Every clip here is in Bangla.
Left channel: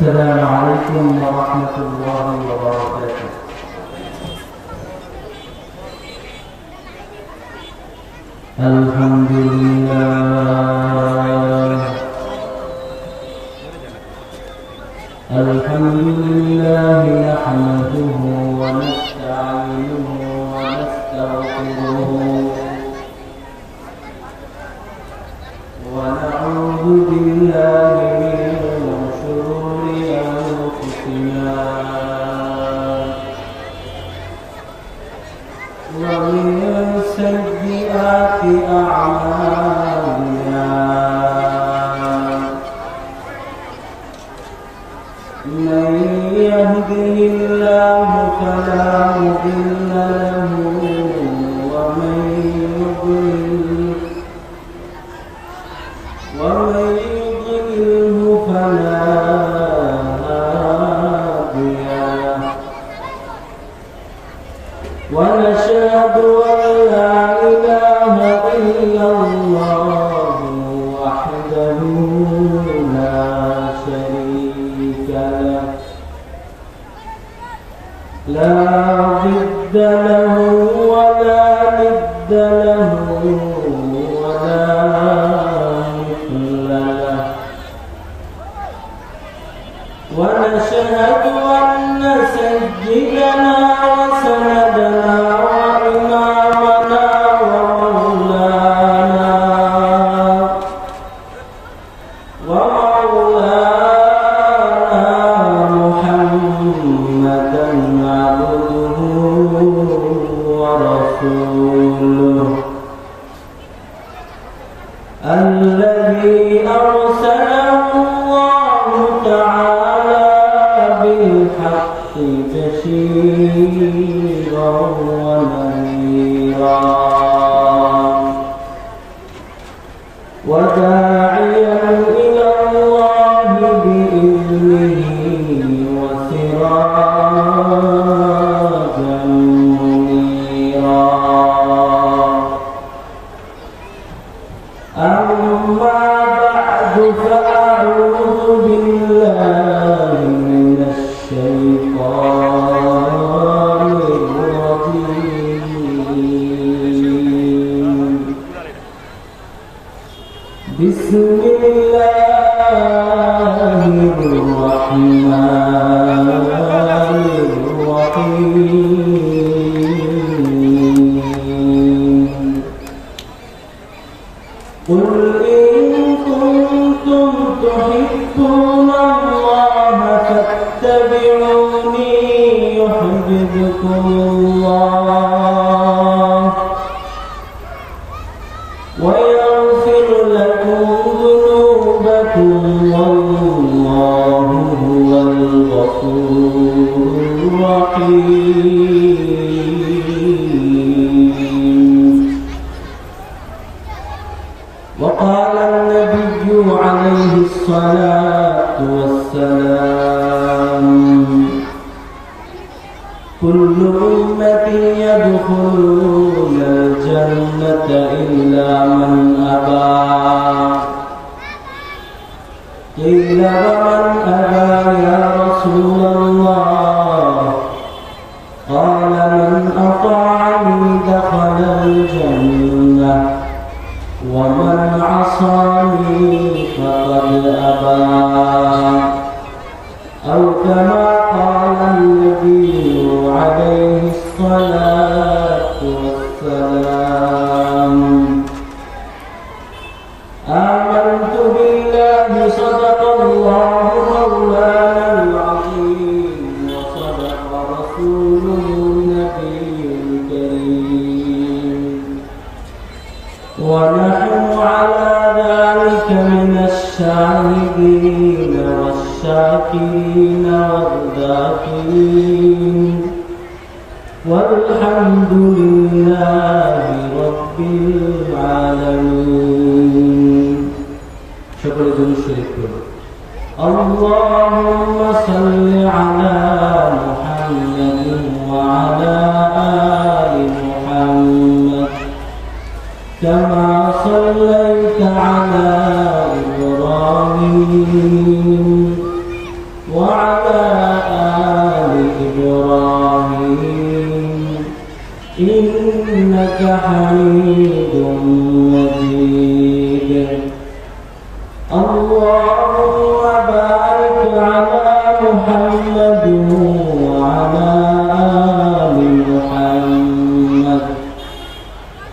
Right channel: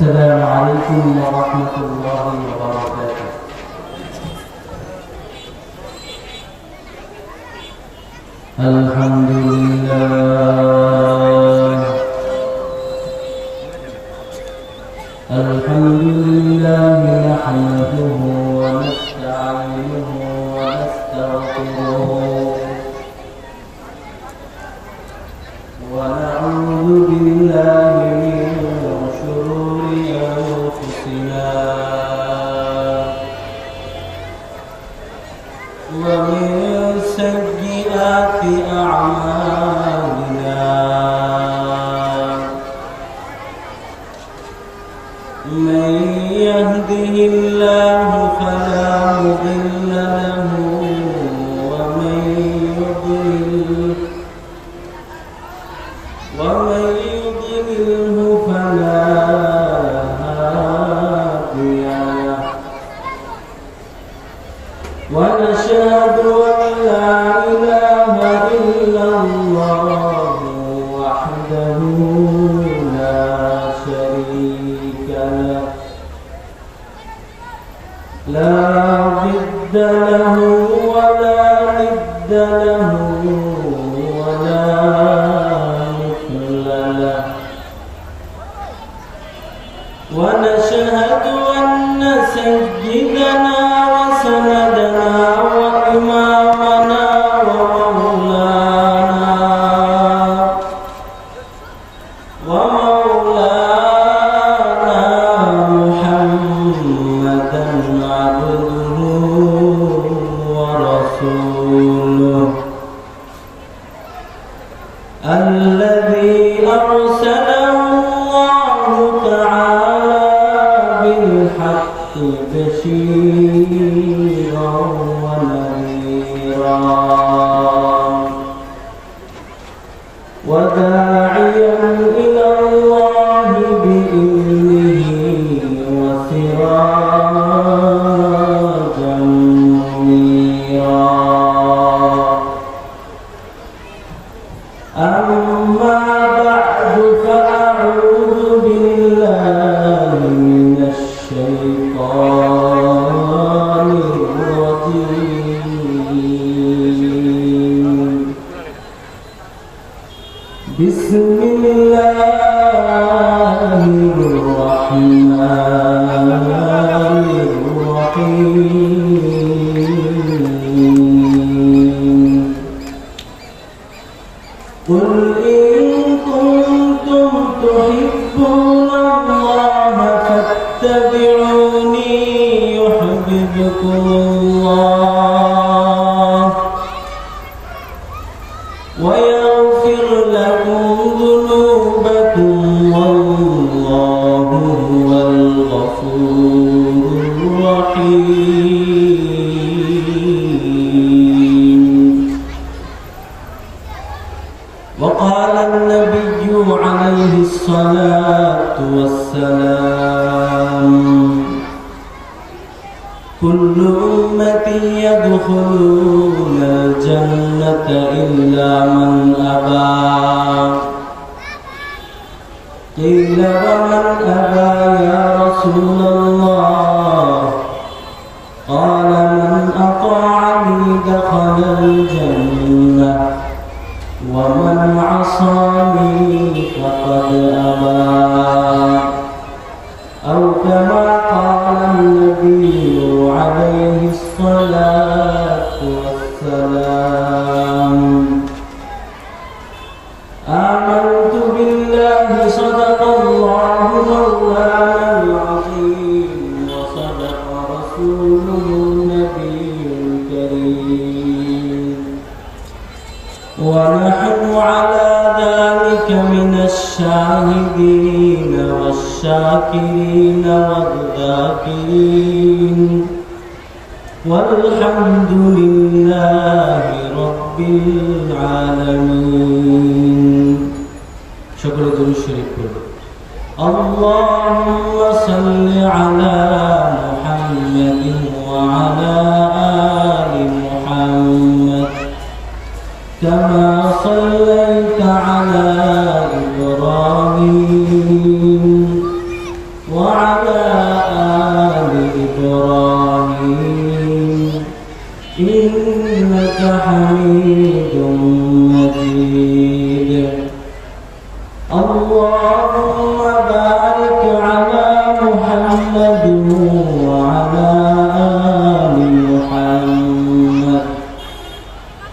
السلام عليكم ورحمة الله وبركاته. الحمد لله نحمده ونستعينه ونستغفره ونعوذ بالله من شرور أنفسنا ومن سيئات أعمالنا، من يهده الله فلا مضل له ومن يضلله فلا هادي له، ونشهد أن لا إله إلا الله وحده لا شريك له، لا ضد له ولا ند له ولا مثل له، ونشهد أن سيدنا وسندنا وإمامنا ومولانا محمدا عبده ورسوله، الذي أرسله الله تعالى بالحق بشيرا ونذيرا وداعيا إلى الله بإذنه وسراجا منيرا. أما بعد فأعوذ بالله من الشيطان الرجيم. بسم الله الرحمن الرحيم. قل إن كنتم تحبون الله فاتبعوني يحببكم الله ويغفر لكم ذنوبكم والله هو الغفور الرحيم. وقال النبي عليه الصلاة والسلام: كل أمتي يدخلون الجنة إلا من أبى. قيل ومن أبى يا رسول الله؟ قال من أطاعني دخل الجنة ومن عصاني فقد أبى، أو كما قال النبي عليه الصلاة والسلام. آمنت بالله صدق الله مولانا العظيم وصدق رسوله النبي الكريم، ونحن على ذلك من الشاهدين والشاكرين والذاكرين، والحمد لله رب العالمين. شكرا لله الشريف. اللهم صل على محمد وعلى آل محمد كما صليت على إبراهيم وعلى آل محمد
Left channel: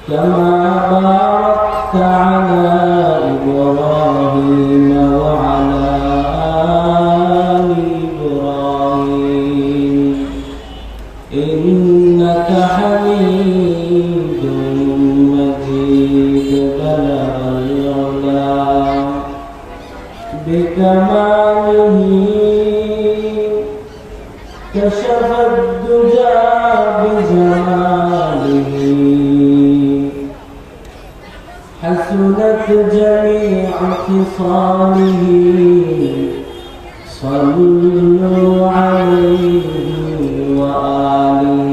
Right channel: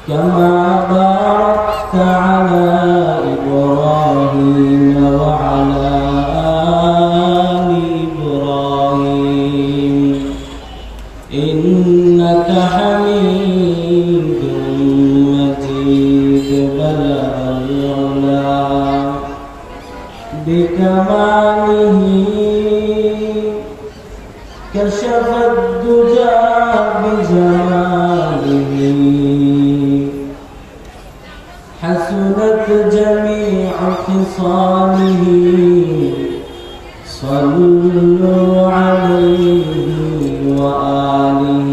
كما باركت على إبراهيم وعلى آل إبراهيم إنك حميد مجيد بلغ العلا بكماله كشف الدجى بجماله حسنت جميع خصاله صلوا عليه وآله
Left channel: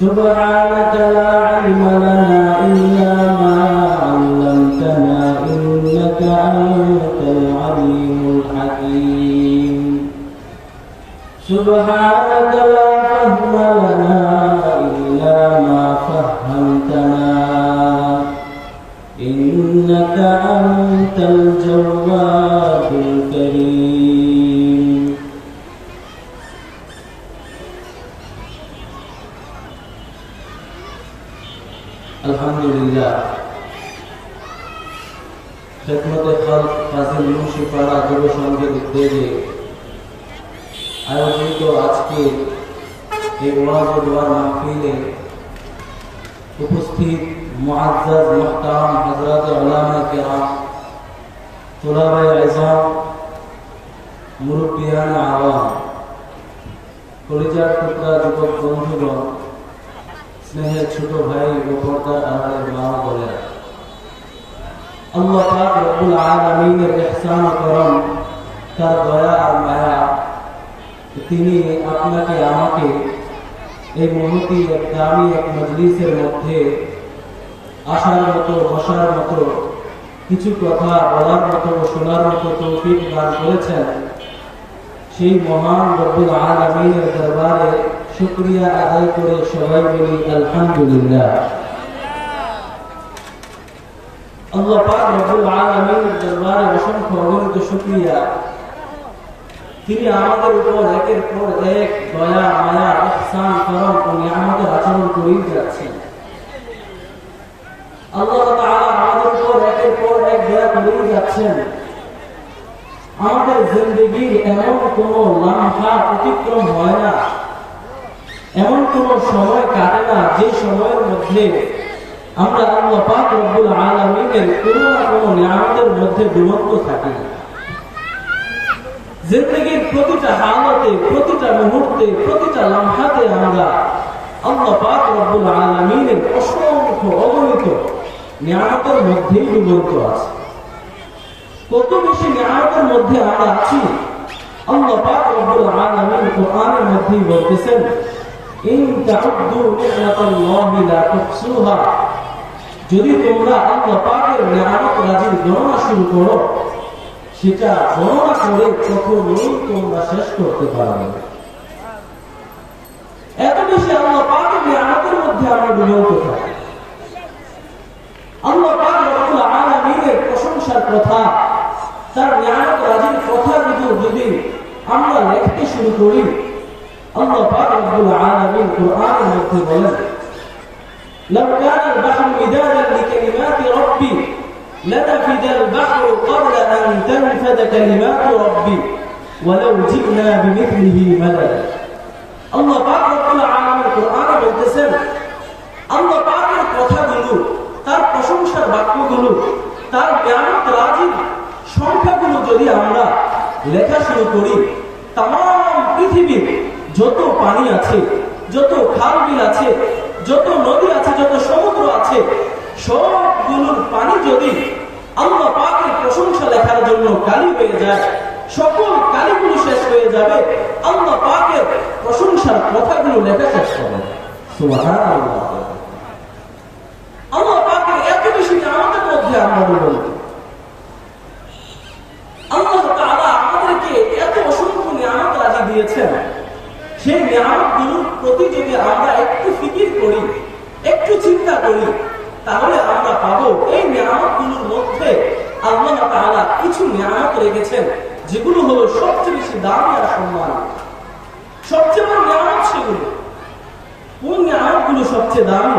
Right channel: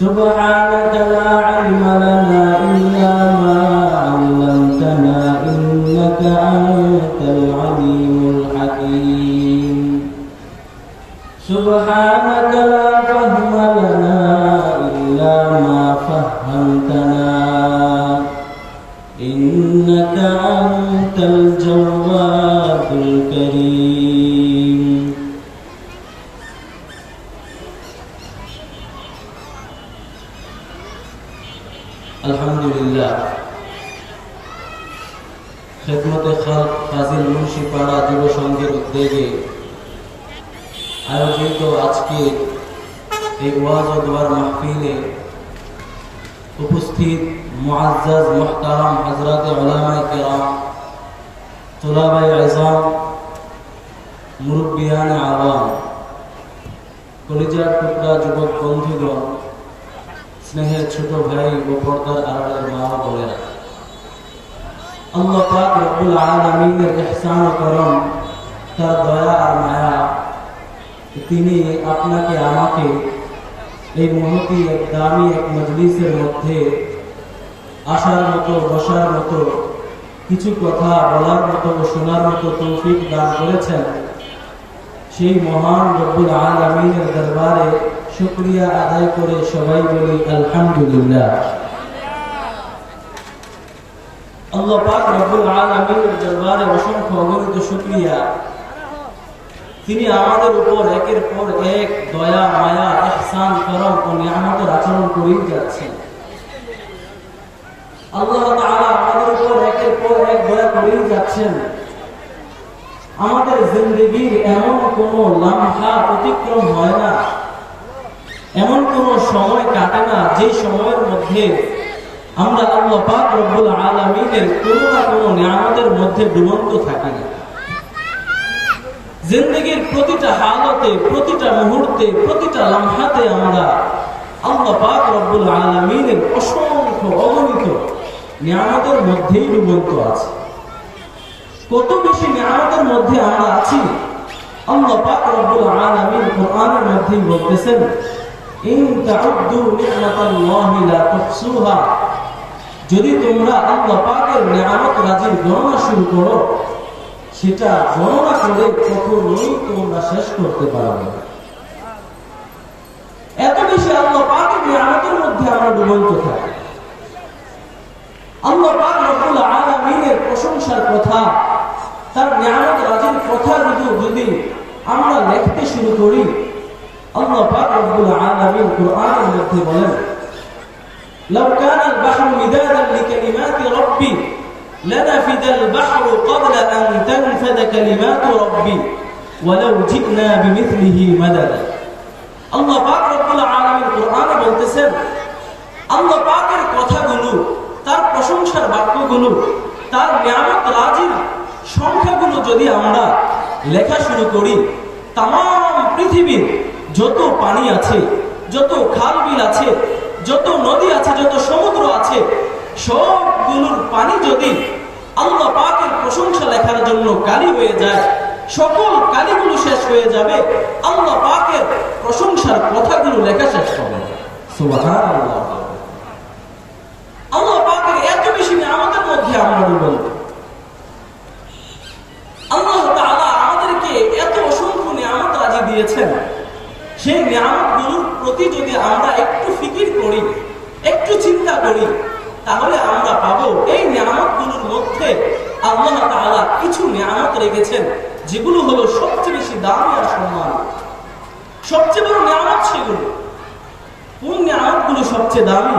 سبحانك لا علم لنا إلا ما علمتنا إنك أنت العليم الحكيم سبحانك لا فهم لنا إلا ما فهمتنا إنك أنت الجواد الكريم الحمد لله خدمت خلق কাজী মুন্সিপাড়া যুব সংঘের উদ্যোগে আয়োজিত আজকে এই ওয়াজ ও দোয়ার মাহফিলে উপস্থিত মুআজ্জাজ মুহতারাম হযরত উলামায়ে কেরাম তুলাবায়ে ইলম মুরব্বিয়ানে আওয়াম কলিজার টুকরা যুবক বন্ধুগণ স্নেহের ছোট ভাই ও পর্দার আড়ালের মা ও বোনেরা আল্লাহ পাক রব্বুল আলামিনের ইহসান ও করম তার দয়া আর মায়া তিনি আপনাকে আমাকে এই মুহূর্তে এক দামি এক মজলিসের মধ্যে আসার মতো বসার মতো কিছু কথা বলার মতো শোনার মতো তৌফিক দান করেছেন সেই মহান রব্বুল আলামিনের দরবারে শুকরিয়া আদায় করে সবাই বলি আলহামদুলিল্লাহ। আল্লাহ পাক রব্বুল আলামিনের দরবারে অসংখ্য অগণিত শুকরিয়া, তিনি আমাদের উপর একের পর এক দয়া মায়া ইহসান করম ও নিয়ামতের আচরণ করেই যাচ্ছেন। আল্লাহ তাআলা আমাদের উপর একের পর এক দয়া করেই যাচ্ছেন। আমাদের জিন্দেগির এমন কোনো লম্হা অতিক্রম হয় না, এমন কোনো সময় কাটে না যে সময়ের মধ্যে আমরা আল্লাহ পাক রব্বুল আলামিনের কোনো না কোনো নিয়ামতের মধ্যে ডুবন্ত থাকি না। জিন্দেগির প্রতিটা হালতে, প্রতিটা মুহূর্তে, প্রতিটা লম্হাতে আমরা আল্লাহ পাক রব্বুল আলামিনের অসংখ্য অগণিত নিয়ামতের মধ্যেই ডুবন্ত আছি। কত বেশি নিয়ামতের মধ্যে আমরা আছি, আল্লাহ পাক রব্বুল আলামিন কোরআনের মধ্যেই বলতেছেন, ইন তাউদ্দু নি'মাতাল্লাহি লা তুহসুহা, যদি তোমরা আল্লাহ পাকের নিয়ামত রাজির গণনা শুরু করো, সেটা গণনা করে কখনোই তোমরা শেষ করতে পারবে না। এত বেশি আল্লাহ পাকের নিয়ামতের মধ্যে আমরা ডুবন্ত থাকি। আল্লাহ পাক রব্বুল আলামিনের প্রশংসার কথা, তার নিয়ামত রাজির কথা যদি আমরা লিখতে শুরু করি, আল্লাহ পাক রব্বুল আলামিন কোরআনের মধ্যে বলেন, লাউ কানা আল-বাহরু মিদাদান লিকালিমাতি রাব্বি লানাফিদা আল-বাহরু ক্বাবলা আন তানফাদা কালিমাতু রাব্বি ওয়ালাউ জি'না বিমিথলিহি মাদাদা। আল্লাহ পাক রব্বুল আলামিন কোরআনে বলতেছেন, আল্লাহ পাকের কথাগুলো, তার প্রশংসার বাক্যগুলো, তার নিয়ামত রাজির সংখ্যাগুলো যদি আমরা লেখা শুরু করি, তাম পৃথিবীর যত পানি আছে, যত খাল বিল আছে, যত নদী আছে, যত সমুদ্র আছে, সবগুলোর পানি যদি আল্লাহ পাকের প্রশংসা লেখার জন্য কালি হয়ে যায়, সকল কালিগুলো শেষ হয়ে যাবে, আল্লাহ পাকের প্রশংসার কথাগুলো লেখা শেষ হবে। সুবহানাল্লাহ। আল্লাহ পাকের এত বেশি নিয়ামতের মধ্যে আমরা ডুবন্ত। আল্লাহ তাআলা আমাদেরকে এত অসংখ্য নিয়ামত রাজি দিয়েছেন, সেই নিয়ামতগুলোর প্রতি যদি আমরা একটু ফিকির করি, একটু চিন্তা করি, তাহলে আমরা পাবো এই নিয়ামতগুলোর মধ্যে আল্লাহ তাআলা কিছু নিয়ামত রেখেছেন যেগুলো হলো সবচেয়ে বেশি দামি আর সম্মান, সবচেয়ে বড় নিয়ামত সেগুলো। কোন নিয়ামতগুলো সবচেয়ে দামি?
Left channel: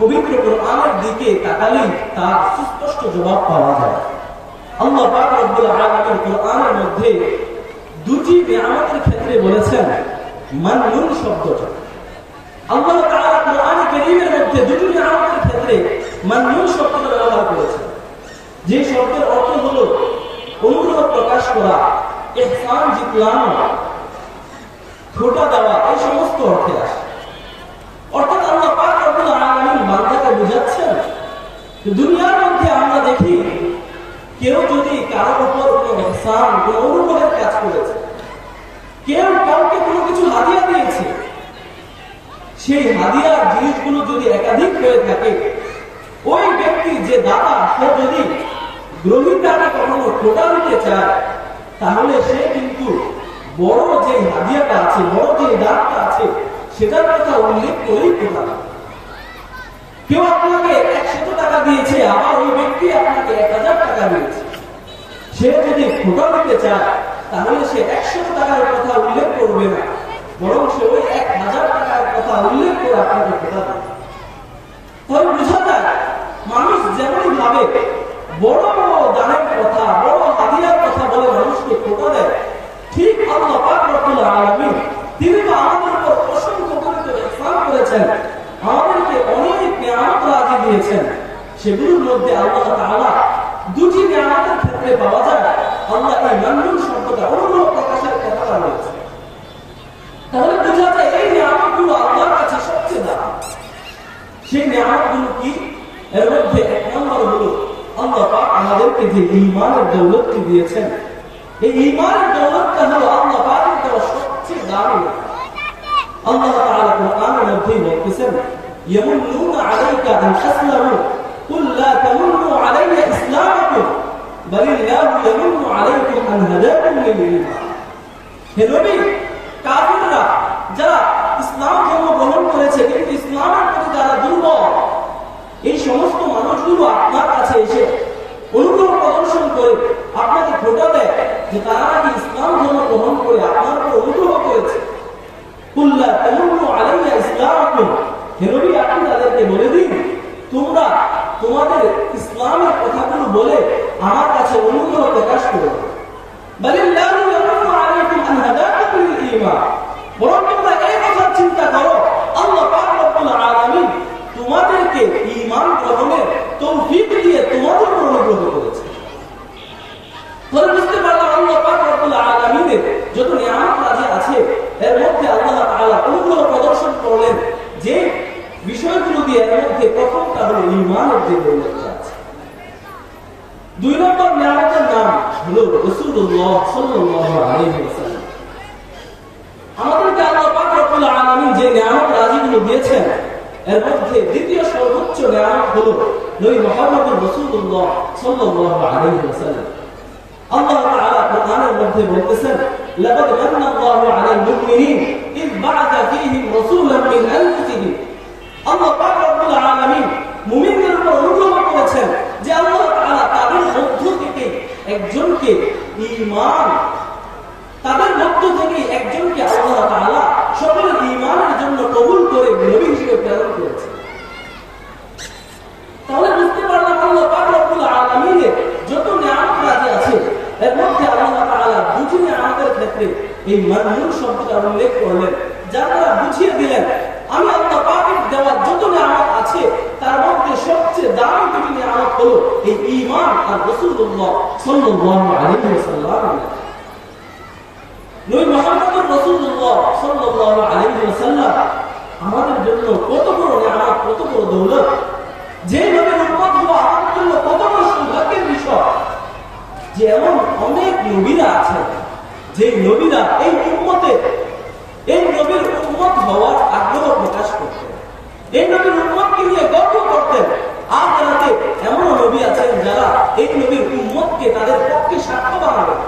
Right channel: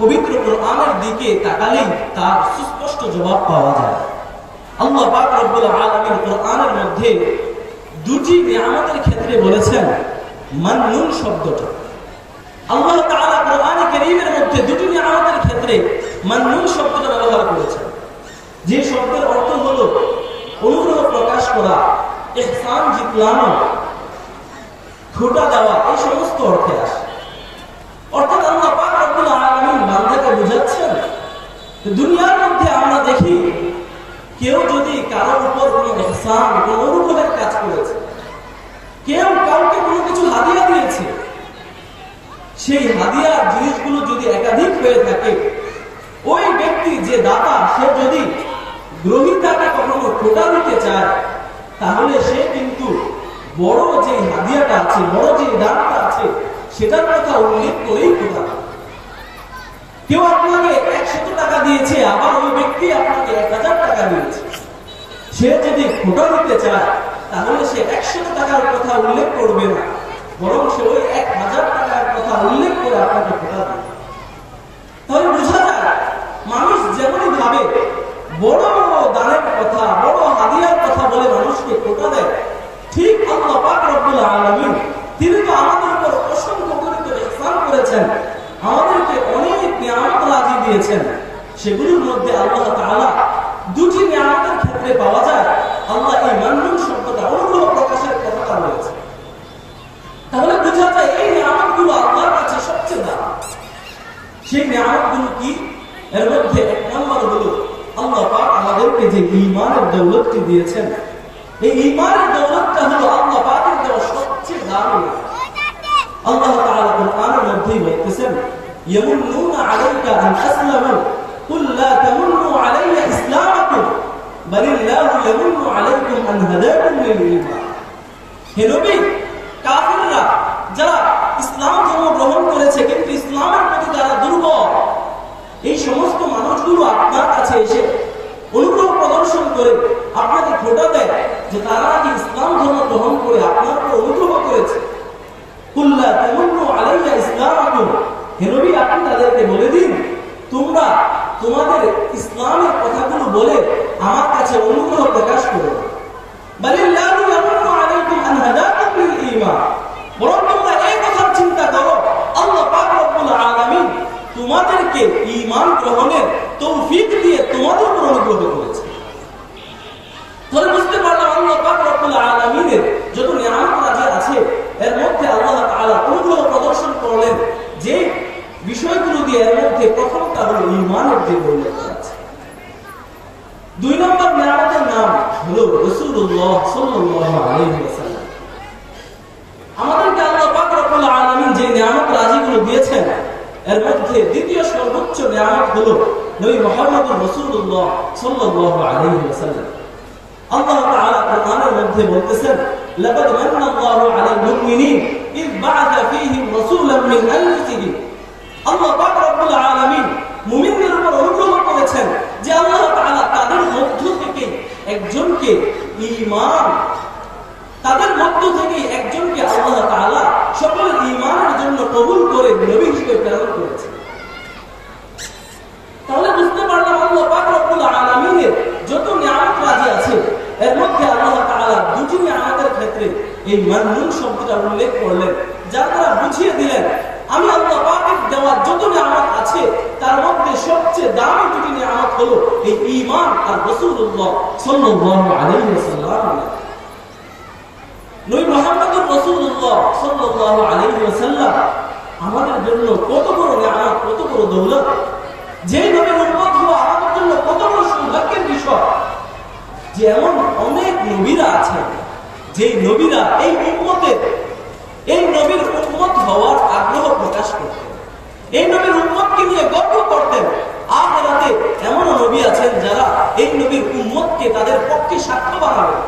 পবিত্র কোরআনের দিকে তাকালেই তার সুস্পষ্ট জবাব পাওয়া যায়। আল্লাহ পাক রব্বুল আলামিন কোরআনের মধ্যে দুটি নিয়ামতের ক্ষেত্রে বলেছেন মান্নুন শব্দটা। আল্লাহ তাআলা কোরআনে কারীমের মধ্যে দুটি নিয়ামতের ক্ষেত্রে মান্নুন শব্দটা ব্যবহার করেছেন, যে শব্দের অর্থ হলো অনুগ্রহ প্রকাশ করা, ইহসান জিতলানো, খোটা দেওয়া, এই সমস্ত অর্থে আসে। অর্থাৎ আল্লাহ পাক রব্বুল আলামিন বান্দাকে বুঝাচ্ছেন, দুনিয়ার মধ্যে আমরা দেখি কেউ যদি কারোর উপর কোনো ইহসান, কোনো অনুগ্রহের কাজ করেছে, কেউ কাউকে কোনো কিছু হাদিয়া দিয়েছে, সেই হাদিয়ার জিনিসগুলো যদি একাধিক হয়ে থাকে, ওই ব্যক্তি যে দাতা সে যদি গ্রহীতাকে কখনো খোটা দিতে চায়, তাহলে সে কিন্তু বড় যে হাদিয়াটা আছে, বড় যে দানটা আছে, সেটার কথা উল্লেখ করেই খোটা। কেউ আপনাকে 100 টাকা দিয়েছে, আবার ওই ব্যক্তি আপনাকে 1000 টাকা দিয়েছে, সে যদি খোটা দিতে চায় তাহলে সে 100 টাকার কথা উল্লেখ করবে না, বরং সে ওই 1000 টাকার কথা উল্লেখ করে আপনাকে খোটা দেবে। তাহলে বোঝা যায় মানুষ যেমনই ভাবে বড় দানের কথা, বড় হাদিয়ার কথা বলে মানুষকে খোটা দেয়, ঠিক আল্লাহ পাক রব্বুল আলামিন তিনি তো আমাদের উপর অসংখ্য পরিমাণে ইহসান করেছেন, আমাদেরকে অনেক নিয়ামত রাজি দিয়েছেন। সেগুলোর মধ্যে আল্লাহ তাআলা দুটি নিয়ামতের ক্ষেত্রে পাওয়া যায় আল্লাহ এই মান্নুন শব্দটা, অনুগ্রহ প্রকাশের কথাটা বলেছে। তাহলে বোঝা যায় এই নিয়ামতগুলো আল্লাহর কাছে সবচেয়ে দামি। সেই নিয়ামতগুলো কি? এর মধ্যে এক নম্বর হলো আল্লাহ পাক আমাদেরকে যে ঈমানের দৌলতটি দিয়েছেন, এই ঈমানের দৌলতটা হলো আল্লাহ পাকের দেওয়া সবচেয়ে দামি। আল্লাহ তাআলা কোরআনের মধ্যে বলতেছেন, ইয়ামুন্নুনা আলাইকা আন আসলামু কুল লা তামুন্নু আলাইয়া ইসলামাকুম বালিল্লাহু ইয়ামুন্নু আলাইকুম আন হাদাকুম লিল ঈমান। হে নবী, কাফিররা যারা ইসলাম ধর্ম গ্রহণ করেছে কিন্তু ইসলামের প্রতি যারা দুর্বল, এই সমস্ত মানুষগুলো আপনার কাছে এসে অনুগ্রহ প্রদর্শন করে আপনাকে খোটা দেয় যে তারা নাকি ইসলাম ধর্ম গ্রহণ করে আপনার উপর অনুগ্রহ করেছে। কুল্লা তামুন্নু আলাইয়া ইসলামাকুম, হে নবী আপনি তাদেরকে বলে দিন, তোমরা তোমাদের ইসলামের কথাগুলো বলে আমার কাছে অনুগ্রহ প্রকাশ করো। বালিল্লাহু ইয়ামুন্নু আলাইকুম আন হাদাকুম লিল ঈমান, বরং তোমরা এই কথা চিন্তা করো আল্লাহ পাক রব্বুল আলামিন তোমাদেরকে ঈমান গ্রহণের তৌফিক দিয়ে তোমাদের উপর অনুগ্রহ করেছে। তাহলে বুঝতে পারলাম আল্লাহ পাক রব্বুল আলামিনের যত নিয়ামত রাজি আছে, এর মধ্যে আল্লাহ তাআলা অনুগ্রহ প্রদর্শন করলেন যে বিষয়গুলো দিয়ে, এর মধ্যে প্রথমটা হলো ঈমানের যে দৌলতটা আছে। 2 নম্বর নিয়ামতের নাম হলো রাসূলুল্লাহ সাল্লাল্লাহু আলাইহি ওয়াসাল্লাম। আমাদেরকে আল্লাহ পাক রব্বুল আলামিন যে নিয়ামত রাজিগুলো দিয়েছেন, এর মধ্যে দ্বিতীয় সর্বোচ্চ নিয়ামত হলো নবী মুহাম্মদুর রাসূলুল্লাহ সাল্লাল্লাহু আলাইহি ওয়াসাল্লাম। আল্লাহ তাআলা কোরআনের মধ্যে বলতেছেন, লাকাদ মান্নাল্লাহু আলাল মুমিনিন ইয বা'আথা ফীহিম রাসূলাম মিন আনফুসিহিম। আল্লাহ পাক রব্বুল আলামিন মুমিনদের উপর অনুগ্রহ করেছেন যে আল্লাহ তাআলা তাদের মধ্য থেকে একজনকে ঈমান, তাদের মধ্য থেকে একজনকে আল্লাহ তাআলা সকলের ঈমানের জন্য কবুল করে নবী হিসেবে প্রেরণ করেছেন। তাহলে বুঝতে পারলাম আল্লাহ পাক রব্বুল আলামিনের যত নিয়ামত রাজি আছে, এর মধ্যে আল্লাহ তাআলা দুটি নিয়ামতের ক্ষেত্রে এই মান্নুন শব্দটা উল্লেখ করলেন, যার দ্বারা বুঝিয়ে দিলেন আমি আল্লাহ পাকের দেওয়া যত নিয়ামত আছে তার মধ্যে সবচেয়ে দামি দুটি নিয়ামত হলো এই ঈমান আর রাসূলুল্লাহ সাল্লাল্লাহু আলাইহি ওয়াসাল্লাম। নবী মুহাম্মদুর রাসূলুল্লাহ সাল্লাল্লাহু আলাইহি ওয়াসাল্লাম আমাদের জন্য কত বড় নিয়ামত, কত বড় দৌলত, যে নবীর উম্মত হওয়া আমাদের জন্য কত বড় সৌভাগ্যের বিষয় যে এমন অনেক নবীরা আছেন যে নবীরা এই উম্মতের, এই নবীর উম্মত হওয়ার আগ্রহ প্রকাশ করতেন, এই নবীর উম্মতকে নিয়ে গর্ব করতেন। আর রাতে এমন নবী আছেন যারা এই নবীর উম্মতকে তাদের পক্ষে সাক্ষ্য বানাবেন।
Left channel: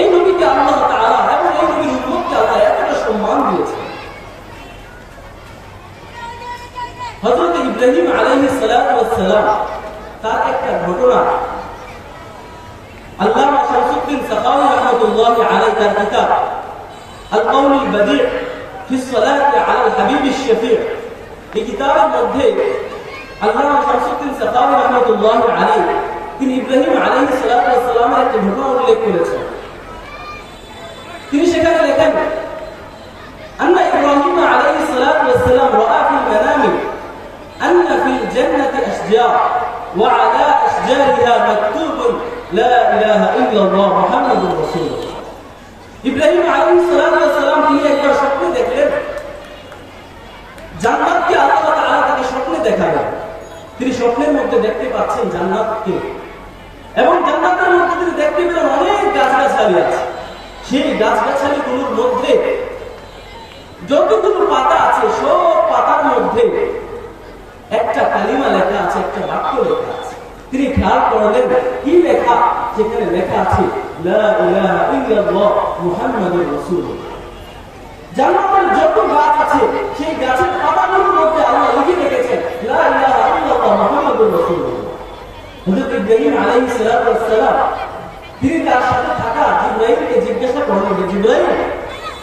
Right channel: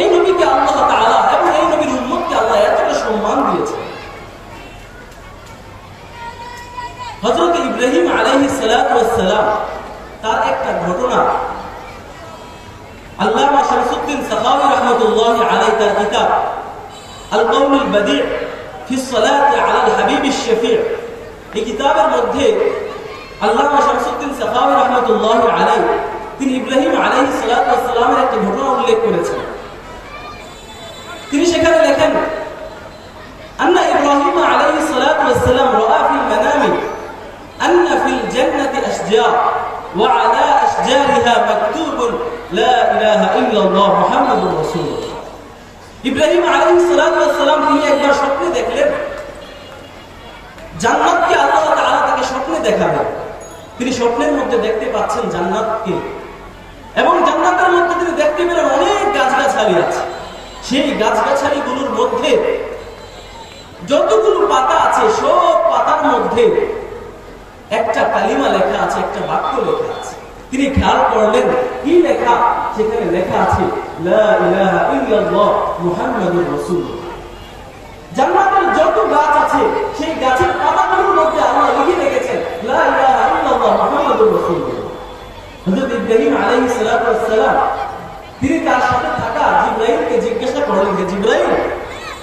এই নবীকে আল্লাহ তাআলা এবং এই নবীর উম্মতকে আল্লাহ এতটা সম্মান দিয়েছেন। হযরত ইব্রাহিম আলাইহিস সালাতু ওয়াস সালাম তার একটা ঘটনা আল্লামা শামসুদ্দিন সাখাওয়ী রাহমাতুল্লাহি আলাইহি তার কিতাব আল কাউলুল বাদি' ফি সলাতি আলাল হাবিবিশ শফি', এই কিতাবের মধ্যে আল্লামা শামসুদ্দিন সাখাওয়ী রাহমাতুল্লাহি আলাইহি তিনি ইব্রাহিম আলাইহিস সালাতু ওয়াস সালামের একটা ঘটনা উল্লেখ করেছেন। তিনি সেখানে লেখেন, আন্না ইব্রাহিম আলাইহিস সালাতু ওয়াস সালাম রাআ ফিল মানামি আন্না ফিল জান্নাতি আশজার ওয়া আলা আশজারিহা মাকতুবুন লা ইলাহা ইল্লাল্লাহ মুহাম্মাদুর রাসূলুল্লাহ। ইব্রাহিম আলাইহিস সালাতু ওয়াস সালাম তিনি একবার স্বপ্নে দেখলেন জান্নাতকে আল্লাহ তাআলা তাকে স্বপ্নে দেখাবেন। তিনি স্বপ্নের মধ্যে দেখতে পাচ্ছেন জান্নাতকে, এবং জান্নাতের মধ্যে তিনি দেখতে পেলেন অনেক গাছগাছালি আছে। সেই গাছগাছালিগুলোর মধ্যে যতগুলো পাতা আছে সব পাতার মধ্যে একটা কালিমা লেখা আছে, একটা বাক্য লেখা আছে। তিনি খেয়াল করলেন কি লেখা, সেখানে লেখা আছে লা ইলাহা ইল্লাল্লাহ মুহাম্মাদুর রাসূলুল্লাহ। জান্নাতের যত গাছ আছে সেই গাছের পাতাগুলোর মধ্যে আল্লাহ লিখে রেখেছেন লা ইলাহা ইল্লাল্লাহ মুহাম্মাদুর রাসূলুল্লাহ। হযরত ইব্রাহিম আলাইহিস সালাতু ওয়াস সালাম তিনি তার সাথে থাকা জিবরাইলকে জিজ্ঞাসা করলেন, জিবরাইল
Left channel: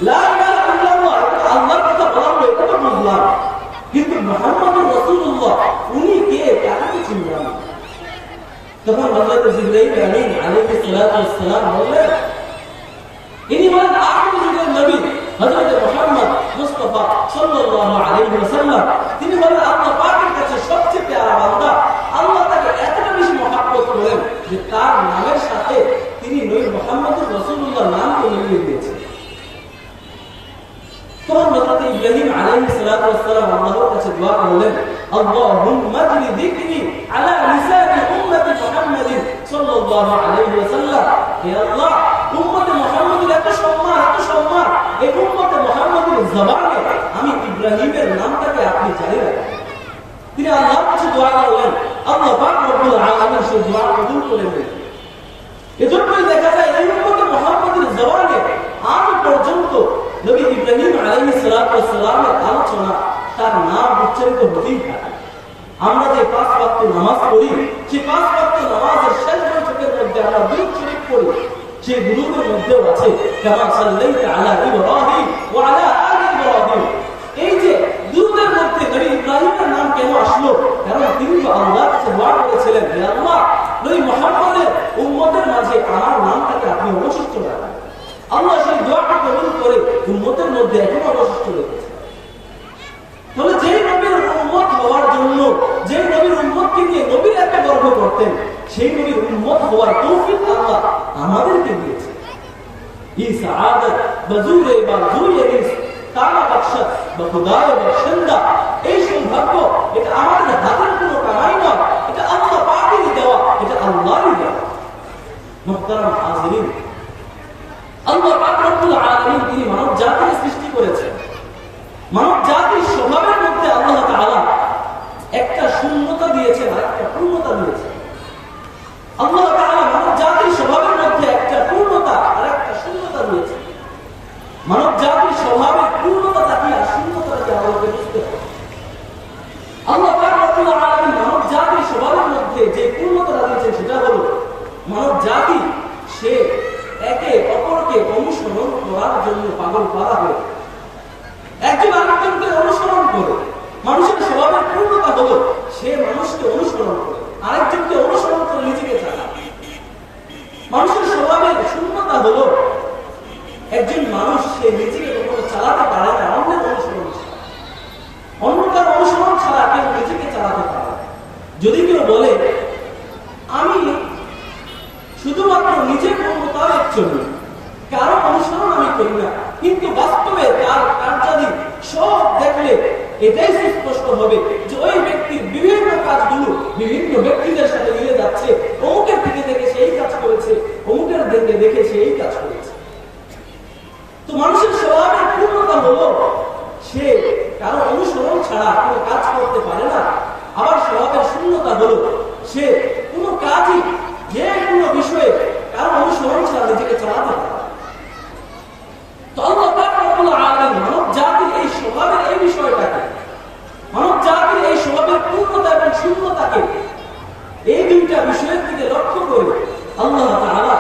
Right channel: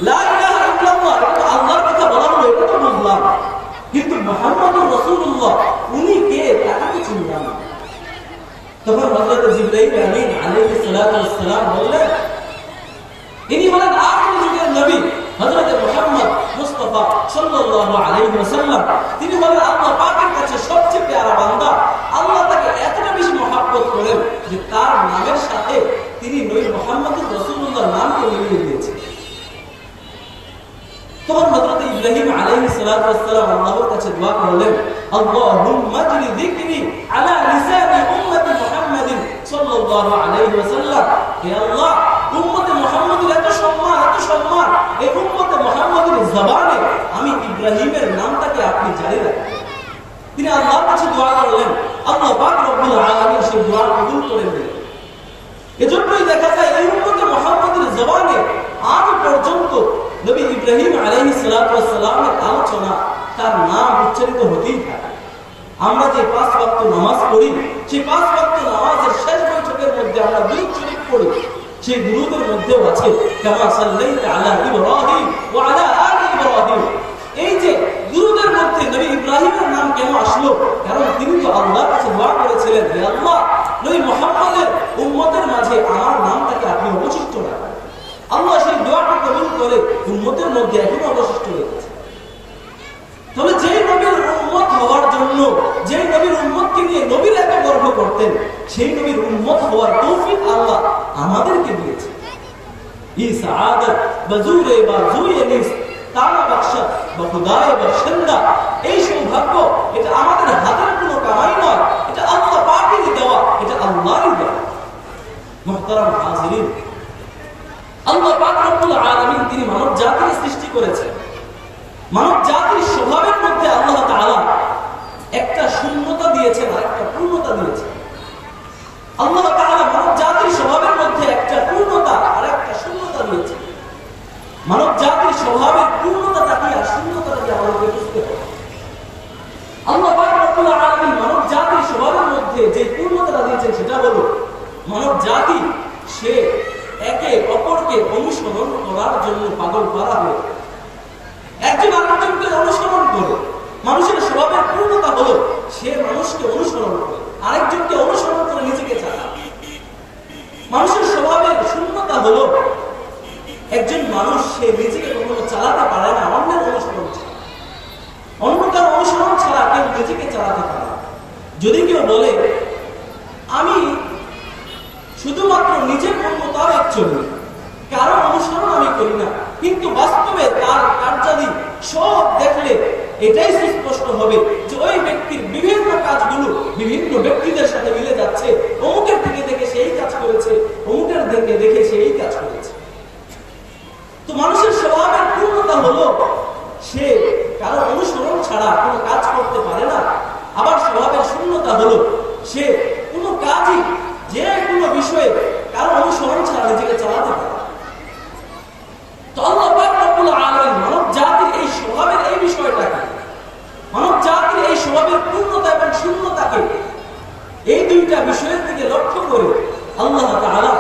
লা ইলাহা ইল্লাল্লাহ এটা আল্লাহর কথা বলা হলো, এটা তো বুঝলাম, কিন্তু মুহাম্মাদুর রাসূলুল্লাহ উনি কে তাকে তো চিনলাম না। তখন হযরত জিবরাইল আলাইহিস সালাতু ওয়াস সালাম বললেন, ইনি হলেন আখির যুগের নবী হযরত মুহাম্মদ মুস্তাফা সাল্লাল্লাহু আলাইহি ওয়াসাল্লাম। তিনি হলেন আল্লাহ পাকের কাছে সবচেয়ে প্যারা বান্দা। আল্লাহ তাকে এতটা বেশি মহব্বত করেন যে তার নামের সাথে তিনি নবী মুহাম্মদুর রাসূলুল্লাহর নামকে মিলিয়ে দিয়েছেন। তখন হযরত ইব্রাহিম আলাইহিস সালাতু ওয়াস সালাম আল্লাহর কাছে দোয়া করলেন, আল্লাহুম্মা জলি যিকরি আলা লিসানি উম্মতি মুহাম্মাদিন সাল্লাল্লাহু আলাইহি ওয়াসাল্লাম। হে আল্লাহ, উম্মতে মুহাম্মাদের এত সম্মান, এই উম্মতে মুহাম্মাদের জবানে আমি ইব্রাহিমের নামটাকে আপনি জারি রাখেন। তিনি আল্লাহর কাছে দোয়া করলেন, আল্লাহ পাক রব্বুল আলামিন সেই দোয়া কবুল করে নিলেন। এজন্যই দেখা যায় এই উম্মতে মুহাম্মাদের জবানে আজ পর্যন্ত নবী ইব্রাহিম আলাইহিস সালাতু ওয়াস সালামের আলোচনা, তার নাম উচ্চারিত হতেই থাকে। আমরা যে 5 ওয়াক্ত নামাজ পড়ি, সেই 5 ওয়াক্ত নামাজের শেষ বৈঠকের মধ্যে আমরা দুরূদ শরীফ পড়ি। সেই দুরূদের মধ্যেও আছে কামা সাল্লাইতা আলা ইব্রাহিম ওয়া আলা আলি ইব্রাহিম। এই যে দুরূদের মধ্যে নবী ইব্রাহিমের নাম কেন আসলো? কারণ তিনি তো আল্লাহর কাছে দোয়া করেছিলেন, হে আল্লাহ, নবী মুহাম্মদের উম্মতের মাঝে আমার নামটাকে আপনি অবশিষ্ট রাখেন। আল্লাহ সেই দোয়াটা কবুল করে উম্মতের মধ্যে এখনো অবশিষ্ট রেখেছে। তবে যে নবীর উম্মত হওয়ার জন্য, যে নবীর উম্মতকে নিয়ে নবীর এত গর্ব করতেন, সেই নবীর উম্মত হওয়ার তৌফিক আল্লাহ আমাদেরকে দিয়েছে। এই সাআদাত বাজুরে বা জুয়ে নিস তারা বাদশাহ বা খুদায়ে বাসিন্দা, এই সৌভাগ্য এটা আমাদের হাতের কোনো কামাই নয়, এটা আল্লাহ পাকেরই দেওয়া, এটা আল্লাহরই দেওয়া। মুহতারাম হাজিরিন, আল্লাহ পাক রব্বুল আলামিন তিনি মানব জাতির সৃষ্টি করেছেন। মানব জাতির স্বভাবের মধ্যে আল্লাহ তাআলা একটা শূন্যতা দিয়েছেন আর একটা পূর্ণতা দিয়েছেন। আল্লাহ তাআলা মানব জাতির স্বভাবের মধ্যে একটা পূর্ণতা আর একটা শূন্যতা দিয়েছেন। মানব জাতির স্বভাবের পূর্ণতাটা কি আর শূন্যতাটা কি আমাদের বুঝতে হবে। আল্লাহ পাক রব্বুল আলামিন মানব জাতির স্বভাবের মধ্যে যে পূর্ণতাটা দিয়েছেন সেটা হলো মানব জাতি সে একে অপরকে অনুসরণ করার জন্য পাগল করা হয়। একজন আরেকজনকে অনুসরণ করে। মানুষের স্বভাবের পূর্ণতা হলো সে মানুষকে অনুসরণ করে, আরেকজনকে অনুসরণ করে নিজেকে চালায়। মানুষের স্বভাবের শূন্যতা হলো একজন মানুষ সে নিজেকে কখনো চালাতে পারে না, অন্যের অনুসরণ ছাড়া। অন্য কারো অনুসরণ ছাড়া কেউ নিজেকে চালাতে পারে। যদি কেউ বলে আমি শুধুমাত্র নিজের মোতাবেক চলি, কারো অনুসরণ আমি করি না, কিন্তু বাস্তবে তার কার্যাদি সব দেখলে এটাই সুস্পষ্ট হবে যে ওই ব্যক্তির বিভিন্ন কাজগুলো বিভিন্ন ব্যক্তিদের সাথে মিলে যাচ্ছে। অমুকের থেকে দেখে সেই কাজ করেছে, অমুকের থেকে দেখে সেই কাজ করেছে। তো মানুষের স্বভাবের পূর্ণতা হলো সে কারো অনুসরণ ছাড়া কোনো কাজ করতে পারে না। আবার স্বভাবের শূন্যতা হলো সে কোনো কাজই যে কোনো বিষয়ে কারো অনুসরণ ছাড়া নিজেকে চালাতে পারে। তো আল্লাহ পাক রব্বুল আলামিন মানব জাতির এই স্বভাবের এই বিষয়টাকে, মানব জাতির এই স্বভাবের পূর্ণতা এবং শূন্যতাকে, এই দুইটা বিষয়ের দিকে লক্ষ্য করে আল্লাহ তাআলা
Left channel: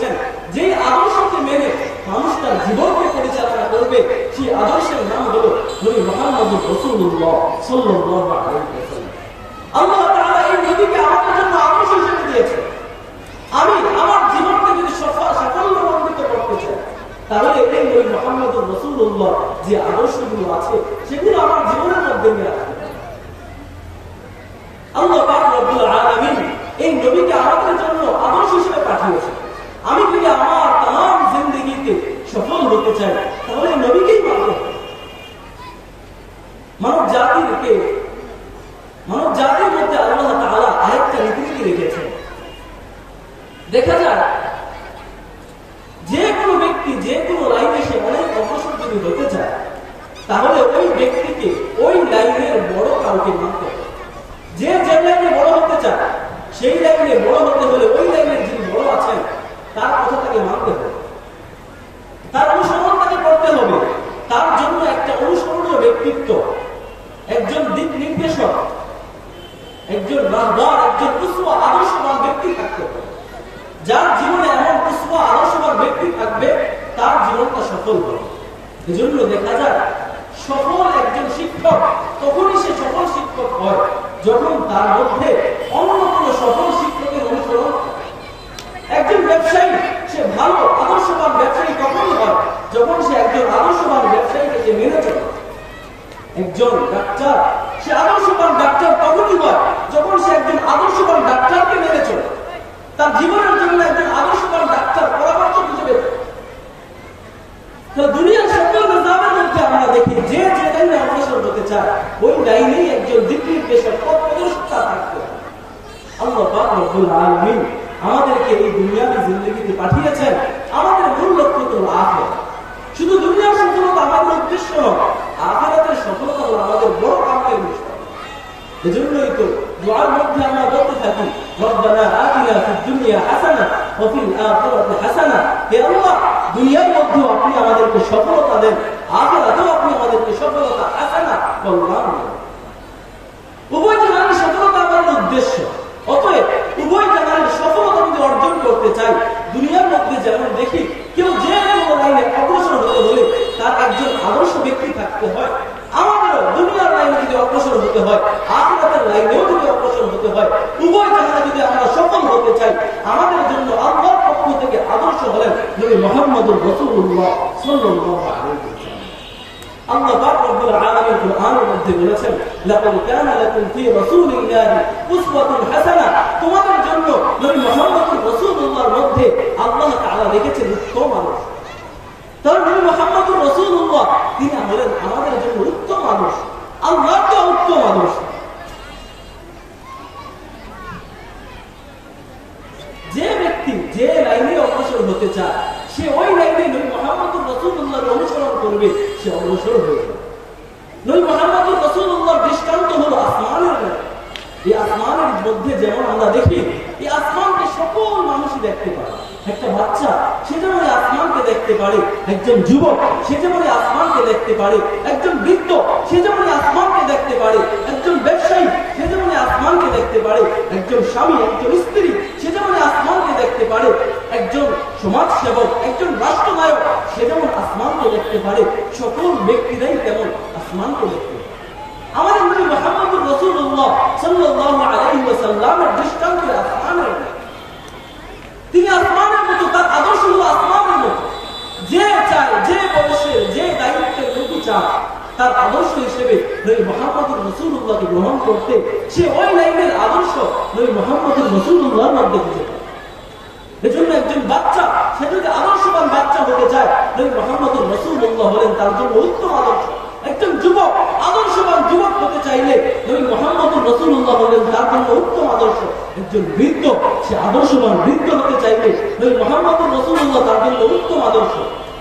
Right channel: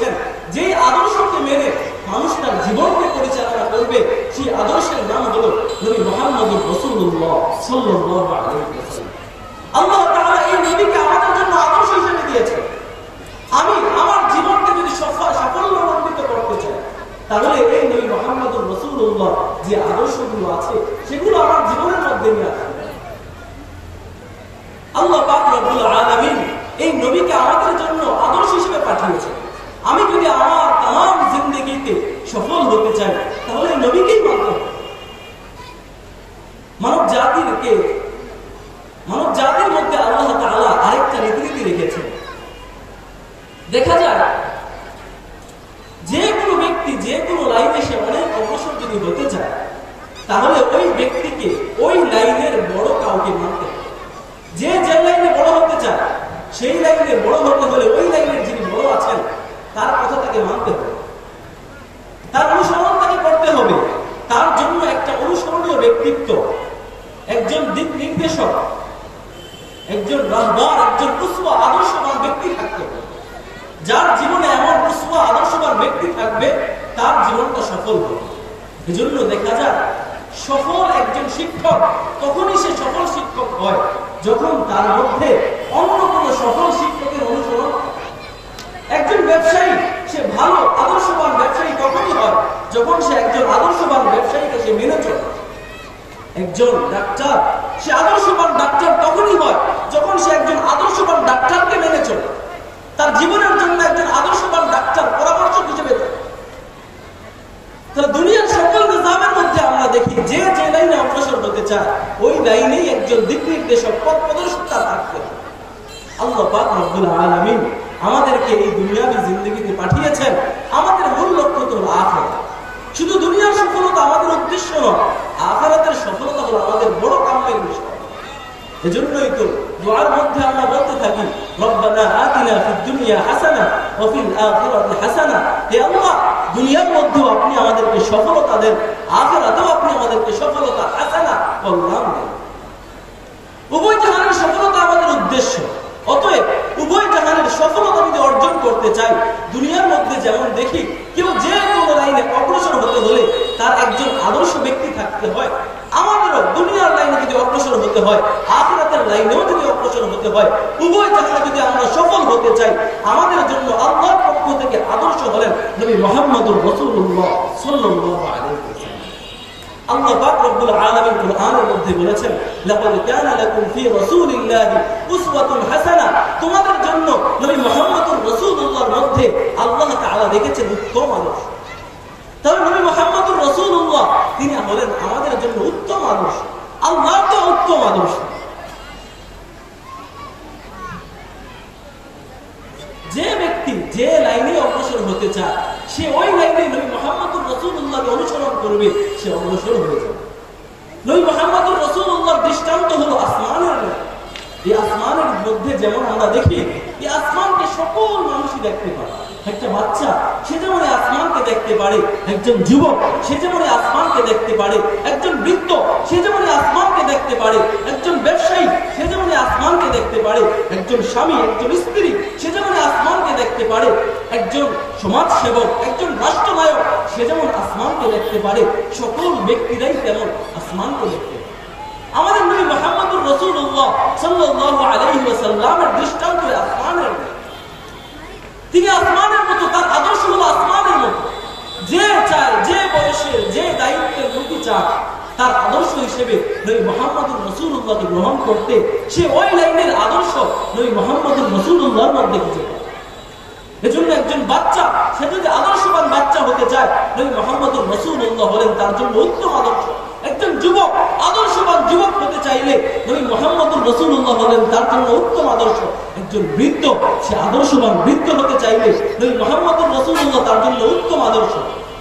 দিয়েছেন, যে আদর্শকে মেনে মানুষ তার জীবনকে পরিচালনা করবে, সেই আদর্শের নাম হলো নবী মুহাম্মদুর রাসূলুল্লাহ সাল্লাল্লাহু আলাইহি ওয়াসাল্লাম। আল্লাহ তাআলা এই নবীকে আমাদের জন্য আদর্শ হিসেবে দিয়েছেন। আমি আমার জীবনকে যদি সাফল্যমণ্ডিত করতে চাই, তাহলে এই নবী মুহাম্মদুর রাসূলুল্লাহ যে আদর্শগুলো আছে সেগুলো আমার জীবনের মধ্যে নিয়ে আসবে। আল্লাহ পাক রব্বুল আলামিন এই নবীকে আমাদের জন্য আদর্শ হিসেবে পাঠিয়েছেন। আমি যদি আমার তামাম জিন্দেগিতে সফল হতে চাই, তাহলে এই নবীকেই মানতে হবে। মানব জাতির মধ্যে আল্লাহ তাআলা আরেকটা রীতিনীতি রেখেছেন। দেখা যায় যে কোনো ব্যক্তি যে কোনো লাইনে সে অনেক অগ্রসর যদি হতে চায়, তাহলে ওই ব্যক্তিকে ওই লাইনের বড় কাউকে মানতে হবে। যে লাইনে বড় হতে চায়, সেই লাইনে বড় হতে হলে ওই লাইনের যিনি বড় আছেন তার কথা তাকে মানতে হবে, তার অনুসরণ তাকে করতে হবে। তার জন্য একটা অনুসরণীয় ব্যক্তিত্ব, একজন দিক নির্দেশক, একজন রাহবার, একজন উসওয়া আদর্শবান ব্যক্তি থাকতে হবে। যার জীবনে এমন উসওয়া আদর্শবান ব্যক্তি থাকবে, তার জীবনটা সফল হবে। এজন্য দেখা যায় সফল একজন শিক্ষক তখনই সে সফল শিক্ষক হয় যখন তার মধ্যে অন্য কোন সফল শিক্ষকের অনুসরণ থাকে। একজন ব্যবসায়ী সে ভালো আদর্শবান ব্যবসায়ী তখনই হয় যখন সে একজন আদর্শবান ব্যবসায়ীকে সে মেনে চলে। একজন ডাক্তার সে আদর্শবান ডাক্তার তখনই হয় যখন সে একজন আদর্শবান ডাক্তারকে মেনে চলে। তার জীবনের জন্য একজন আদর্শবান ডাক্তার পরামর্শক হিসেবে থাকে। দুনিয়ার সকল নিজামের মধ্যে আমরা দেখি যে লাইনে অগ্রসর হতে চায়, ওই লাইনেই একজন দিক নির্দেশক, পথ প্রদর্শক থাকতে হবে। আল্লাহ পাক রব্বুল আলামিন আমাদেরকে এই দুনিয়াবী জিন্দেগিতে পাঠিয়েছেন। আমাদের মূল লক্ষ্য হলো আখিরাত। শুধু দুনিয়ার সফলতা আমাদের উদ্দেশ্য নয়, আখিরাতের সফলতা হলো আমাদের বড় কামের বিষয়। এজন্যই তো দুআর মধ্যে আমরা বলতে থাকি, রব্বানা আতিনা ফিদ দুনিয়া হাসানা ওয়া ফিল আখিরাতি হাসানা। হে আল্লাহ, দুনিয়ার মধ্যেও আপনি আমাদেরকে সফলতা দেন, আখিরাতেও আপনি আমাদেরকে সফলতা হাসানা কল্যাণ দেন। উভয় জাহানের সফলতা আমাদের উদ্দেশ্য। অতএব উভয় জাহানের সফলতা যদি অর্জন করতে চাই, দুনিয়ার মধ্যে যেমন দেখি কেউ যে কোনো লাইনে অগ্রসর হতে হলে তার একজন আদর্শ ব্যক্তি থাকতে হয়, আমাদেরও দুনিয়ার লাইনে যদি অগ্রসর হতে হয়, আখিরাতের লাইনেও যদি অগ্রসর হতে হয়, উভয় জাহানে যদি আমরা সফল হতে চাই, আমাদের জন্য আল্লাহর পক্ষ থেকে আদর্শ হলেন নবী মুহাম্মদুর রাসূলুল্লাহ সাল্লাল্লাহু আলাইহি ওয়াসাল্লাম। আল্লাহ পাক রব্বুল আলামিন কুরআনের মধ্যে বলেছেন, লাকাদ কানা লাকুম ফি রাসূলিল্লাহি উসওয়াতুন হাসানা। তোমাদের জন্য নবী মুহাম্মদুর রাসূলুল্লাহর মধ্যে আল্লাহ তাআলা রেখেছেন উত্তম আদর্শ। তাহলে নবী মুহাম্মদুর রাসূলুল্লাহ তিনি হলেন আমাদের জন্য উত্তম আদর্শ, আল্লাহর তো উত্তম আদর্শ। যে ব্যক্তি যে লাইনে অগ্রসর হতে চায়, সে ওই লাইনে নবী মুহাম্মদুর রাসূলুল্লাহকে অনুসরণ করবে, সে অগ্রসর হয়ে যাবে। নবী মুহাম্মদুর রাসূলুল্লাহর দৃষ্টান্ত হলো আসমানের লাইন। এই আসমানের মধ্যে যেমন আমরা দেখি, এই আসমানকে সকল মানুষই দেখতে পারে। একটা বাচ্চা সে যেমন আসমানকে দেখতে পারে, একজন যুবক সে যেমন আসমানকে দেখতে পারে, একজন বৃদ্ধ সে যেমন আসমানকে দেখতে পারে, একজন ব্যবসায়ী সে যেমন আসমানকে দেখতে পারে, একজন স্বামী একজন স্ত্রী সে যেমন আসমানকে দেখতে পারে, একজন সমাজ সেবক একজন রাষ্ট্রনায়ক সে যেমন আসমানকে দেখতে পারে, সকল ব্যক্তিরাই তেমন আসমানকে দেখতে পারে। আমাদের নবী মুহাম্মদুর রাসূলুল্লাহ সাল্লাল্লাহু আলাইহি ওয়াসাল্লামের দৃষ্টান্ত আসমানের। তিনি আসমানের মতো, তার আদর্শ হলো আসমানের মতো। যে চায়, যে বয়সের যে দায়িত্বের লোকই চায়, তার আদর্শ হিসেবে নবী মুহাম্মদুর রাসূলুল্লাহকে গ্রহণ করতে, সে ওই লাইনের আদর্শ নবী মুহাম্মদুর রাসূলুল্লাহর মধ্যে খুঁজে পায়। এজন্য একজন বাচ্চা সে যদি আদর্শবান বাচ্চা হতে চায়, নবী মুহাম্মদুর রাসূলুল্লাহ হলেন তার জন্য উত্তম আদর্শ। একজন যুবক আদর্শবান যুবক হতে চাইলে নবী মুহাম্মদুর রাসূলুল্লাহ হলেন তার জন্য উত্তম আদর্শ। একজন বৃদ্ধ সে আদর্শবান বৃদ্ধ হতে চাইলে নবী মুহাম্মদুর রাসূলুল্লাহ তার জন্য উত্তম আদর্শ।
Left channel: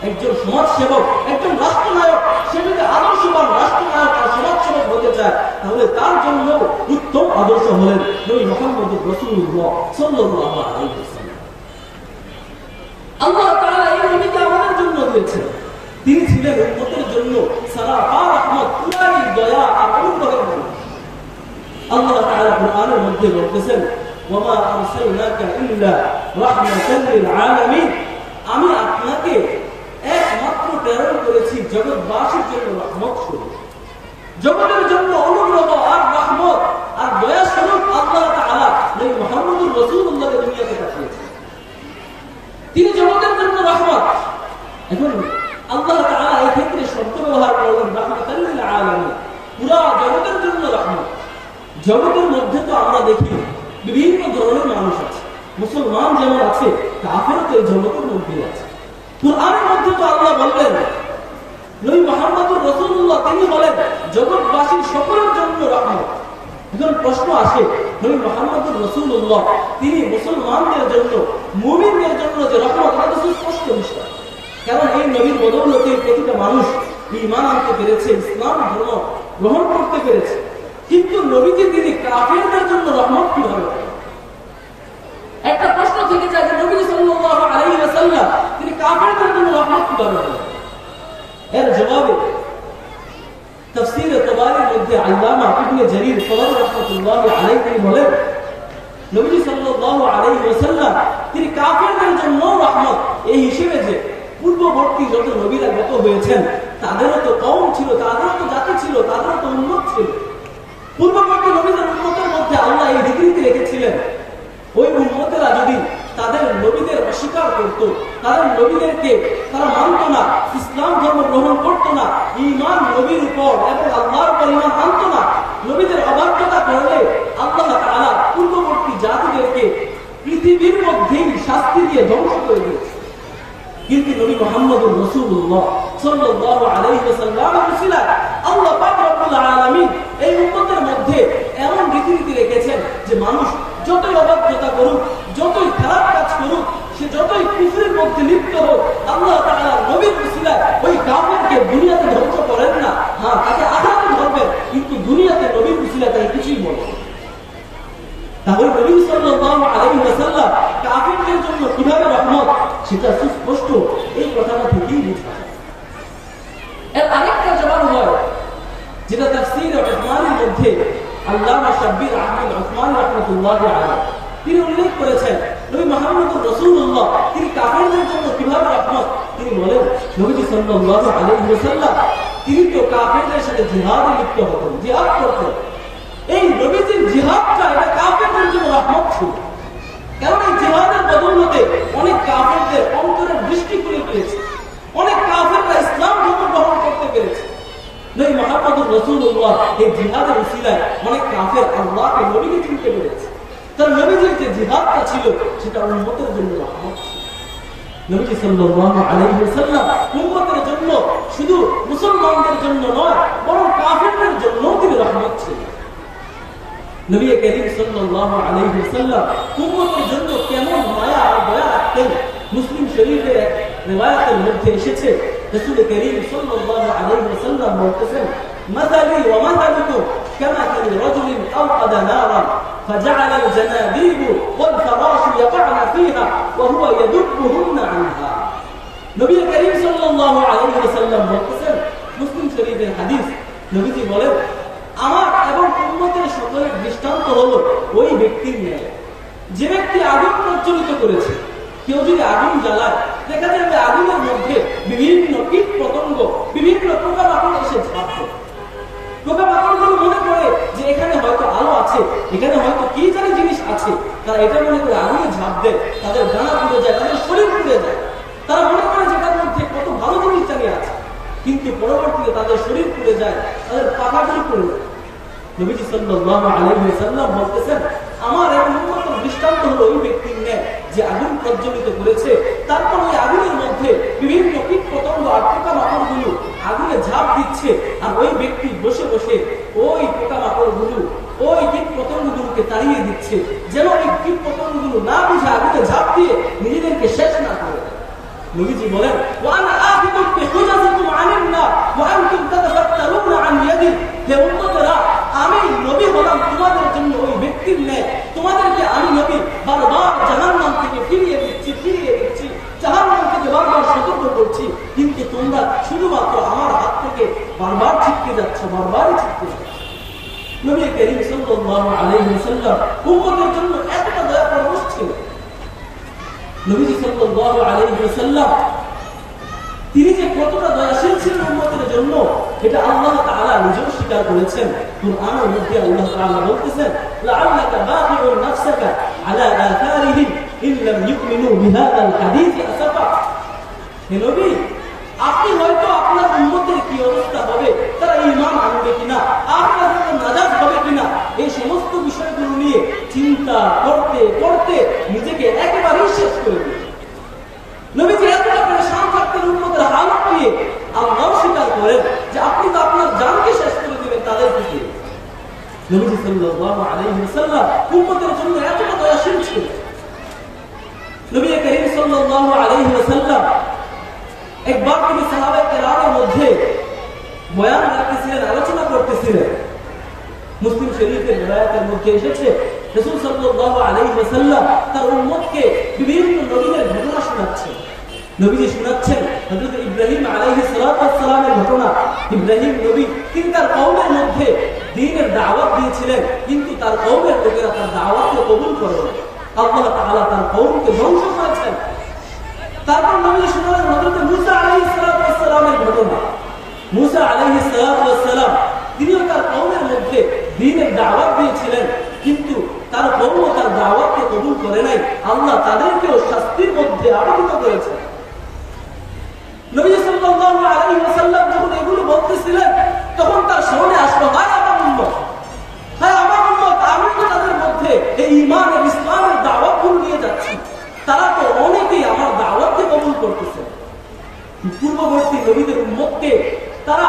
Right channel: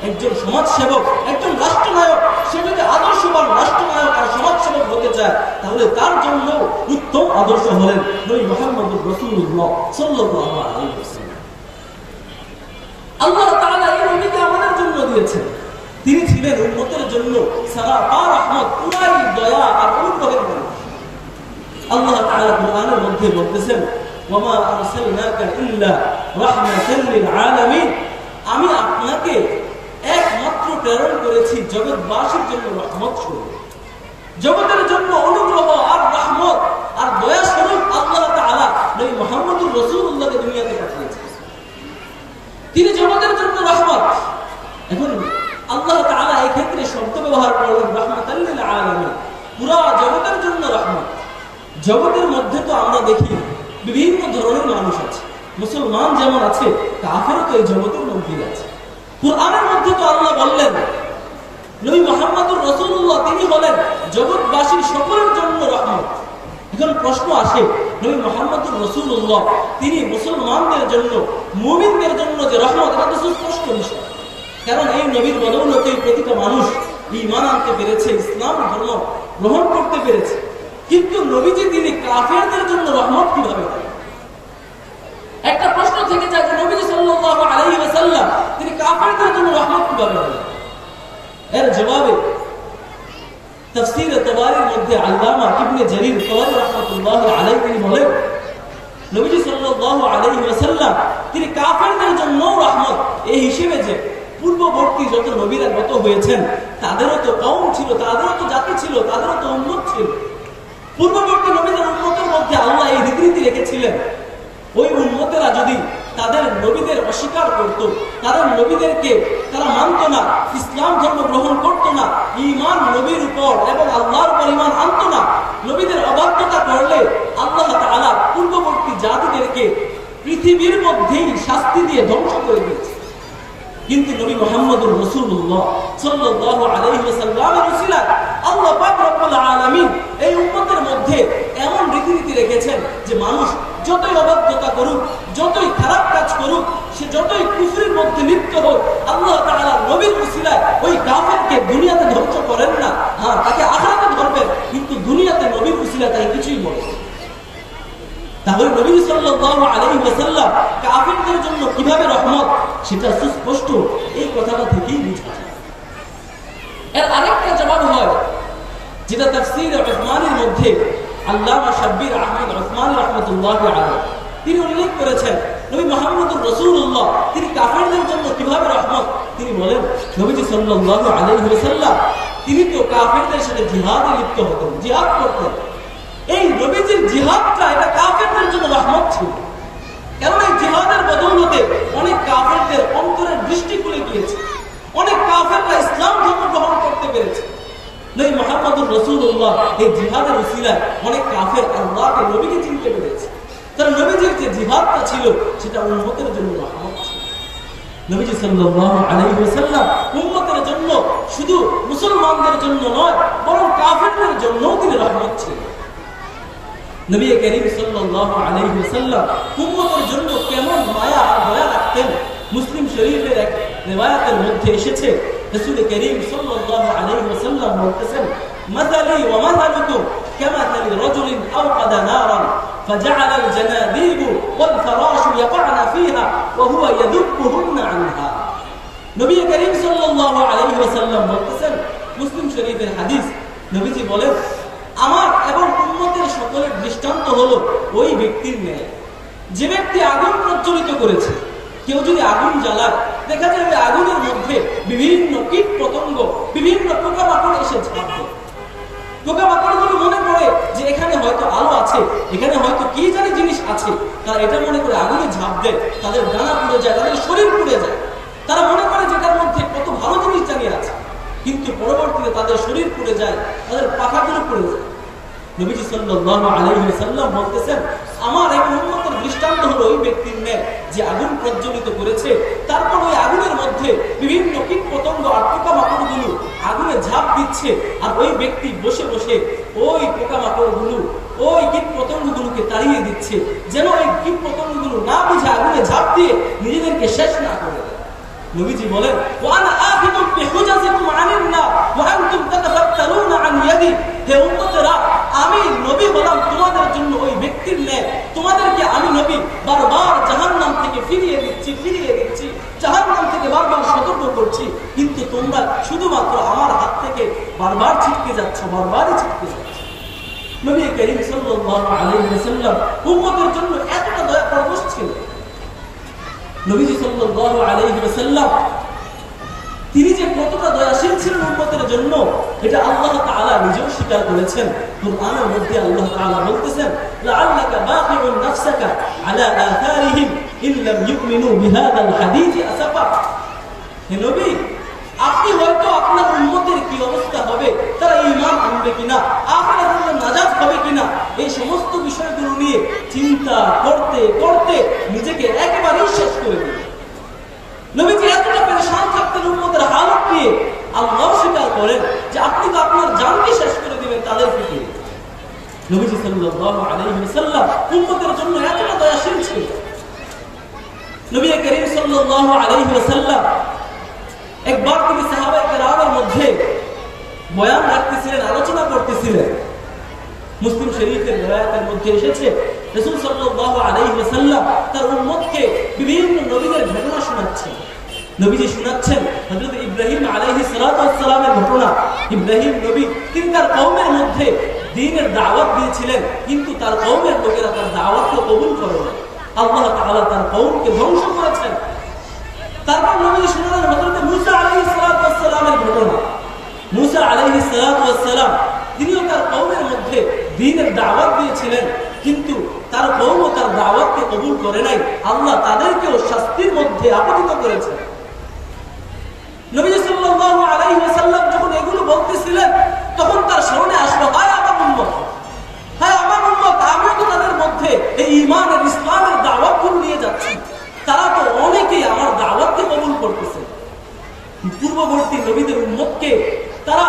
একজন সমাজ সেবক একজন রাষ্ট্রনায়ক সে যদি আদর্শবান রাষ্ট্রনায়ক আর সমাজ সেবক হতে চায়, তাহলে তার জন্য উত্তম আদর্শ হলেন নবী মুহাম্মদুর রাসূলুল্লাহ সাল্লাল্লাহু আলাইহি ওয়াসাল্লাম। আল্লাহ তাআলা এই নবীকে আমাদের জন্য দিয়েছেন। তিনি ছিলেন উম্মতের জন্য সারাফা রহমত, পুরাই দয়া আর অনুগ্রহের মানুষ। আল্লাহ তাআলা কুরআনের মধ্যে বলতেছেন, ওয়ামা আরসালনাকা ইল্লা রাহমাতাল লিল আলামিন, আমি আপনাকে একমাত্র প্রেরণ করেছি জগৎবাসীর জন্য রহমত স্বরূপ, জগতের জন্য অনুগ্রহ আর রহমত আর দয়া স্বরূপ আল্লাহ তাআলা নবী মুহাম্মদুর রাসূলুল্লাহকে দুনিয়াতে পাঠিয়েছেন। তিনি জগতের জন্য রহমত। এখন আল্লাহ তাআলা এই ক্ষেত্রে শব্দ ব্যবহার করলেন রাহমাতাল লিল আলামিন, পুরা জগতের জন্য রহমত। জগতের মধ্যে তো আমরা দেখি বিভিন্ন ধরনের মানুষ আছে, মুসলমান যেমন আছে কাফেরও তো এই জগতের মধ্যে আছে। কুরআনের মধ্যে তো আল্লাহ বললেন নবী মুহাম্মদুর রাসূলুল্লাহ তিনি হলেন জগৎবাসীর সকলের জন্য রহমত। এখন প্রশ্ন আসে, নবী মুহাম্মদুর রাসূলুল্লাহ তিনি মুসলমানদের জন্য, মুমিনদের জন্য যে রহমত, এটা তো সুস্পষ্ট বিষয়। কারণ এই নবীর বদৌলতে প্রতিটা মানুষ ঈমান আনতে পেরেছে, ইসলাম ধর্ম গ্রহণ করতে পেরেছে। কিন্তু নবীজি তিনি কাফেরদের জন্য রহমত কিভাবে? একটা প্রশ্ন থেকে যায় যে নবী সাল্লাল্লাহু আলাইহি ওয়াসাল্লাম তিনি কাফেরদের জন্য রহমত কিভাবে হলেন? এর জবাবে তাফসীর তাবারির মধ্যে আল্লামা ইবনে জারীর তাবারি রাহমাতুল্লাহি আলাইহি তিনি বলেন, নবী সাল্লাল্লাহু আলাইহি ওয়াসাল্লাম তিনি কাফেরদের জন্য রহমত এই হিসেবে যে পূর্ববর্তী যত নবীরা গত হয়েছেন তাদেরও তো কওম ছিল, তাদেরও তো জাতি ছিল, তাদেরও তো উম্মত ছিল। পূর্ববর্তী নবীদের উম্মতের মধ্যে আল্লাহ এই রীতি রেখেছিলেন, ওই উম্মতেরা যদি তাদের নবীদের অস্বীকার করত, তাদের নবীদেরকে তারা মানত না, ইসলাম ধর্ম গ্রহণ করত না, ঈমান নবীর উপর এবং আল্লাহর উপর ঈমান আনত না, নবীদের অবাধ্যতা করলে আল্লাহ তাআলা পূর্ববর্তী জাতিদেরকে পৃথিবীর মধ্যেই শাস্তি দিয়ে ধ্বংস করে দিয়েছে। কিন্তু নবী মুহাম্মদুর রাসূলুল্লাহ সাল্লাল্লাহু আলাইহি ওয়াসাল্লামের উসিলায় আল্লাহ পাক রব্বুল আলামিন এই উম্মতের মধ্যে এমন রীতি রেখেছেন যে মানুষ যতই অবাধ্যতা করুক, যতই খারাপ কাজ করুক, সে যতই কুফরির মধ্যে লিপ্ত হোক, আল্লাহ তাআলা নবীর উসিলায় ওই কাফেরকে দুনিয়াতে ধ্বংস করেন না। হ্যাঁ, তাকে আখিরাতে ধরবেন, কিন্তু দুনিয়াতে নবীর উসিলায় তাকে কিছুই বলবেন। তাহলে নবী সাল্লাল্লাহু আলাইহি ওয়াসাল্লাম কাফেরদের জন্য কিভাবে রহমত, সেটা সুস্পষ্ট এই কথাটা থেকেই বোঝা যায়। এর আরেকটা জবাব হয় যেটা তাফসীর উসমানীর মধ্যে আল্লামা শাব্বির আহমদ উসমানী রাহমাতুল্লাহি আলাইহি তিনি উল্লেখ করেছেন, নবী মুহাম্মদুর রাসূলুল্লাহ তিনি কাফেরদের জন্য কিভাবে রহমত। তিনি বলেন, নবী সাল্লাল্লাহু আলাইহি ওয়াসাল্লাম তিনি তো কাফেরদের সাথে জিহাদে লিপ্ত হতেন, জিহাদ করতেন। এই নবীজির জিহাদটা এটা কাফেরদের জন্য রহমত ছিল, কারণ এই জিহাদের বদৌলতে অনেক কাফেরদের অন্তরের দৃষ্টি খুলে গিয়েছে, অনেক কাফেররা ইসলাম ধর্ম গ্রহণ করতে পেরেছে। নবী মুহাম্মদুর রাসূলুল্লাহ এই জিহাদের উসিলায় অনেক কাফের আল্লাহকে, নবীকে চিনতে পেরেছে। তার নবীজির যে জিহাদটা ছিল সেটা উম্মতের জন্য রহমত ছিল। নবীজি সাল্লাল্লাহু আলাইহি ওয়াসাল্লাম উম্মতের জন্য, শুধু মুসলমানদের জন্য নয়, বরং কাফেরদের জন্যও তিনি রহমত ছিলেন। নবী করিম সাল্লাল্লাহু আলাইহি ওয়াসাল্লাম উম্মতের জন্য কেমন মায়া আর দয়া রাখতেন, মুসলিম শরীফের এক রিওয়ায়াতের মধ্যে এসেছে, রাসূল করিম সাল্লাল্লাহু আলাইহি ওয়াসাল্লাম বলতেছেন, মাসালি ওয়া মাসালুকুম কামাসালি রাজুলিন আওকাদা নারান فجعل الجناديب والفراش يقعن فيها وهو يذبهن عنها। নবী করিম সাল্লাল্লাহু আলাইহি ওয়াসাল্লাম বলতেছেন, মুসলিম শরীফের হাদিস, নবীজি বলেন, আমার এবং উম্মতের সকলের দৃষ্টান্ত হলো ওই ব্যক্তির ন্যায় যে ব্যক্তি আগুন প্রজ্বলিত করেছে। কেউ যদি আগুন জ্বালায়, দেখা যাবে আগুনের মধ্যে বিভিন্ন কীট পতঙ্গ, বিভিন্ন পোকামাকড় এসে ঝাঁপবে। পোকামাকড়গুলো মনে করে যে এখানে হয়তো আলো আছে, এখানে হয়তো কি জানি জিনিস আছে, তারা এটা মনে করে আগুনে ঝাঁপ দেয়, তাদের ডানা পুড়ে যায়, তাদের শরীর পুড়ে যায়। তারা মনে করে যে তার মধ্যে কত ভালো জিনিস জানি আছে, কিন্তু পরবর্তীতে তাদের শরীর পুড়ে যায়, তাদের পাখাগুলো পুড়ে যায়। নবীজি সাল্লাল্লাহু আলাইহি ওয়াসাল্লাম বলতেছেন, আমার এক উম্মতের দৃষ্টান্ত হলো ওই ব্যক্তির ন্যায় যে আগুন প্রজ্বলিত করেছে, তারপর ওই আগুনের মধ্যে বিভিন্ন কীট পতঙ্গ আর পোকামাকড়গুলো আগুনে ঝাঁপ দিচ্ছে, আর ওই ব্যক্তি বসে বসে ওই পোকামাকড়গুলো, ওই কীট পতঙ্গগুলোকে তাড়িয়ে দিচ্ছে, যেন ওই কীট পতঙ্গগুলো না বুঝে আগুনে ঝাঁপ দিয়ে নিজেদেরকে শেষ না করে। নবীজি বলেন, ওয়ানা আখিদু বিহুজাজিকুম আনিন নার ওয়া আনতুম তাতাফাত্তারুনা আন ইয়াদি, হে উম্মতেরা, আমি নবী হলাম তোমাদের জন্য ওই ব্যক্তির ন্যায়, তোমাদেরকে আমি নবী বারবার জাহান্নাম থেকে ফিরিয়ে দিচ্ছি, জাহান্নাম থেকে বারবার সতর্ক করছি, কিন্তু তোমরা শুধুমাত্র আমার হাত থেকে বারবার ছিটকে যাচ্ছ, বারবারই ছিটকে যাচ্ছ। নবী করিম সাল্লাল্লাহু আলাইহি ওয়াসাল্লাম উম্মতের জন্য এতটা দয়া পরবশ ছিলেন। নবীজি সাল্লাল্লাহু আলাইহি ওয়াসাল্লাম তিনি যে কতটা দয়াশীল ছিলেন উম্মতের জন্য এটা আল্লাহ তাআলা নিজেও স্বীকার করেছেন। কুরআনের মধ্যে আল্লাহ তাআলা বলতেছেন, লাআল্লাকা বাকিউন নাফসাকা আলা আথারিহিম ইন লাম ইউমিনু বিহাদাল হাদীস আসাফা। হে নবী, আপনি হয়তো আপনার উম্মতের কি অবস্থা হবে, তারা ঈমান আনবে কিনা, আখিরাতে নাজাত হবে কিনা, এই সমস্ত বিষয়গুলো নিয়ে চিন্তা করতে করতে নিজেকে একেবারেই শেষ করে দিলেন। নবীজি এতটা পেরেশান থাকতেন উম্মতের হালত নিয়ে, আল্লাহ স্বীকার করেন যে আপনি তো আপনার জানকে শেষ করে দিবেন তাদের দিকে। নবীজি সাল্লাল্লাহু আলাইহি ওয়াসাল্লাম উম্মতের জন্য এতটা দয়াশীল ছিলেন। নবী করিম সাল্লাল্লাহু আলাইহি ওয়াসাল্লাম একবার তিনি সাহাবায়ে কেরামের মধ্যে বয়ান রাখতেছিলেন, আলোচনা করতেছিলেন। মুসলিম শরীফের riwayতের মধ্যে এসেছে রাসূল সাল্লাল্লাহু আলাইহি ওয়াসাল্লাম তার উম্মতকে বিভিন্ন নবীদের ঘটনা শোনাচ্ছেন। নবীজি শোনাচ্ছেন হযরত ইব্রাহিম আলাইহিস সালাতু ওয়াস সালামের ঘটনা। ইব্রাহিম নবী তিনি তার কওমের মধ্যে দ্বীনের দাওয়াত দিয়েছিলেন, কিন্তু তার কওমের লোকেরা তার দাওয়াতকে কবুল করেনি। আল্লাহ তাআলা তার কওমকে ধ্বংস করেছেন। তারপর নবী শোনালেন হযরত মূসা আলাইহিস সালাতু ওয়াস সালামের ঘটনা। মূসা আলাইহিস সালাতু ওয়াস সালাম তিনিও তার কওমের মধ্যে দ্বীনের দাওয়াত দিয়েছিলেন, কিন্তু তার কওম তার দাওয়াতকে কবুল করে নাই। আল্লাহ তাদেরকেও শাস্তির মধ্যে আপতিত করেছেন। নবী সাল্লাল্লাহু আলাইহি ওয়াসাল্লাম যখন এগুলো বলতেছিলেন তখন তার স্মরণে আসলো, হায় আমার উম্মত, হায় আমার উম্মত, আমিও তো তাদের মধ্যে এই ঈমানের ইসলামের দাওয়াতগুলো নিয়ে যাচ্ছি, তারা তো অনেকেই আমার দাওয়াতকে কবুল করতেছে। পূর্ববর্তী নবীদের উম্মতকে তারা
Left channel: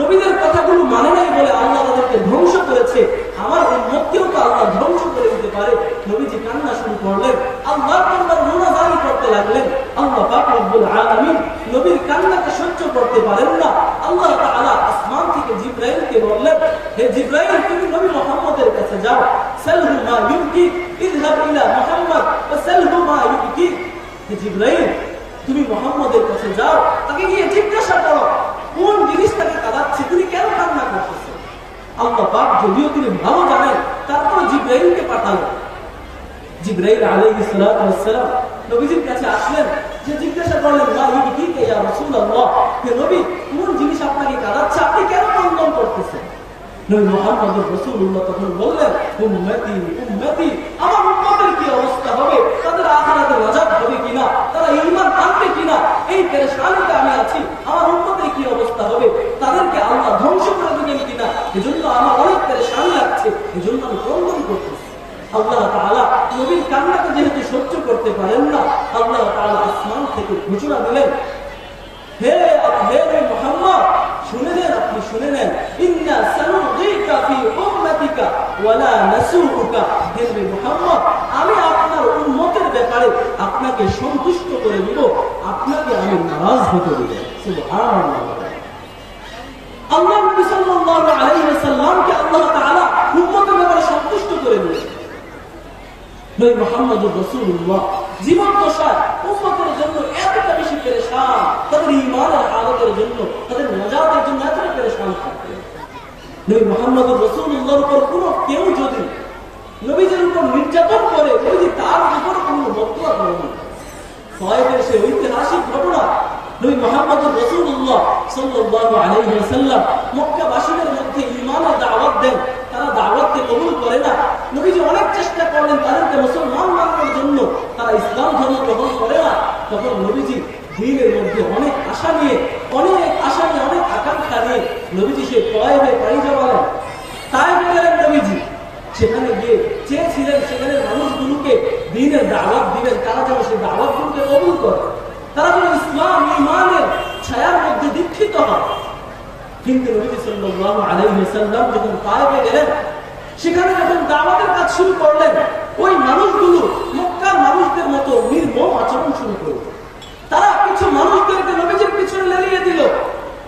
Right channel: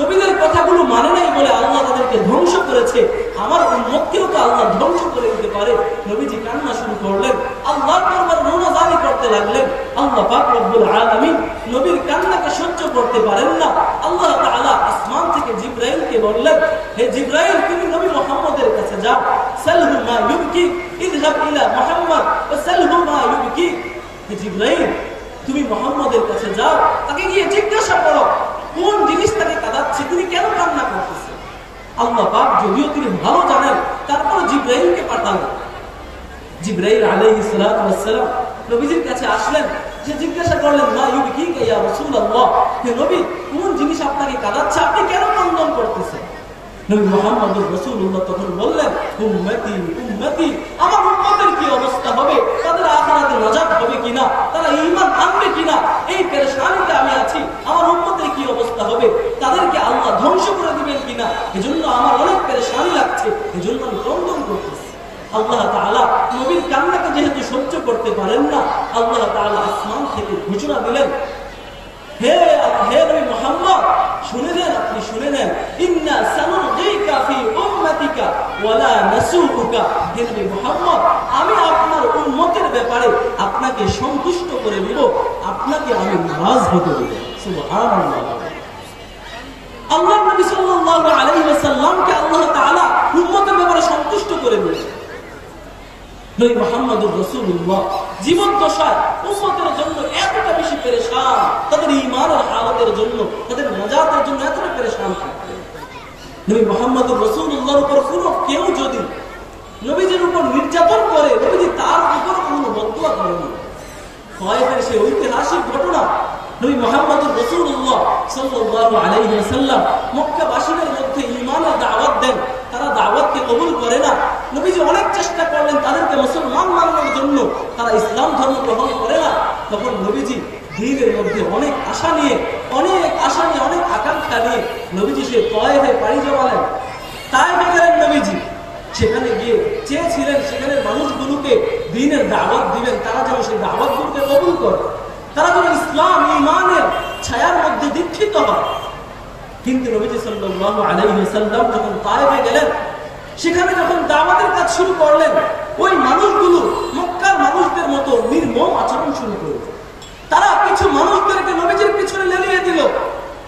নবীদের কথাগুলো মানে নাই বলে আল্লাহ তাদেরকে ধ্বংস করেছে, আমার উম্মতকেও তো আল্লাহ ধ্বংস করে দিতে পারে। নবীজি কান্না শুরু করলেন, আল্লাহর দরবারে মুনাজারি করতে লাগলেন। আল্লাহ পাক রব্বুল আলামিন নবীর কান্নাকে সহ্য করতে পারেন না। আল্লাহ তাআলা আসমান থেকে জিবরাইলকে বললেন, হে জিবরাইল, তুমি নবী মুহাম্মদের কাছে যাও, সালহু মা ইউবকি, ইযহাব ইলা মুহাম্মদ ওয়া সালহু মা ইউবকি। হে জিবরাইল, তুমি মুহাম্মদের কাছে যাও, তাকে গিয়ে জিজ্ঞাসা করো কোন জিনিস তাকে কাঁদাচ্ছে, তিনি কেন কান্না করতেছে। আল্লাহ পাক যদিও তিনি ভালো জানেন, তারপর জিবরাইলকে পাঠালেন। জিবরাইল আলাইহিস সালাতু ওয়াস সালাম নবীজির কাছে আসলেন, যে জিজ্ঞাসা করলেন, মা ইউবকিকা ইয়া রাসূলুল্লাহ, হে নবী, কোন জিনিস আপনাকে কাঁদাচ্ছে, আপনি কেন ক্রন্দন করতেছেন। নবী মুহাম্মদুর রাসূলুল্লাহ তখন বললেন, উম্মতি উম্মতি, আমার উম্মতের কি অবস্থা হবে, তাদের আখিরাতে নাজাত হবে কিনা, তারা ঈমান আনবে কিনা, এই পেরেশানিতে আমি আছি। আমার উম্মতের কি অবস্থা হবে, তাদেরকে আল্লাহ ধ্বংস করে দিবেন কিনা, এজন্য আমার অনেক পেরেশানি লাগছে, এজন্য আমি ক্রন্দন করতেছি। আল্লাহ তাআলা নবীর কান্নাকে যেহেতু সহ্য করতে পারেন না, আল্লাহ তাআলা আসমান থেকে ঘোষণা দিলেন, হে নবী মুহাম্মদ, শুনে নেন, আপনি শুনে নেন, ইন্না সানুগীকা ফি উম্মাতিকা ওয়ালা নাসুকুকা। হে নবী মুহাম্মদ, আমি আপনার উম্মতের ব্যাপারে আপনাকে সন্তুষ্ট করে দিব, আপনাকে আমি নারাজ হতে দেব। সুবহানাল্লাহ। আল্লাহ নবী সাল্লাল্লাহু আলাইহি ওয়াসাল্লামকে আল্লাহ তাআলা উম্মতের ব্যাপারে সন্তুষ্ট করে দিয়েছেন। নবী মুহাম্মদুর রাসূলুল্লাহ জীবন দশায় উম্মতের জন্য এতটা বেশি পেরেশান, তাদের ঈমানের হালতের জন্য, তাদের নাজাতের জন্য এতটা পেরেশান থাকতেন। নবী মুহাম্মদুর রাসূলুল্লাহর উপর কোনো কেউ যদি নবীজির উপর নির্যাতন করে, নবীজি তার উপর কোনো বদদুয়া করেন। তায়েফের সেই ঐতিহাসিক ঘটনা, নবী মুহাম্মদুর রাসূলুল্লাহ সাল্লাল্লাহু আলাইহি ওয়াসাল্লাম মক্কাবাসীদের মধ্যে ঈমানের দাওয়াত দেন, তারা দাওয়াতকে কবুল করে না। নবীজি অনেক চেষ্টা করলেন তাদেরকে মুসলমান বানানোর জন্য, তারা ইসলাম ধর্ম গ্রহণ করে না। তখন নবীজি দ্বীনের মধ্যে অনেক আশা নিয়ে, অনেক আকাঙ্ক্ষা নিয়ে নবীজি সে তায়েফে পাড়ি জমালেন। তায়েফে গেলেন নবীজি, সেখানে গিয়ে চেয়েছিলেন সেখানের মানুষগুলোকে দ্বীনের দাওয়াত দিবেন, তারা যেন সেই দাওয়াতগুলোকে কবুল করে, তারা যেন ইসলাম ঈমানের ছায়ার মধ্যে দীক্ষিত হয়। কিন্তু নবীজি সাল্লাল্লাহু আলাইহি ওয়াসাল্লাম যখন তায়েফে গেলেন, সেখানে যখন দাওয়াতের কাজ শুরু করলেন, ওই মানুষগুলো মক্কার মানুষদের মতো নির্মম আচরণ শুরু করল। তারা কিছু মানুষদেরকে নবীজির পিছনে লেলিয়ে দিল,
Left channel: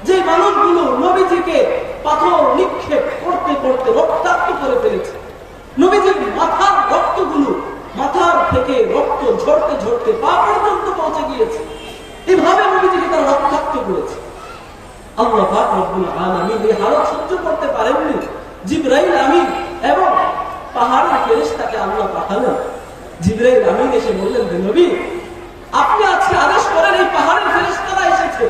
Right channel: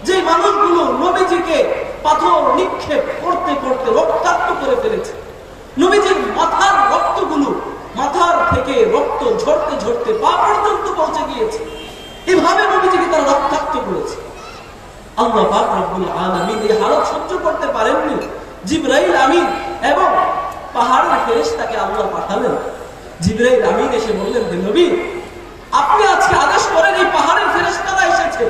যে মানুষগুলো নবীজিকে পাথর নিক্ষেপ করতে করতে রক্তাক্ত করে ফেলেছে। নবীজির মাথার রক্তগুলো, মাথার থেকে রক্ত ঝরতে ঝরতে পা পর্যন্ত পৌঁছে গিয়েছে। এভাবে নবীজিকে তারা রক্তাক্ত করেছে। আল্লাহ পাক রব্বুল আলামিন এই হালত সহ্য করতে পারেননি। জিবরাইল আমিন এবং পাহাড়ের ফেরেশতাকে আল্লাহ পাঠালেন। জিবরাইল আমিন এসে বললেন, নবী আপনি আজকে আদেশ করেন, এই পাহাড়ের ফেরেশতারা এসেছে,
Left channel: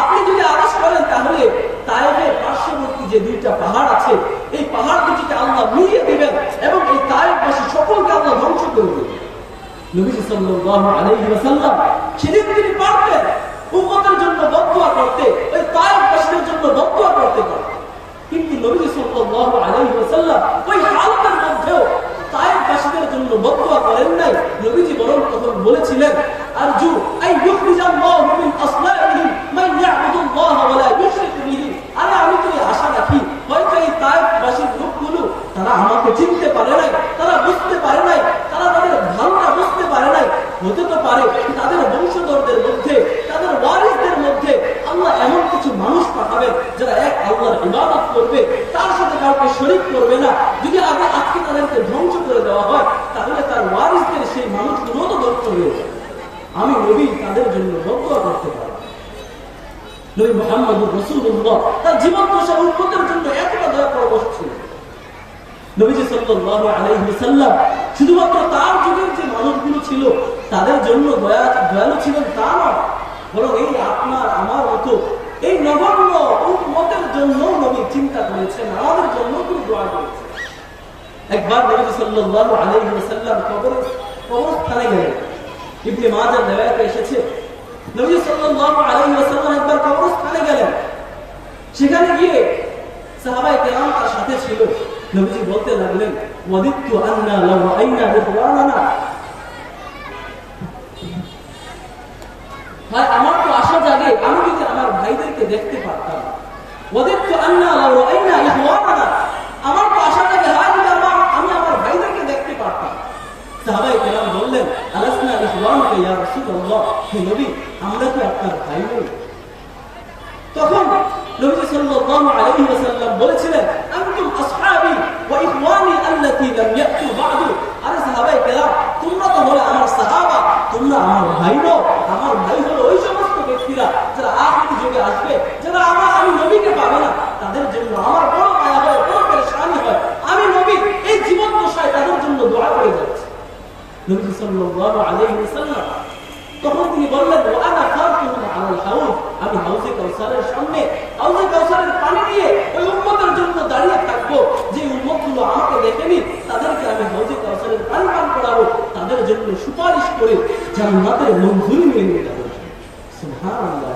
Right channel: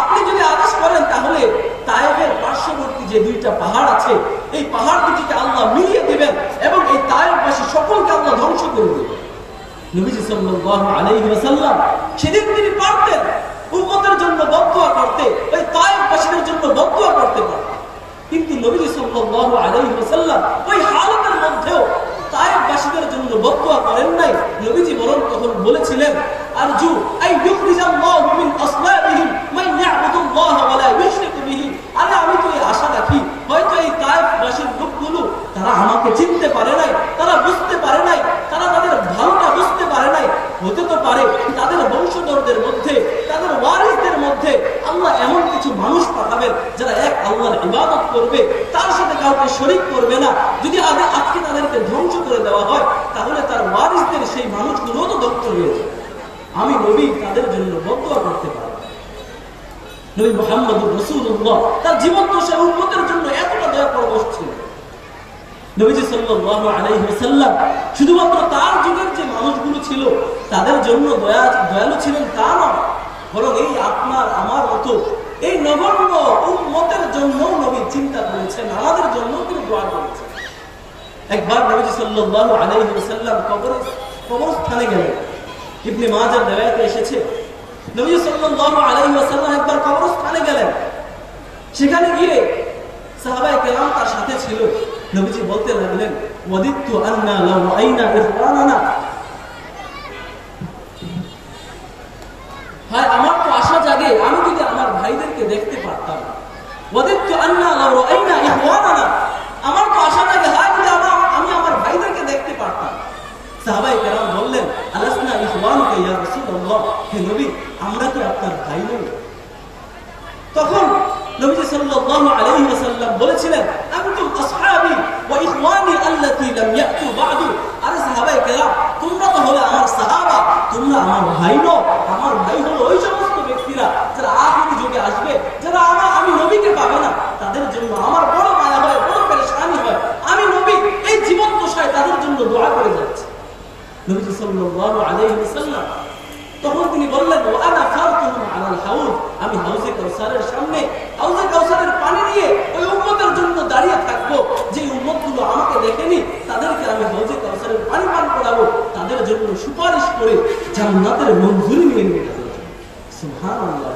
আপনি যদি আদেশ করেন তাহলে তায়েফের পার্শ্ববর্তী যে দুইটা পাহাড় আছে এই পাহাড় দুটিকে আল্লাহ মিলিয়ে দেবেন এবং এই তায়েফবাসী সকলকে আল্লাহ ধ্বংস করে দেবেন। নবীজি সাল্লাল্লাহু আলাইহি ওয়াসাল্লাম সেদিন তিনি পারতেন উম্মতের জন্য বদদুয়া করতে, ওই তায়েফবাসীদের জন্য বদদুয়া করতে পারতেন, কিন্তু নবীজি সাল্লাল্লাহু আলাইহি ওয়াসাল্লাম ওই হালতের মধ্যেও তায়েফবাসীদের জন্য বদদুয়া করেন নাই। নবীজি বরং তখন বলেছিলেন, আরজু আই ইউখরিজাল্লাহু মিন আসলাবিহিম মান ইয়াবুদুল্লাহ ওয়া লা ইউশরিকু বিহি। আরে আমি তো এই আশা রাখি হয়তো এই তায়েফবাসীর লোকগুলো তারা আমাকে চিনতে পারে নাই, তারা বুঝতে পারে নাই, তারা তাদের ভালোটা বুঝতে পারে নাই, হতে তো পারে তাদের বংশধরদের মধ্যে, তাদের ওয়ারিসদের মধ্যে আল্লাহ এমন কিছু মানুষ পাঠাবেন যারা এক আল্লাহর ইবাদত করবে, তার সাথে কাউকে শরীক করবে না। যদি আজকে তাদেরকে ধ্বংস করে দেওয়া হয় তাহলে তার ওয়ারিসদের সেই মানুষগুলো তো ধ্বংস হয়ে যাবে। আমি নবী তাদের জন্য বদদুয়া করতে পারি। নবী মুহাম্মদুর রাসূলুল্লাহ তার জীবন দশায় উম্মতের জন্য এতটা দয়া পরবশ ছিল। নবীজি সাল্লাল্লাহু আলাইহি ওয়াসাল্লাম শুধুমাত্র তার যুগের যে মানুষগুলো ছিল তাদের জন্য দয়ালু ছিলেন তা নয়, বরং এই আপনার আমার মতো এই নগণ্য উম্মতের জন্য নবী চিন্তা করেছেন, আমাদের জন্য তিনি দোয়া করেছেন। একবার নবীজি সাল্লাল্লাহু আলাইহি ওয়াসাল্লাম কবরস্থানে গেলেন। ইবনে মাজাহ riwayate এসেছে, নবী সাল্লাল্লাহু আলাইহি ওয়াসাল্লাম একবার কবরস্থানে গেলেন। সেখানে গিয়ে সাহাবায়ে কেরাম তার সাথে ছিল। নবীজি বলতে লাগলেন, ওয়াদিতু আন্না লাউ রাআইনা ইখওয়ানানা, ভাই আমার তো আশা জাগে আমি যদি আমার ভাইদেরকে দেখতে পারতাম। ওয়াদিতু আন্না লাউ রাআইনা ইখওয়ানানা, আমার তো আশা জাগে হয় যদি আমি আমার ভাইদেরকে দেখতে পারতাম। সাহাবায়ে কেরাম বললেন, আলাসনা ইখওয়ানুকা ইয়া রাসূলুল্লাহ, হে নবী আমরা কি আপনার ভাই নই? তখন নবী সাল্লাল্লাহু আলাইহি ওয়াসাল্লাম বলেছিলেন, আনতুম আসহাবি ওয়া ইখওয়ানি আল্লাতী লাম ইয়াতু বা'দু। আরে সাহাবায়ে কেরাম তোমরা তো হলে আমার সাহাবা, তোমরা আমার ভাই নও। আমার ভাই হলো ওই সমস্ত ব্যক্তিরা যারা আখির যুগে আসবে, যারা আমি নবীকে পাবে না, তাদের জন্য আমার বড় মায়া হয়, বড় পেরেশানি হয়। আমি নবী এই জীবন দশায় তাদের জন্য দোয়া করে যাচ্ছি। নবী সাল্লাল্লাহু আলাইহি ওয়াসাল্লাম তখন তিনি বললেন, ওয়ানা ফারতুহুম আলাল হাউজ, আমি হাউজে কাউসারের সামনে হাউজে কাউসারের পানি নিয়ে ওই উম্মতের জন্য দাঁড়িয়ে থাকবো। যে উম্মতগুলো আমাকে দেখেনি তাদেরকে আমি হাউজে কাউসারের পানি পান করাবো, তাদের জন্য সুপারিশ করে জান্নাতের মঞ্জুরি নিয়ে নেবে তাদের জন্য। সুবহানাল্লাহ।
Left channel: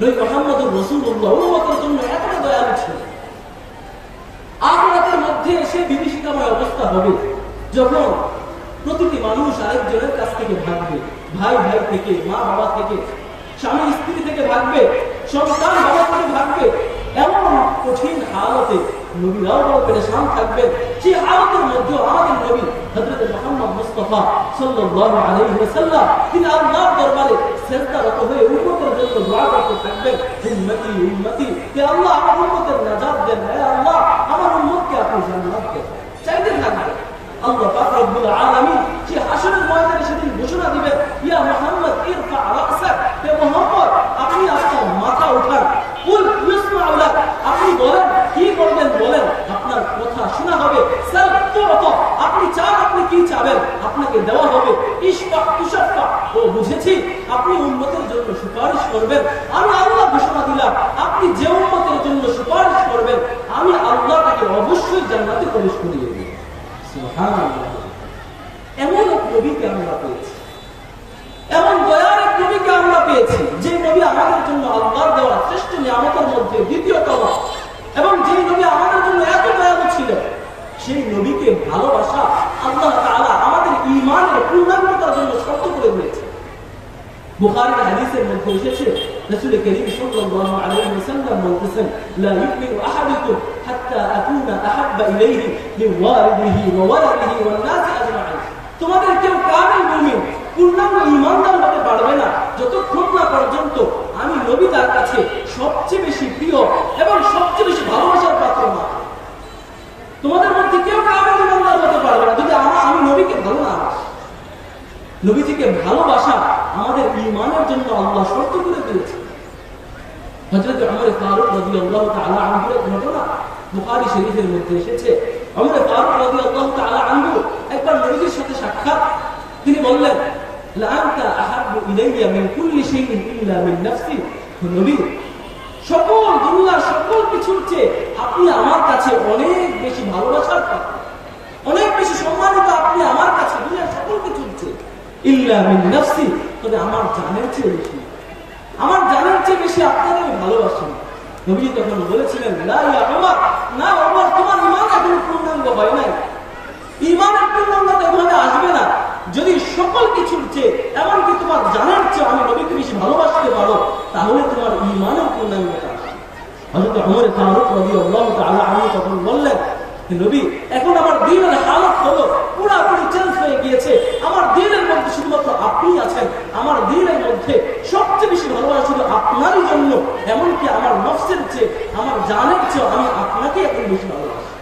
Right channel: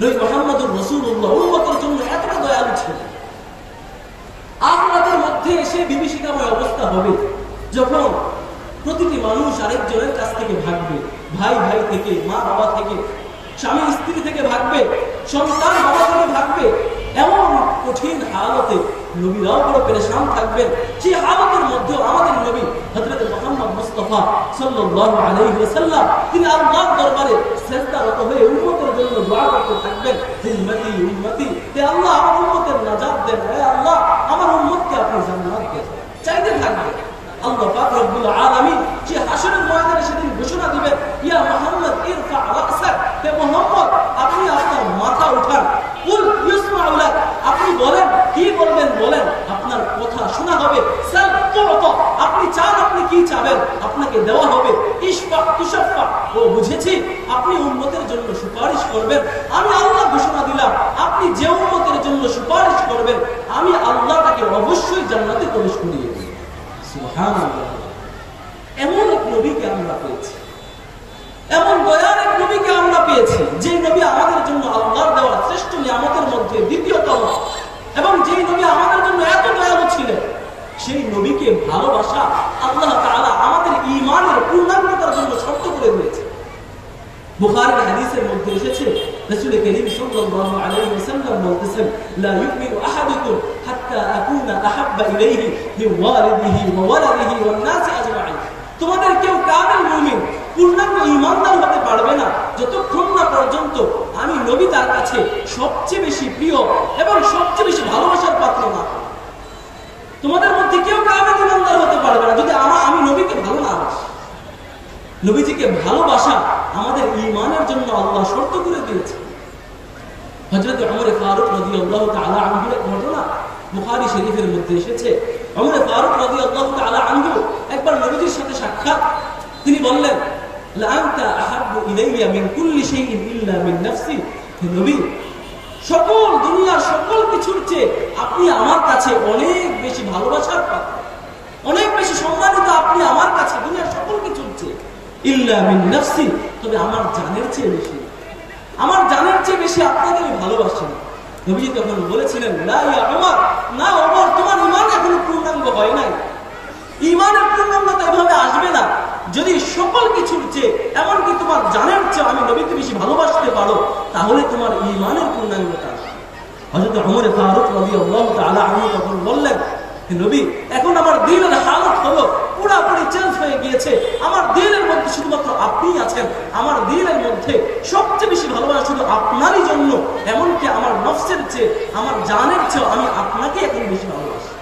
নবী মুহাম্মদুর রাসূলুল্লাহ উম্মতের জন্য এতটা দয়ালু ছিলেন। আখিরাতের মধ্যে সে বিভীষিকাময় অবস্থা হবে যখন প্রতিটি মানুষ আরেকজনের কাছ থেকে ভাগবে, ভাই ভাই থেকে, মা বাবা থেকে, স্বামী স্ত্রী থেকে ভাগবে, সন্তান বাবা থেকে ভাগবে। এমন কঠিন হালতে নবীরাও বড় পেরেশান থাকবেন। সেই হালতের মধ্যে আমাদের নবী হযরত মুহাম্মদ মুস্তাফা সাল্লাল্লাহু আলাইহি ওয়াসাল্লাম তিনি আল্লাহর দরবারে সিজদারত হয়ে উম্মতের জন্য দোয়া করতে থাকবেন, উম্মতি উম্মতি, হে আল্লাহ আমার উম্মতের নাজাত দেন, হে আল্লাহ আমার উম্মতকে আপনি জান্নাত দেন, চাইতে থাকবেন। আল্লাহ পাক রব্বুল আলামিন যে হাশরের ময়দানে সেদিন ঘোষণা দিবেন, ইয়া মুহাম্মদ ইরফা রাসাক, হে মুহাম্মদ আপনি আপনার মাথা উঠান, কুল ইসমাউ লাক, আপনি বলেন, কি বলবেন বলেন, আপনার কথা শোনা হবে। সাল তুতা, আপনি চান আপনি কি চাবেন আপনাকে দেওয়া হবে। ইশফা তুশফা, ও বুঝেছি আপনি উম্মতের জন্য সুপারিশ করবেন। আমি আল্লাহ ঘোষণা দিলাম আপনি যে উম্মতের জন্য সুপারিশ করবেন আমি আল্লাহ তাকে অবশ্যই জান্নাতে প্রবেশ করিয়ে দেব। সুবহানাল্লাহ। এমন এক নবীকে আমরা পেয়েছি, এমন দয়ার এক নবীকে আমরা পেয়েছি, যে নবী আমাদের জন্য আল্লাহর দেওয়া শ্রেষ্ঠ নিয়ামতের মধ্যে দ্বিতীয়তম, এবং যে নবী আমাদের জন্য এত দয়ালু ছিলেন, সেই নবীকে ভালোবাসা আল্লাহ তাআলা আমাদের ঈমানের পূর্ণাঙ্গতার জন্য শর্ত করে দিয়েছে। বুখারীর হাদিসের মধ্যে এসেছে, রাসূল করিম সাল্লাল্লাহু আলাইহি ওয়াসাল্লাম বলতেছেন, লা ইউমিনু আহাদুকুম হাত্তা আকুনা আহাব্বা ইলাইহি মিন ওয়ালিদিহি ওয়া ওয়ালাদিহি ওয়ান নাসি আজমাইন। তোমাদের কেউ কামিল মুমিন, পূর্ণাঙ্গ ঈমানদার হতে পারবে না যতক্ষণ না পর্যন্ত আমি নবী তার কাছে সবচেয়ে বেশি প্রিয় এবং সবচেয়ে বেশি ভালোবাসার পাত্র না। তোমাদের মধ্যে কেউ কামিল ঈমানদার হতে পারবে না যদি আমি নবীকে ভালো না বাসি। নবীজিকে ভালোবাসা আমাদের ঈমানের জন্য আল্লাহ শর্ত করে দিয়েছে। হযরত ওমর ফারুক রাদিয়াল্লাহু তাআলা আনহুর ঘটনা বুখারী শরীফের মধ্যে এসেছে, ওমর ফারুক রাদিয়াল্লাহু তাআলা আনহু একবার নবীজির সাথে সাক্ষাৎ। তিনি বললেন, লা আনতা আহাব্বু ইলাইয়া মিন কুল্লি শাইইন ইল্লা মিন নাফসি। নবী, সকল দুনিয়ার সকল কিছুর চেয়ে আপনি আমার কাছে অনেক বেশি ভালোবাসার পাত্র, অনেক বেশি সম্মানিত আপনি আমার কাছে দুনিয়ার সকল কিছুর চেয়ে, ইল্লা মিন নাফসি, তবে আমার জানের চেয়ে বেশি, আমার জানের চেয়ে বেশি আপনাকে আমি ভালোবাসি। নবী তখন বলেছিলেন, লা ইয়া ওমর, না ওমর, তোমার ঈমান এখনো পূর্ণাঙ্গ হয় নাই। ঈমানের পূর্ণাঙ্গতা এভাবে আসবে না যদি সকল কিছুর চেয়ে, এমনকি তোমার জানের চেয়ে আমি নবীকে বেশি ভালোবাসতে পারো, তাহলে তোমার ঈমানের পূর্ণাঙ্গতা আসবে। হযরত ওমর ফারুক রাদিয়াল্লাহু তাআলা আনহু তখন বললেন, নবী, এখন আমার দ্বীনের হালত হলো পুরোপুরি চেঞ্জ হয়ে গিয়েছে। আমার দ্বীনের মধ্যে শুধুমাত্র আপনিই আছেন। আমার দ্বীনের মধ্যে সবচেয়ে বেশি ভালোবাসা শুধু আপনারই জন্য, এমনকি আমার নফসের চেয়ে, আমার জানের চেয়ে আমি আপনাকে এখন বেশি ভালোবাসি।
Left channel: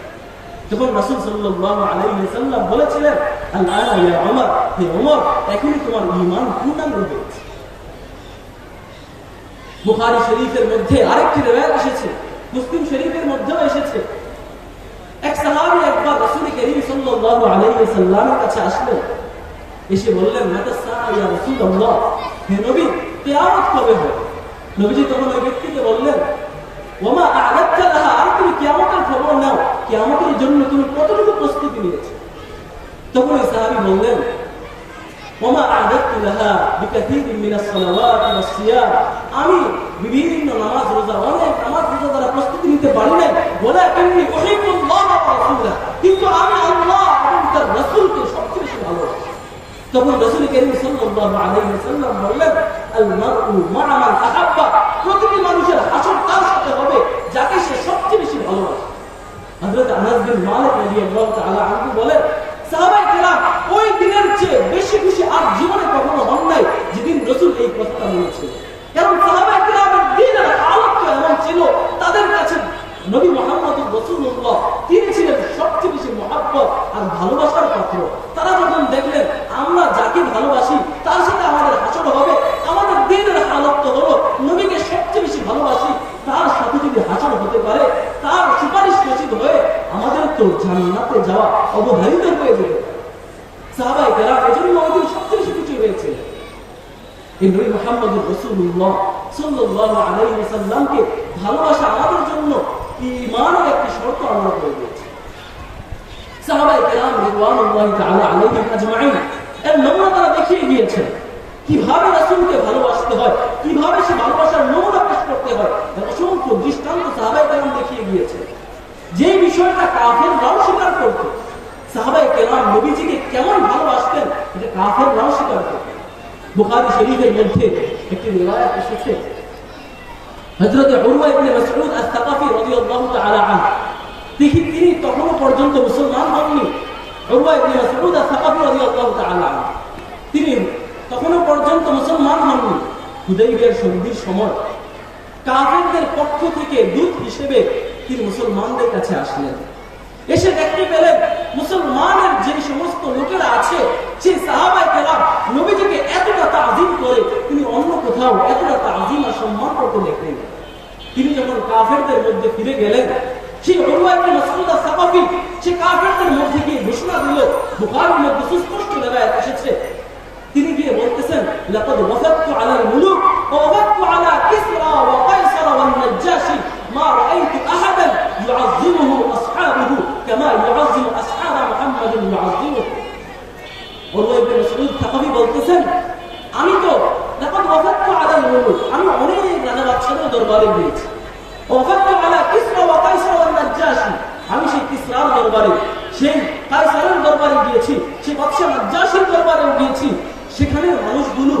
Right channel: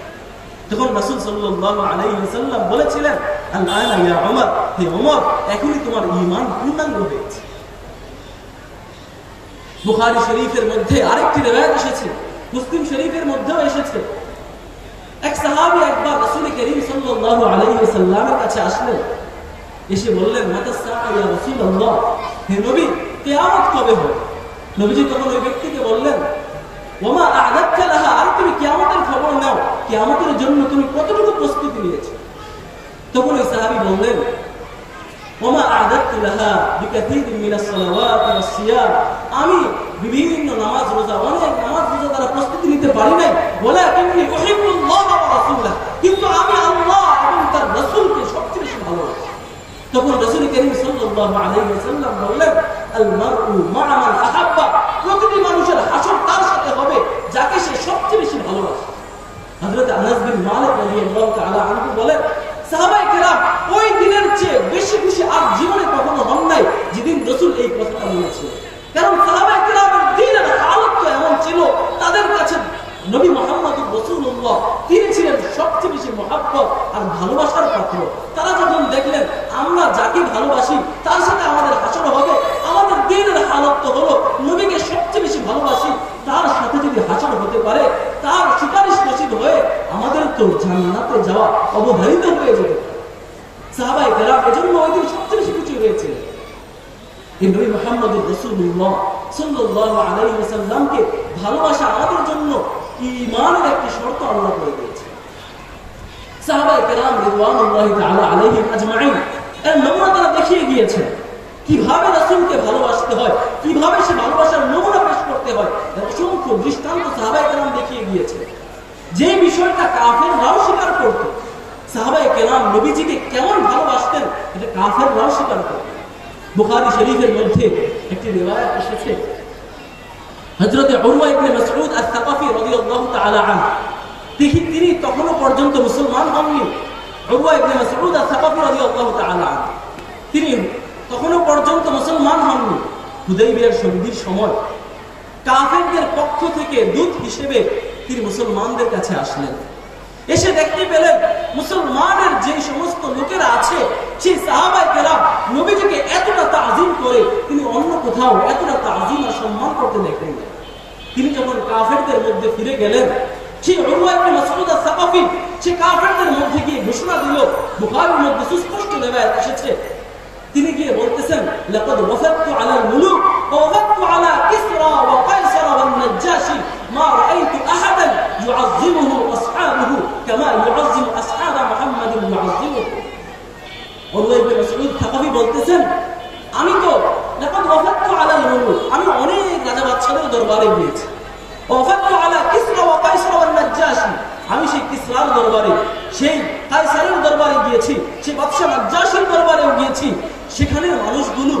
তখন রাসূল সাল্লাল্লাহু আলাইহি ওয়াসাল্লাম বলেছিলেন, আল-আনা ইয়া ওমর, হে ওমর, এখনই তোমার ঈমান পূর্ণাঙ্গ হয়েছে। বুখারী শরীফের মধ্যে আরেকটি রিওয়ায়াত এসেছে, মুসলিম শরীফের মধ্যেও এসেছে। এক সাহাবী একবার রাসূল করিম সাল্লাল্লাহু আলাইহি ওয়াসাল্লামের কাছে আসলেন, এসে বললেন, মাতা সাআ ইয়া রাসূলুল্লাহ, হে নবী, কিয়ামত কবে হবে? নবীজি তখন ওই ব্যক্তিকে বললেন, ওমা আ'দাদতা লাহা, আর তুমি কিয়ামতের খবর নাও, কিয়ামতের জন্য তুমি কতটুকু প্রস্তুতি নিয়েছো? তখন ওই সাহাবী বললেন, ওমা আ'দাদতু লাহা বিকাসীরিন মিনাস সালাওয়াতি ওয়াস সিয়াম, আমি বিভিন্ন নামাজ রোজা, অনেক নামাজ রোজা দ্বারা প্রস্তুতি নিতে পারি নাই, ওয়ালাকিন্নী উহিব্বুল্লাহ ওয়া রাসূলাহ, কিন্তু আমি আল্লাহ এবং তার রাসূলকে সবচেয়ে বেশি ভালোবাসি। তখন রাসূল করিম সাল্লাল্লাহু আলাইহি ওয়াসাল্লাম বললেন, আল মারউ মা'a মান আহাব্বা, প্রতিটি মানুষের হাসর তার সাথে হবে যাকে সে সবচেয়ে বেশি ভালোবাসে। হযরত আনাস বিন মালিক রাদিয়াল্লাহু তাআলা আনহু বলেন, সাহাবায়ে কেরাম ওই দিনের চেয়ে বেশি খুশি আর জীবনে কখনো হন নাই যেদিন রাসূল এই কথাটা বলেছিলেন। কারণ সাহাবায়ে কেরামের দিনের হালত তো এমন ছিল, তাদের কাছে নবী মুহাম্মদুর রাসূলুল্লাহ তিনি ছিলেন সবচেয়ে বেশি মহব্বত আর ভালোবাসার পাত্র। তারা যখন দেখলেন আমরা যাকে ভালোবাসি তার সাথে আমাদের হাসর হবে, আমাদের দিনের হালত তো হলো নবীকে সবচেয়ে বেশি ভালোবাসি, তার সাথে যদি হাসর হতে পারে, তার সুপারিশ নসিব হয়ে আমাদের তো জান্নাতে যাওয়া অবধারিত হয়ে যাবে। সাহাবায়ে কেরাম এজন্য ওই দিন সবচেয়ে বেশি খুশি হয়েছে। এই নবী মুহাম্মদুর রাসূলুল্লাহ সাল্লাল্লাহু আলাইহি ওয়াসাল্লামকে ভালোবাসা আমাদের জন্য ঈমানের একটি শর্ত আল্লাহ করে দিয়েছে। সাহাবায়ে কেরাম রিদওয়ানুল্লাহি তাআলা আলাইহিম আজমাইন এর নমুনা তারা দেখিয়ে গিয়েছেন, কিভাবে রাসূলকে ভালোবাসতে হয়, কিভাবে সে ভালোবাসার নমুনা পেশ করতে হয়, অসংখ্য দৃষ্টান্ত সাহাবায়ে কেরাম দেখিয়ে গিয়েছে। যে বিষয়টা কাফেররাও স্বীকার করত, সাহাবায়ে কেরাম নবীজিকে কেমন ভালোবাসতেন এটা কাফেররাও স্বীকার করত। বুখারী শরীফের মধ্যে একটি রিওয়ায়াত এসেছে, হযরত উরওয়া ইবনে মাসউদ আস-সাকাফী রাদিয়াল্লাহু তাআলা আনহু, তিনি তখনও পর্যন্ত মুসলমান হননি। উরওয়া ইবনে মাসউদ আস-সাকাফী রাদিয়াল্লাহু তাআলা আনহু তিনি তখনও পর্যন্ত মুসলমান হননি। হুদাইবিয়ার সন্ধির সময় কাফেরদের পক্ষ থেকে দূত হিসেবে তিনি মুসলমানদের কাছে আসলেন। এসে দেখতে পেলেন মুসলমানের যে সমস্ত লোকেরা আছে সেই সাহাবায়ে কেরাম নবীজিকে এতটা তাজিম করে তিনি অন্য কোথাও এতটা তাজিম আর সম্মান করতে দেখলেন। তিনি যখন কাফেরদের মধ্যে ফিরে গেলেন, সেই উরওয়া ইবনে মাসউদ আস-সাকাফী সে কাফেরদের মধ্যে গিয়ে ঘোষণা দিল, বুখারীর মধ্যে সুস্পষ্ট রিওয়ায়াত এসেছে, তিনি গিয়ে বলতেছেন, লাকাদ ওয়াফাতু আলাল মুলুক ওয়া ওয়াফাতু আলা কিসরা ওয়া কায়সার ওয়া নাজ্জাশি মা রাআইতু আহাদান ইউআযিমুহু আসহাবুহু কামা ইউআযিমু আসহাব মুহাম্মাদিন ইউআযিমুহু। উরওয়া ইবনে মাসউদ সাকাফী বলতেছেন, আমি তো লাকাদ ওয়াফাতু আলাল মুলুক, আমি অনেক রাজা বাদশাদের দরবারে গিয়েছি, ওয়াফাতু আলা কিসরা ওয়া কায়সার ওয়া নাজ্জাশি, আমি সেই কিসরার দরবারে, সেই কায়সারের দরবারে গিয়েছি, সেই বাদশা নাজ্জাশির দরবারেও গিয়েছি। সেখানের মানুষগুলো,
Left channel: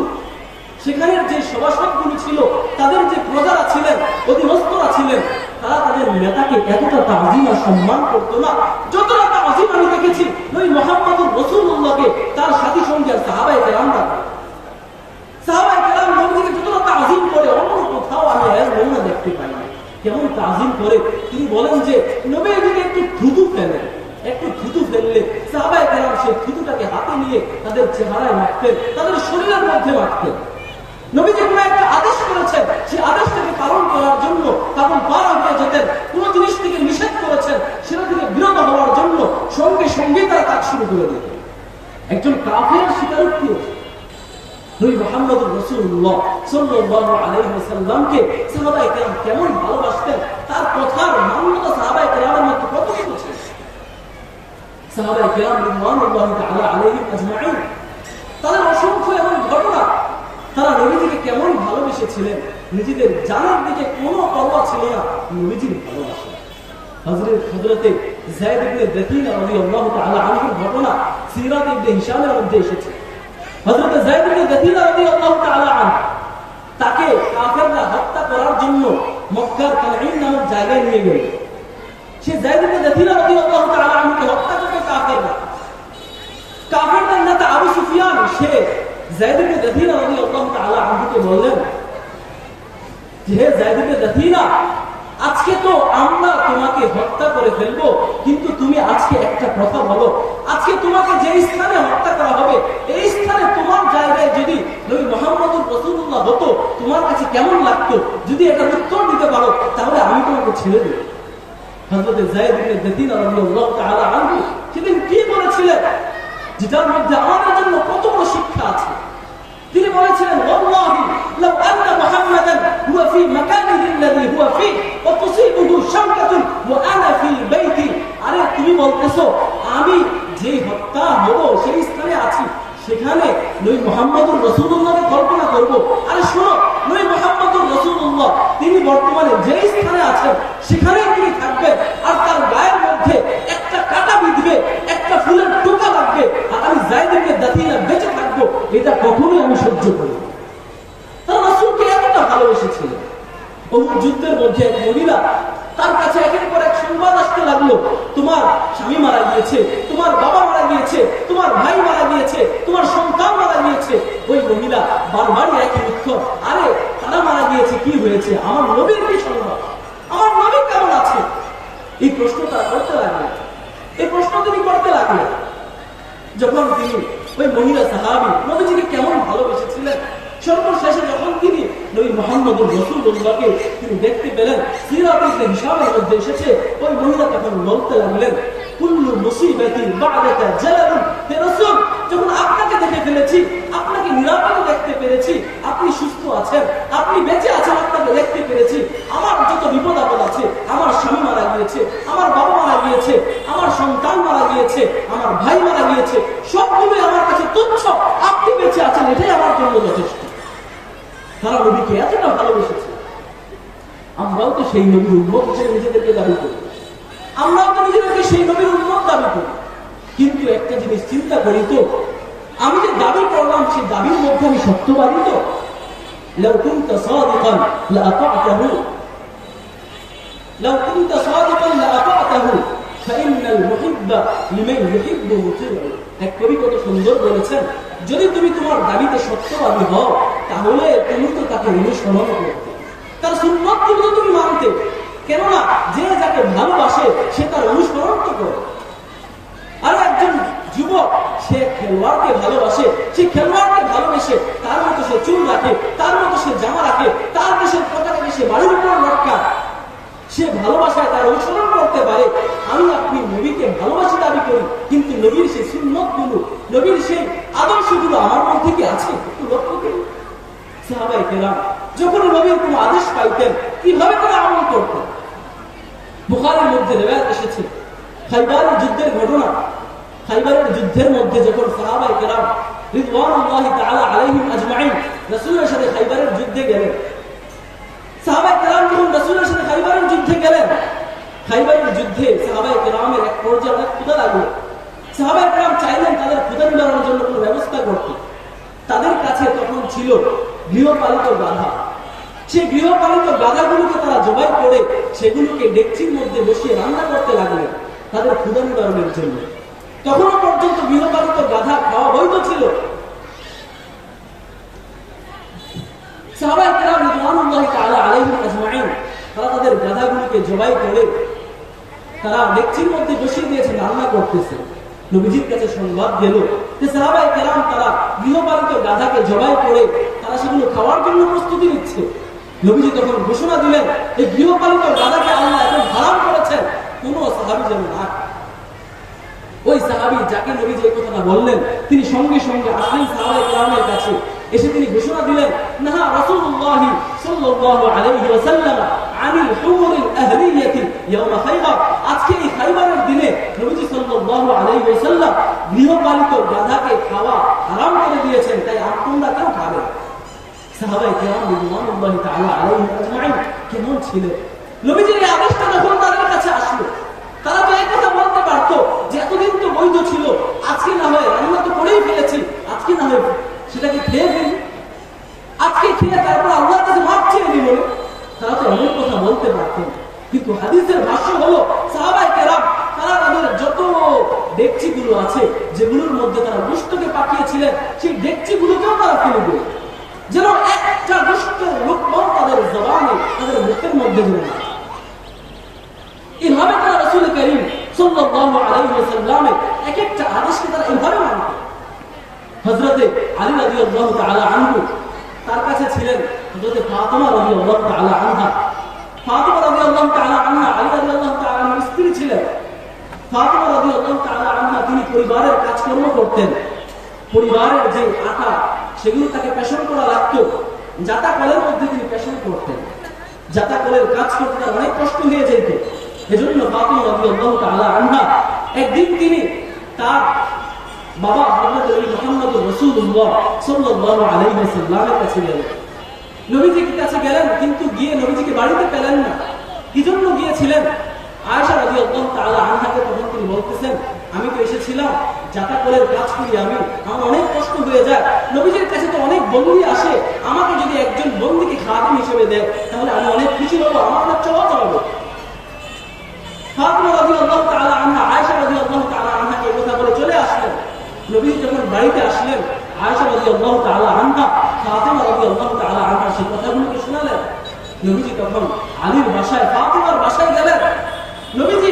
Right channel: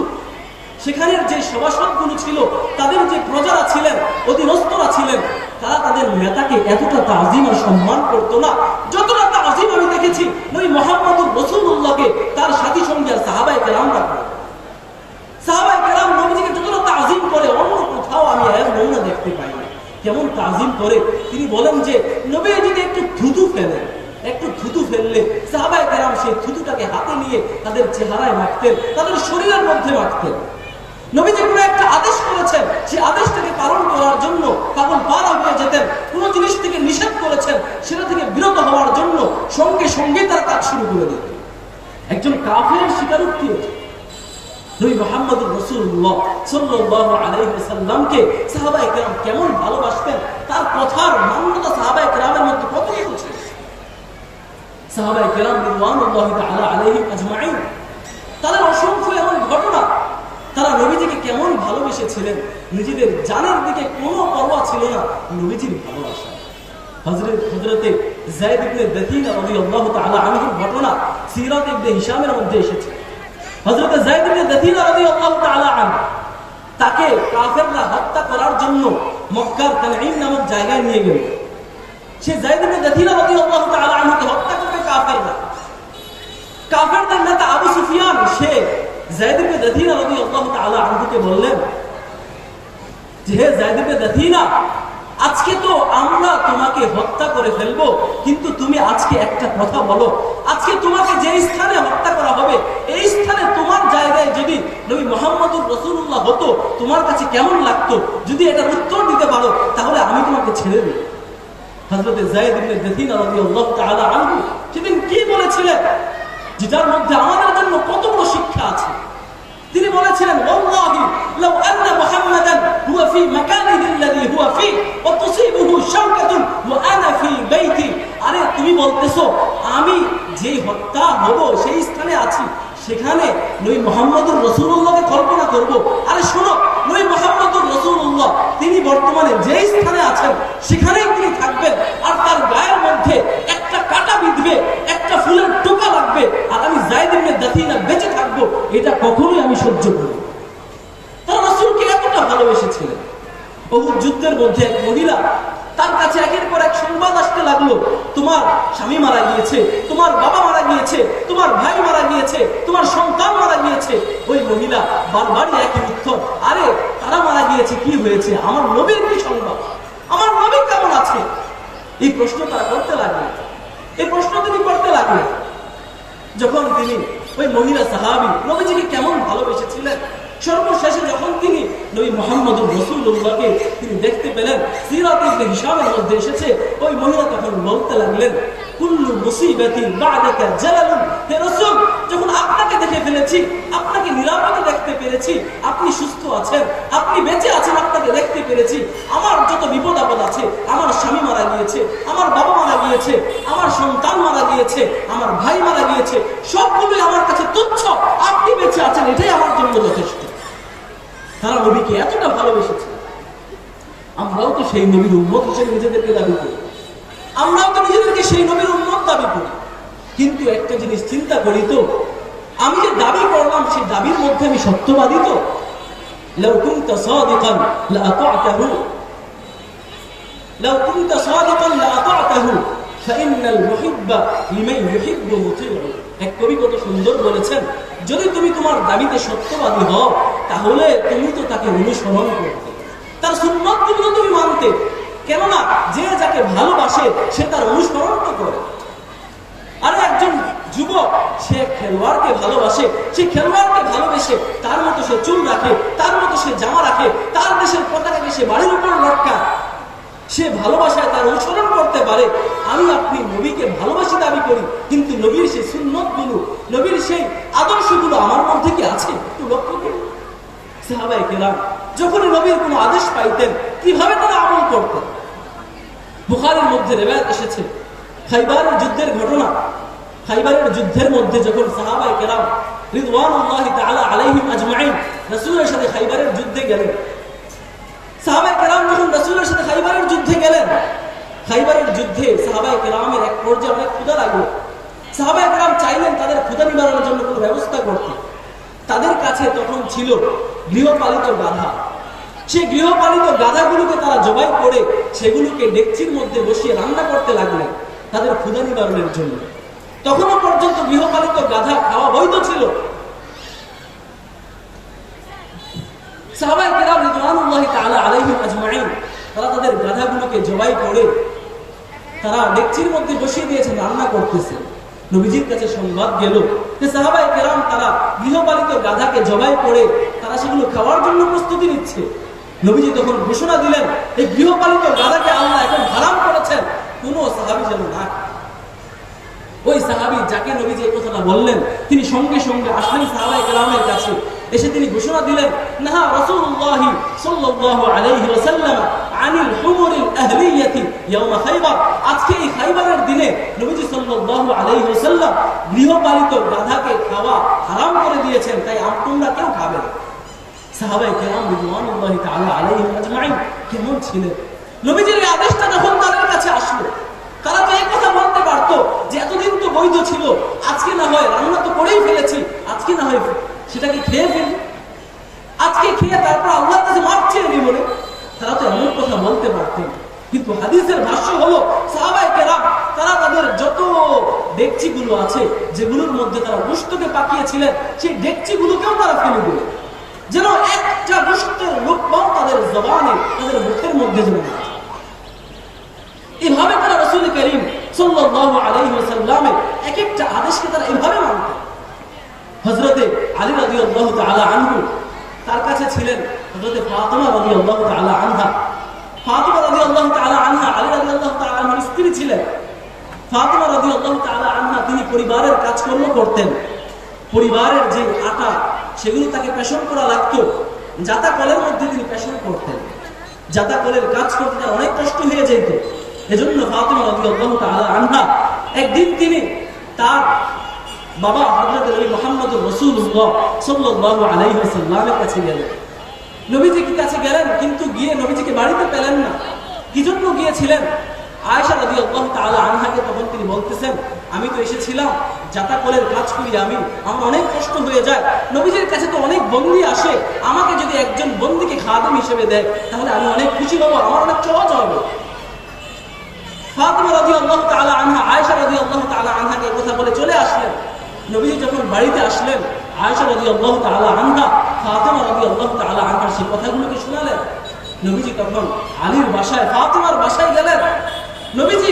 সেখানের যে সভাসদগুলো ছিল, তাদের যে প্রজারা ছিলেন, অধীনস্থরা ছিলেন, তারা তাদের নেতাকে এতটা তাজিম আর সম্মান করতো না যতটা তাজিম আমি দেখেছি নবী মুহাম্মদুর রাসূলুল্লাহকে তার সাথী সঙ্গী আর সাহাবায়ে কেরামরা করে। সাহাবায়ে কেরাম নবীজিকে যতটা তাজিম করে অন্য কোথাও আমি এর নমুনা দেখতে পাই না। কেমন তাজিম করে তিনি বলেন যে নবীজিকে একটু থুতু ফেলেন, একটু থুতু ফেললে সাহাবায়ে কেরাম সেই থুতুটাকে হাতে নিয়ে তাদের চেহারায় মাখতেন, তাদের শরীরের মধ্যে মাখতেন। নবীজি কোনো একটা আদেশ করেছেন, সেই আদেশটাকে পালন করার জন্য তখন পার হয়ে যেতেন। কোন জিনিস থেকে নিষেধ করেছেন, সেটা থেকে বিরত হওয়ার জন্য সঙ্গে সঙ্গে তারা কাজ শুরু করে দিতেন। একজন কাফের স্বীকারোক্তি নবী মুহাম্মদুর রাসূলুল্লাহ সাল্লাল্লাহু আলাইহি ওয়াসাল্লামকে সাহাবায়ে কেরাম কেমন ভালোবাসতেন, তার কথার মান্যতা সাহাবায়ে কেরামের মধ্যে কতটুকু ছিল। সাহাবায়ে কেরাম রিদওয়ানুল্লাহি তাআলা আলাইহিম আজমাইন, তাদের অসংখ্য এমন ঘটনা, তারা নবীজিকে কেমন ভালোবেসেছিলেন, নিজেদের জানের দিকে কোনো পরোয়া ছিল না নবীজির ভালোবাসা। হযরতে যায়েদ ইবনে দাথিনা রাদিয়াল্লাহু তাআলা আনহুর ঘটনা সিরাত ইবনে হিশামের মধ্যে এসেছে। হযরতে যায়েদ ইবনে দাথিনা রাদিয়াল্লাহু তাআলা আনহু, তাকে কাফেররা হত্যা করার জন্য মক্কার তানঈম নামক জায়গায় নিয়ে গেল। সে যায়েদ ইবনে দাথিনা রাদিয়াল্লাহু তাআলা আনহুকে হত্যা করবে কাফেররা। কাফেরদের নেতা আবু সুফিয়ান সে যায়েদ ইবনে দাথিনা রাদিয়াল্লাহু তাআলা আনহুকে বললেন যে, হে যায়েদ ইবনে দাথিনা, আজকে তো আমরা তোমাকে হত্যা করে ফেলবো, কিন্তু তুমি আজকে একটা কথা বলো, আজকে তোমাকে যে স্থানে হত্যা করা হবে এই স্থানে তোমার জায়গায় যদি নবী মুহাম্মদুর রাসূলুল্লাহ হতো, তোমার কাছে কেমন লাগতো? যদি এটার উত্তর দিতে পারো তাহলে আমি তোমাকে ছেড়ে দেব। হযরতে যায়েদ ইবনে দাথিনা রাদিয়াল্লাহু তাআলা আনহু সেদিন কি বলেছিলেন, যেটার মধ্যে আমাদের জন্য কত বড় শিক্ষা আছে। তিনি বলেছিলেন, ওয়াল্লাহি লাউ আন্না মুহাম্মাদান হুয়া ফি মাকানিহি আল্লাযী হুয়া ফি ওয়া তুসিবুহু শাওকাতুন ওয়া আনা ফি বাইতি। আরে তুমি বলতেছো আমি যে হত্যা হব সেই স্থানে আছি, সেখানে নবী মুহাম্মদুর রাসূলুল্লাহকে কল্পনা করব। আরে শোনো, নবী মুহাম্মদুর রাসূলুল্লাহ তিনি বর্তমানে যে স্থানে আছেন সেখানেই তিনি থাকবেন, আর তার গায়ের মধ্যে একটা কাঁটা বিঁধবে, একটা ফুলের টোকা লাগবে, আর আমি যায়েদ ইবনে দাথিনা বেঁচে থাকবো, এটা কখনোই আমি সহ্য করব না। তারা রাসূলকে এতটা ভালোবেসেছিলেন। উহুদ যুদ্ধের মধ্যে এক মহিলা, তার কাছে একের পর এক সংবাদ আসতে লাগলো, তোমার স্বামী মারা গিয়েছে, তোমার বাবা মারা গিয়েছে, তোমার ভাই মারা গিয়েছে, তোমার সন্তান মারা গিয়েছে। ওই মহিলা বারবারই একই উত্তর, আরে তারা মারা গিয়েছে, কি হয়েছে? আমার নবীর কি সংবাদ? আমার নবী কেমন আছে? এই প্রশ্ন তারা করতে লাগলেন। এই প্রশ্ন তিনি করতে লাগলেন যখন তিনি ওই মহিলা সাহাবী নবীজিকে কেমন ভালোবেসেছিলেন। সর্বশেষে যখন তিনি নবী মুহাম্মদুর রাসূলুল্লাহকে তিনি দেখতে পেলেন, সিরাত ইবনে হিশামের মধ্যে এসেছে, ওই মহিলা তখন বলতে লাগলেন, কুল্লু মুসিবাতিন বা'দাকা জালালুন। হে রাসূল, যখন আপনাকে দেখে ফেলেছি, আপনাকে নিরাপদে দেখতে পেরেছি, আপনি সুস্থ আছেন, আপনি বেঁচে আছেন, আপনাকে দেখতে পেরেছি, আমার যত বিপদ আপদ আছে, আমার স্বামী মারা গিয়েছে, আমার বাবা মারা গিয়েছে, আমার সন্তান মারা গিয়েছে, আমার ভাই মারা গিয়েছে, সবগুলোই আমার কাছে তুচ্ছ, আপনি বেঁচে আছেন, এটাই আমার জন্য যথেষ্ট। তারা নবীকে এতটা ভালোবেসেছে। আমরাও তো সেই নবীর উম্মত হিসেবে নিজেদেরকে দাবি করি, আমরাও তো নিজেদেরকে সেই নবীর উম্মত দাবি করি। কিন্তু একটা জিনিস চিন্তা করি তো, আমি যে দাবি করলাম সেই দাবির মধ্যে আমি সত্যবাদী তো? লাউ কুনতা সাদিকান লাআতা'তাহু, লাউ কুনতা সাদিকান লাআতা'তাহু ফাইন্নাল মুহিব্বা লিমান ইউহিব্বু মুতি'উ। এক কবি কত সুন্দর বলেছেন, যদি তুমি তোমার দাবিতে সত্যবাদী হও তাহলে তুমি তো তাকে অনুসরণ করতে, তার সুন্নতগুলো তুমি মানতে। কেননা যে যাকে ভালোবাসে সে তার অনুসরণ তো করে। আর একজন যুবক সে খেলোয়াড়কে ভালোবাসে, সে খেলোয়াড়কে ভালোবেসে তার মতো সে চুল রাখে, তার মতো সে জামা রাখে, তার দেশের পতাকাকে সে বাড়ির উপর লটকায়, সে ভালোবাসায় তার অনুসরণ করতে পারে। আমি আপনি নবীকে ভালোবাসি দাবি করি, কিন্তু নবীর সেই সুন্নতগুলো, নবীর সেই আদর্শগুলো আমার মধ্যে কি আছে? একটু লক্ষ্য করি। সাহাবায়ে কেরাম যখনই নবীর কোনো আদেশ পাইতেন কিভাবে তারা আমল করতেন। বুখারীর মধ্যে রিওয়ায়াত এসেছে খাইবারের যুদ্ধের ঘটনা। খাইবারের যুদ্ধের মধ্যে যখন সাহাবায়ে কেরাম রিদওয়ানুল্লাহি তাআলা আলাইহিম আজমাইন রাসূলের সাথে খাইবারের যুদ্ধে গেলেন, সাহাবায়ে কেরাম যখন রাসূলের সাথে খাইবারের যুদ্ধে গেলেন, খাইবারের যুদ্ধে সাহাবায়ে কেরামের এক পর্যায়ে অনেক ক্ষুধা লাগলো। সাহাবায়ে কেরাম চাইলেন তাদের ক্ষুধা নিবারণের জন্য কোনো ব্যবস্থা করতে। তাদের কাছে তখন ছিল গৃহপালিত গাধা। সেই গৃহপালিত গাধাগুলোকে তারা জবাই করে সেগুলোকে ডেকচির মধ্যে বসিয়ে রান্না করতে লাগলেন তাদের ক্ষুধা নিবারণের জন্য। তখনও পর্যন্ত গৃহপালিত গাধা খাওয়া বৈধ ছিল। সাহাবায়ে কেরাম রিদওয়ানুল্লাহি তাআলা আলাইহিম আজমাইন তারা তাদের গাধাগুলোকে জবাই করে তারা ডেকচির মধ্যে বসিয়ে দিয়েছেন, রান্না করতেছে। নবীজির কাছে সংবাদ গেল যে সাহাবায়ে কেরাম তারা গৃহপালিত গাধাকে জবাই করে তারা সেগুলো খাওয়ার জন্য জন্য প্রস্তুতি নিচ্ছে। নবীজি তখন ঘোষণা দিলেন, এই গৃহপালিত গাধাকে আল্লাহ এখন হারাম করেছেন, কোন সাহাবী যেন না। ওই সাহাবী যাকে নবীজি এই কথাটা বললেন, তিনি সঙ্গে সঙ্গে আসলেন সাহাবায়ে কেরামের কাছে। এসে তিনি ঘোষণা দিলেন, নাহা রাসূলুল্লাহ সাল্লাল্লাহু আলাইহি ওয়াসাল্লাম আনিল হুমুরিল আহলিয়াতি ইয়াওম খায়বার। আজকে এই খায়বারের দিনে নবীজি সাল্লাল্লাহু আলাইহি ওয়াসাল্লাম গৃহপালিত গাধাকে খাওয়া হারাম করে দিয়েছেন, তাই তোমরা কেউ খাবে না। সাহাবায়ে কেরাম রিদওয়ানুল্লাহি তাআলা আলাইহিম আজমাইন কেমন ছিলেন? নবীজির এই আদেশটা যখন তাদের কাছে আসলো, তারা তো এই কথা বলতে পারতো যে এতদিন তো বৈধ ছিল, আজকে না হয় রান্না তো করেই ফেলেছি, আজকে না হয় সেটাকে খেয়ে ফেলি, আজকে খেয়ে তারপর আল্লাহর কাছে মাপ চেয়ে নিই বলে তারা তো এমন কথা বলতে পারতেন। কিন্তু হাদিসের ভাষ্য হলো সাহাবায়ে কেরাম তারা তাদের যত ডেকচিগুলো আছে, যেগুলোর মধ্যে তারা গোশতকে পাকিয়েছিলেন, সেই ডেকচিগুলোকেও তারা ফেলে দিল, যেন একটা গোশতের লোকমাও তাদের জবানে, তাদের মুখের মধ্যে যেন না যায়। এভাবে তারা রাসূল করিম সাল্লাল্লাহু আলাইহি ওয়াসাল্লামের এক একটা আদেশকে তারা এভাবে মানতেন। হযরতে আলী রাদিয়াল্লাহু তাআলা আনহু, তার কাছে ছিলেন হযরতে ফাতিমা রাদিয়াল্লাহু তাআলা আনহা। ফাতিমা রাদিয়াল্লাহু তাআলা আনহা আলী রাদিয়াল্লাহু তাআলা আনহার স্ত্রী ছিলেন। ফাতিমা রাদিয়াল্লাহু তাআলা আনহা তিনি পরিবারের কাজকর্ম করতেন। পরিবারের যে আটা সেগুলো তাকে পেশন করা লাগতো, জাতা কলের মধ্যে তিনি পেশন করতেন। জাতা কলের কাজ করতে তার অনেক কষ্ট হয়ে যেত। এজন্য ফাতিমা রাদিয়াল্লাহু তাআলা আনহা একদিন তিনি তার বাবা হযরত নবী মুহাম্মদুর রাসূলুল্লাহ সাল্লাল্লাহু আলাইহি ওয়াসাল্লামের কাছে গেলেন। নবীজির কাছে গেলেন, কিন্তু গিয়ে নবীজিকে বাড়িতে পেলেন না। কি জন্য গিয়েছিলেন? আয়েশা রাদিয়াল্লাহু তাআলা আনহাকে তখন তিনি বলতেছেন, আমি তো এসেছিলাম জাতা কলের কাজ করি, আমার অনেক কষ্ট হয়ে যায়। নবীজির কাছে তো অনেক বন্দী আসে, আমাকে যদি একজন বন্দীকে খাদেম হিসেবে দেয় তাহলে আমি অনেক খুশি হব, আমার অনেক সহজ হবে। ফাতিমা রাদিয়াল্লাহু তাআলা আনহা আয়েশা রাদিয়াল্লাহু তাআলা আনহাকে এই কথা বলে চলে আসলেন। নবীজি যখন বাড়িতে আসলেন, আয়েশা রাদিয়াল্লাহু তাআলা আনহা ফাতিমা রাদিয়াল্লাহু তাআলা আনহার সেই কথাগুলোকে শোনালেন। নবীজি তখন আলীর বাসায়, ফাতিমার বাসায় গেলেন। নবীজি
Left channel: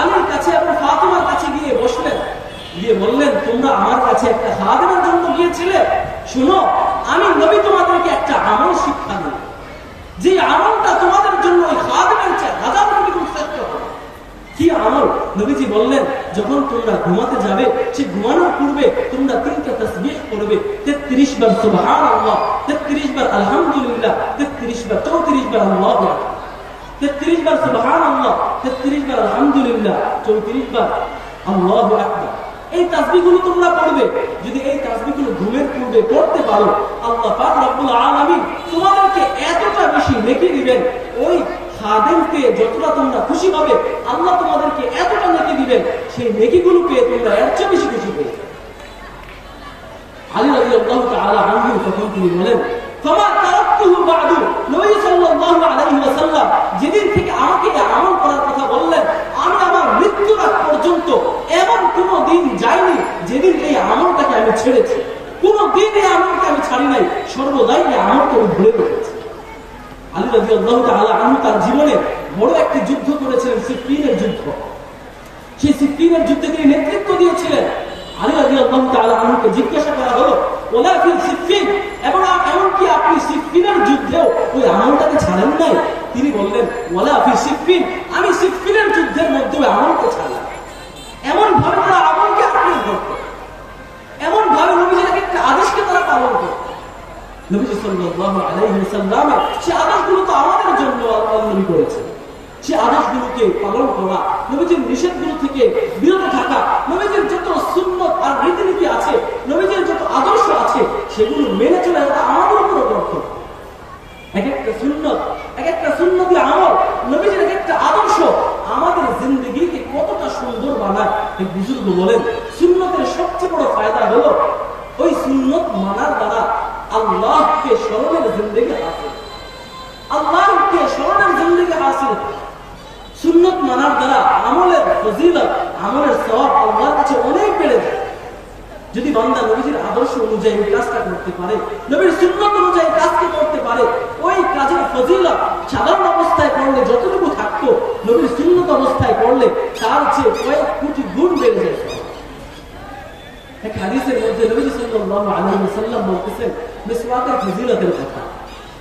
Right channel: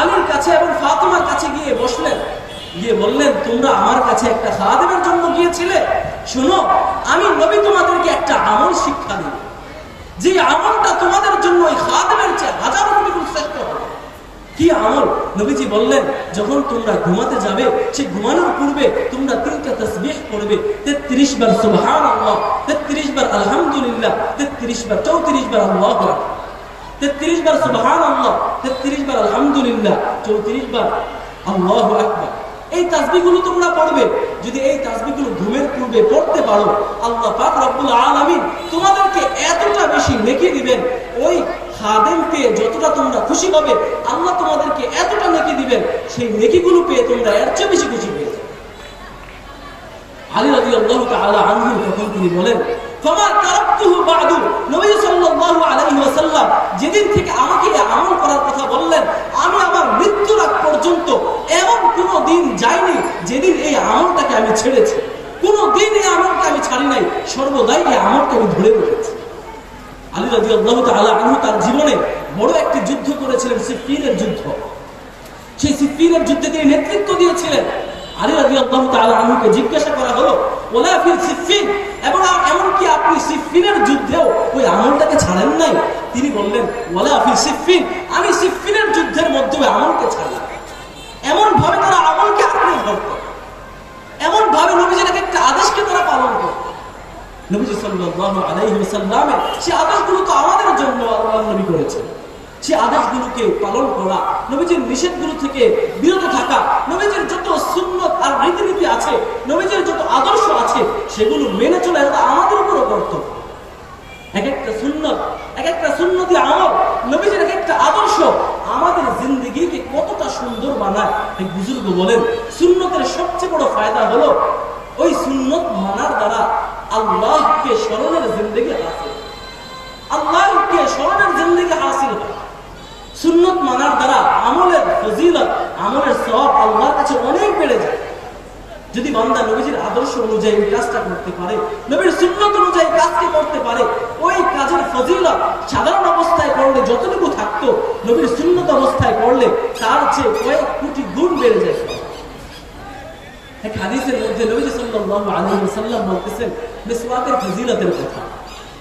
আলীর কাছে এবং ফাতিমার কাছে গিয়ে বসলেন, গিয়ে বললেন, তোমরা আমার কাছে একটা খাদেমের জন্য গিয়েছিলে, শোনো আমি নবী তোমাদেরকে একটা আমল শিক্ষা দিই, যে আমলটা তোমাদের জন্য ওই খাদেমের চেয়ে হাজার গুণ শ্রেষ্ঠ হবে। কি আমল? নবীজি বললেন, যখন তোমরা ঘুমাতে যাবে, সেই ঘুমানোর পূর্বে তোমরা 3টা তাসবিহ পড়বে, 33 বার সুবহানাল্লাহ, 33 বার আলহামদুলিল্লাহ, 33 বার 34 বার আল্লাহু আকবার, 33 বার সুবহানাল্লাহ, 33 বার আলহামদুলিল্লাহ, 34 বার আল্লাহু আকবার। এই তাসবিহগুলো তোমরা পড়বে। যদি এই তাসবিহগুলো ঘুমের পূর্বে পড়তে পারো, আল্লাহ পাক রব্বুল আলামিন তোমাদেরকে এতটা বেশি নেকি দিবেন, ওই খাদেমকে যতটা তোমরা খুশি হবে আল্লাহ তোমাদেরকে এতটা নেকি দিবেন, সেই নেকিগুলো পেয়ে তোমরা এর চেয়ে বেশি খুশি পেয়ে যাবে। আলী রাদিয়াল্লাহু তাআলা আনহু তখন তিনি বলেন, ফামা তারাকতুহু বাদু, নবী সাল্লাল্লাহু আলাইহি ওয়াসাল্লাম যেদিন থেকে আমাকে আমল করার কথা বললেন, আমি আমার মৃত্যুর আগ পর্যন্ত এমন কোন দিন যায়নি যেদিন এই আমলটাকে আমি ছেড়েছি। কোন দিন এই আমলটা আমি ছাড়ি নাই, সর্বদাই এই আমলকে আমি ধরে রেখেছি। আলী রাদিয়াল্লাহু তাআলা আনহু তার জীবনে বড় একটি যুদ্ধ করেছিলেন, সিফফিনের যুদ্ধ। সেই সিফফিনের যুদ্ধে তিনি নেতৃত্ব দিয়েছিলেন। আলী রাদিয়াল্লাহু তাআলা আনহুকে জিজ্ঞাসা করা হলো, ওয়ালা ফিল সিফফিন, এবং এমনকি আপনি সিফফিনের যুদ্ধেও ওই আমলটাকে ছাড়েন নাই? তিনি বললেন, ওয়ালা ফিল সিফফিন, আমি সিফফিনের যুদ্ধের মধ্যে আমলকে ছাড়ি। এমন ভাবে তারা আমলকে আঁকড়ে ধরতেন, এমন ভাবে নবীজির একটা আদেশকে তারা পালন করতেন। নবীজি সাল্লাল্লাহু আলাইহি ওয়াসাল্লামের সেই আদেশগুলো তো আমাদের জন্য আল্লাহর নবী করেছেন। সেই আদেশগুলোকে পালন করা, নবীজির নিষেধগুলো থেকে বিরত থাকা, নবীজির যত সুন্নত আর রীতিনীতি আছে, নবীজির যত আদর্শ আছে, সেগুলো মেনে চলা এটা আমাদের উপরও কর্তব্য। এক একটা সুন্নতি আমল, নবীজির এক একটা আদর্শ আমাদের জিন্দেগিকে কতটা সুন্দর বানায়। এক বুজুর্গ বলেন, সুন্নতের সবচেয়ে বড় ফায়দা হলো ওই সুন্নত মানার দ্বারা আল্লাহকে স্মরণের জিন্দেগি হাসিল, আল্লাহকে স্মরণের জিন্দেগি হাসিল হয়। সুন্নত মানার দ্বারা আমলের ফজিলত, আমলের সওয়াব আল্লাহর কাছে অনেক বেড়ে যায়। যদি বান্দা নবীজির আদর্শ অনুযায়ী ওই কাজটা করতে পারে, নবীর সুন্নত অনুযায়ী কাজকে করতে পারে, ওই কাজের ফজিলত সাধারণ অবস্থায় করলে যতটুকু থাকতো, নবীর সুন্নত অবস্থায় করলে তার চেয়ে কয়েক কোটি গুণ বেড়ে যায়। এক হাদিসের মধ্যে নবী সাল্লাল্লাহু আলাইহি ওয়াসাল্লাম বলতেছেন মিসওয়াকের ফজিলতের কথা।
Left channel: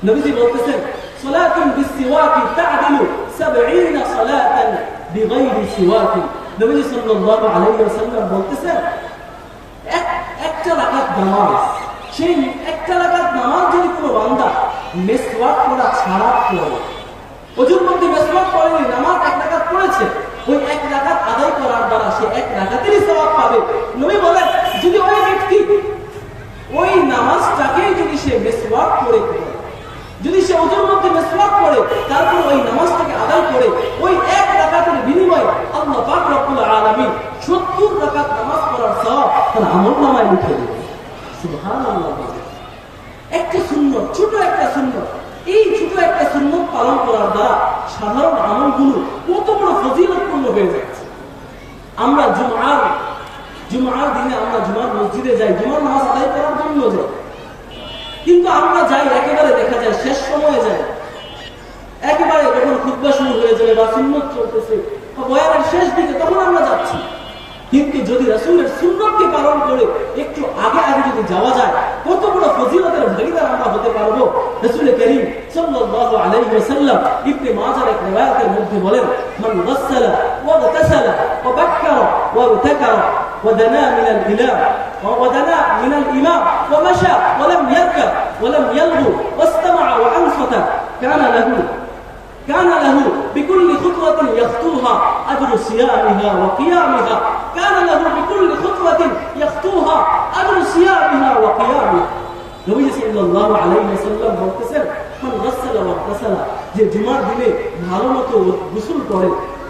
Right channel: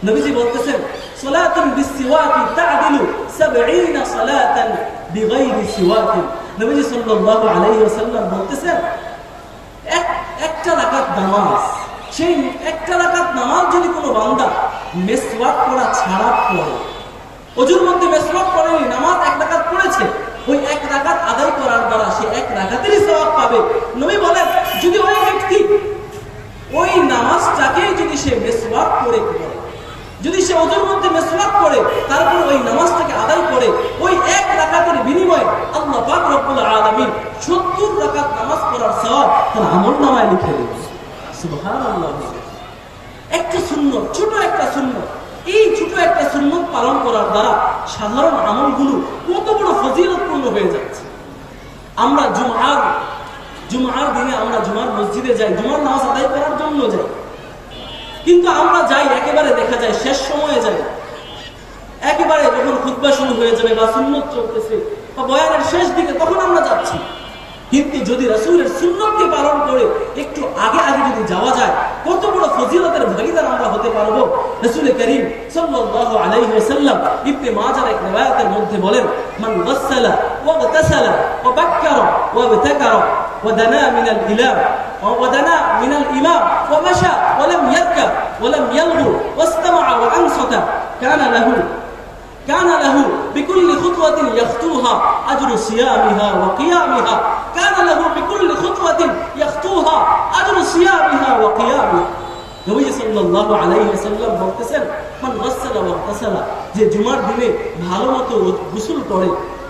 নবীজি বলতেছেন সালাতুন বিসিওয়াকি তা'দিলু 70 সালাতান বিগাইরি সিওয়াকি। নবীজি সাল্লাল্লাহু আলাইহি ওয়াসাল্লাম বলতেছেন একটা রাকাত নামাজ, সেই একটা রাকাত নামাজ যদি কোনো বান্দা মিসওয়াক করা ছাড়া পড়ে, ওজুর মধ্যে মিসওয়াক করেনি, নামাজ এক রাকাত পড়েছে, ওই এক রাকাত আদায় করার দ্বারা সে এক রাকাতেরই সওয়াব পাবে। নবী বলেন যদি ওই ব্যক্তি ওই নামাজটাকেই যদি সে মিসওয়াক করে, যদি সে ওজুর মধ্যে মিসওয়াক করে তারপর ওই নামাজটাকে আদায় করে, ওই এক রাকাতের বিনিময়ে আল্লাহ পাক রব্বুল আলামিন 70 রাকাত নামাজ পড়ার সওয়াব তার আমলনামায় লিখে দেবেন। সুবহানাল্লাহ। একটা সুন্নত, ছোট একটা সুন্নত, এই ছোট একটা সুন্নত পালন করার দ্বারা সাধারণ আমলগুলো কত বড় ফজিলতপূর্ণ হয়ে যাচ্ছে। আমরা জুমার দিনে আমরা জুমার মসজিদে যাই, জুমার নামাজ আদায় করার জন্য যাই, কিন্তু আমরা যাই একেবারে দেখা যায় শেষ সময়ে যাই, একেবারে যখন খুতবা শুরু হয়ে যাবে বা সুন্নত চলতেছে বা বয়ানের শেষ দিকে, তখন আমরা যাচ্ছি। কিন্তু যদি রাসূলের সুন্নতকে পালন করে একটু আগে যদি যাওয়া যায়, কত বড় ফজিলতের ভাগীদার আমরা হতে পারবো। রাসূল করিম সাল্লাল্লাহু আলাইহি ওয়াসাল্লাম ইবনে মাজার এক riwayat-এর মধ্যে বলেন, মান গাসসালা ওয়া গাতাসালা ওয়া বাক্কারা ওয়া বাতাকারা ওয়া দানা মিনাল ইলাহ ওয়া দানা মিনাল ইমাম ওয়া মাশা ওয়া লাম ইয়ারকাব ওয়া লাম ইয়ালগু ওয়াস্তামা'a ওয়া আনসাতা كان له بكل خطوة يخطوها أجر صيامها وقيامها كان له بكل خطوة يخطوها أجر صيامها وقيامها। নবী সাল্লাল্লাহু আলাইহি ওয়াসাল্লাম বলতেছেন মান গাসসালা ওয়া গাতাসালা, যে জুমার দিনে ভালোমতো গোসল করে,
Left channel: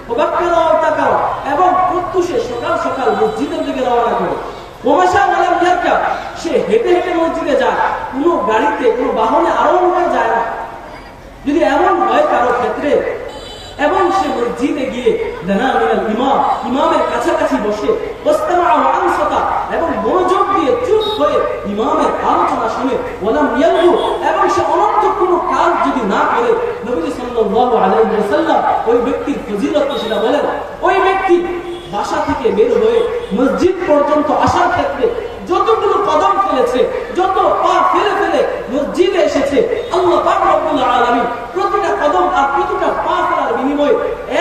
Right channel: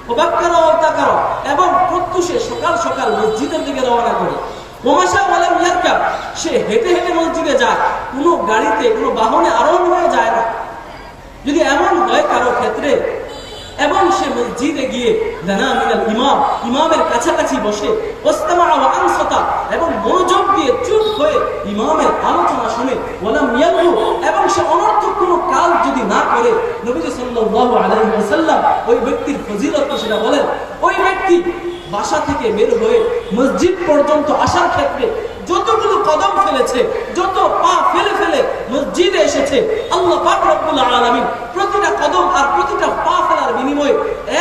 ওয়াক্কারা ওয়া তাকারা, এবং প্রত্যুষে সকাল সকাল মসজিদের দিকে রওনা করে, ওমাশা ওয়া লাম ইয়ারকাব, সে হেঁটে হেঁটে মসজিদে যায়, কোনো গাড়িতে কোনো বাহনে আরোহণ হয়ে যায় না। যদি এমন হয় কারো ক্ষেত্রে, এবং সে মসজিদে গিয়ে দানা মিনাল ইমাম, ইমামের কাছাকাছি বসে, ওয়াস্তামা'a ওয়া আনসাতা, এবং মনোযোগ দিয়ে চুপ হয়ে ইমামের আলোচনা শুনে, ওয়ালাম ইয়ালগু, এবং সে অনর্থক কোনো কাজ যদি না করে, নবী সাল্লাল্লাহু আলাইহি ওয়াসাল্লাম ওই ব্যক্তির ফজিলত সেটা বলেন, ওই ব্যক্তি বাসা থেকে বের হয়ে মসজিদ পর্যন্ত আসার ক্ষেত্রে যতগুলো কদম ফেলেছে, যত পা ফেলে ফেলে মসজিদে এসেছে, আল্লাহ পাক রব্বুল আলামিন প্রতিটা কদম আর প্রতিটা পা ফেলার বিনিময়ে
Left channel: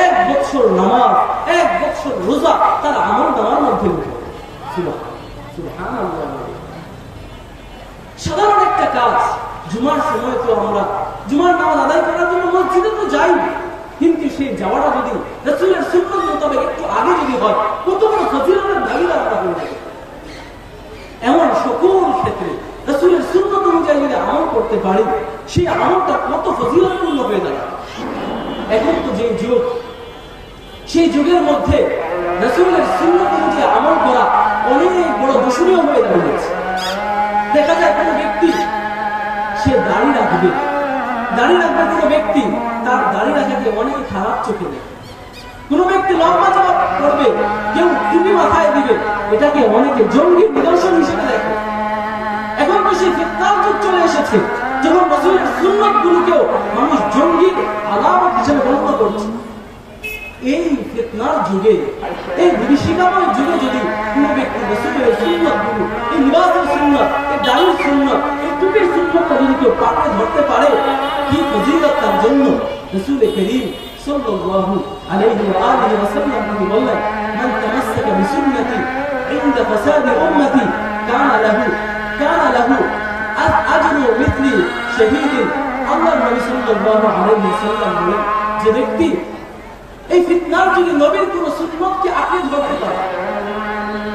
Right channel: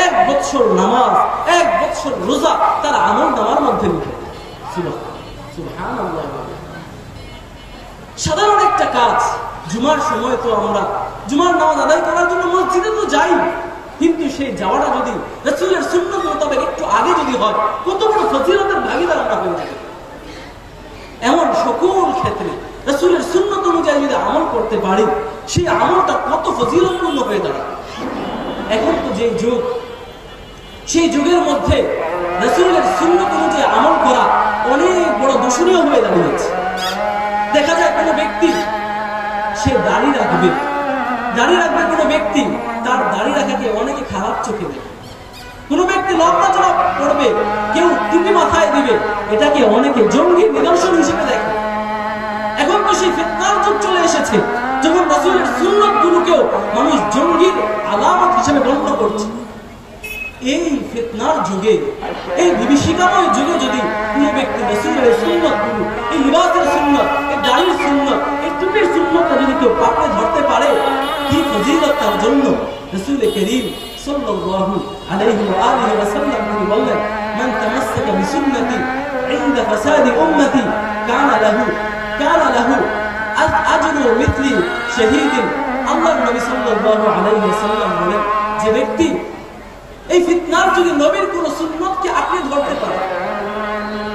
1 বছর নামাজ, 1 বছর রোজা তার আমলনামার মধ্যে লিখে। সুবহানাল্লাহ। সাধারণ একটা কাজ, জুমার সময় তো আমরা জুমার নামাজ আদায় করার জন্য মসজিদে তো যাই, কিন্তু সেই যাওয়াটা যদি রাসূলের সুন্নাত মোতাবেক একটু আগে যদি হয়, কত বড় ফজিলতের ভাগীদার আমরা হয়ে যাবে। এমন সকল ক্ষেত্রে রাসূলের সুন্নাত অনুযায়ী যদি আমল করতে পারি, সেই আমলটা কত ফজিলতপূর্ণ হয়ে দাঁড়ায়। এখন তো যে যুগ, সেই যুগের মধ্যে রাসূলের সুন্নাত অনুযায়ী আমল করা অনেক বড় দূষণীয় হয়ে দাঁড়িয়েছে। দেখা যায় কোনো ব্যক্তি সে দাড়ি রাখবে কোনো ব্যক্তি, তার দাড়ি রাখাকে অনেকে খারাপ চোখে দেখে। কোনো ব্যক্তি লম্বা চড়া করবে, কেউ টুপি মাথায় দিবে, এটাকে অনেকে জঙ্গির নিদর্শন হিসেবে দেখে। এখন তো সেই ফিতনার যুগ চলে এসেছে, যখন রাসূলের সুন্নাতগুলোকেও মানুষ জঙ্গির আলামত হিসেবে গণ্য করছে। এই ফিতনার যুগে, এই বিভীষিকাময় যুগে যদি কোনো ব্যক্তি রাসূলের সুন্নাতগুলো, এই লিবাসের সুন্নাত, এই দাড়ির সুন্নাত, এই টুপির সুন্নাতটা যদি কেউ পাকড়ে ধরতে পারে, কি ফজিলত তার জন্য। রাসূল করিম সাল্লাল্লাহু আলাইহি ওয়া আলিহি ওয়াসাল্লাম তিনি বললেন, মান তামাসসাকা বিসুন্নতি ইনদা ফাসাদি উম্মতি কানা লাহু আজরু মিথলি শাহীদিন। আল্লাহর নবী সাল্লাল্লাহু আলাইহি ওয়াসাল্লাম বলেন, যে ব্যক্তি এই ফিতনার যুগে নবীর কোন সুন্নতকে আঁকড়ে ধরতে পারে,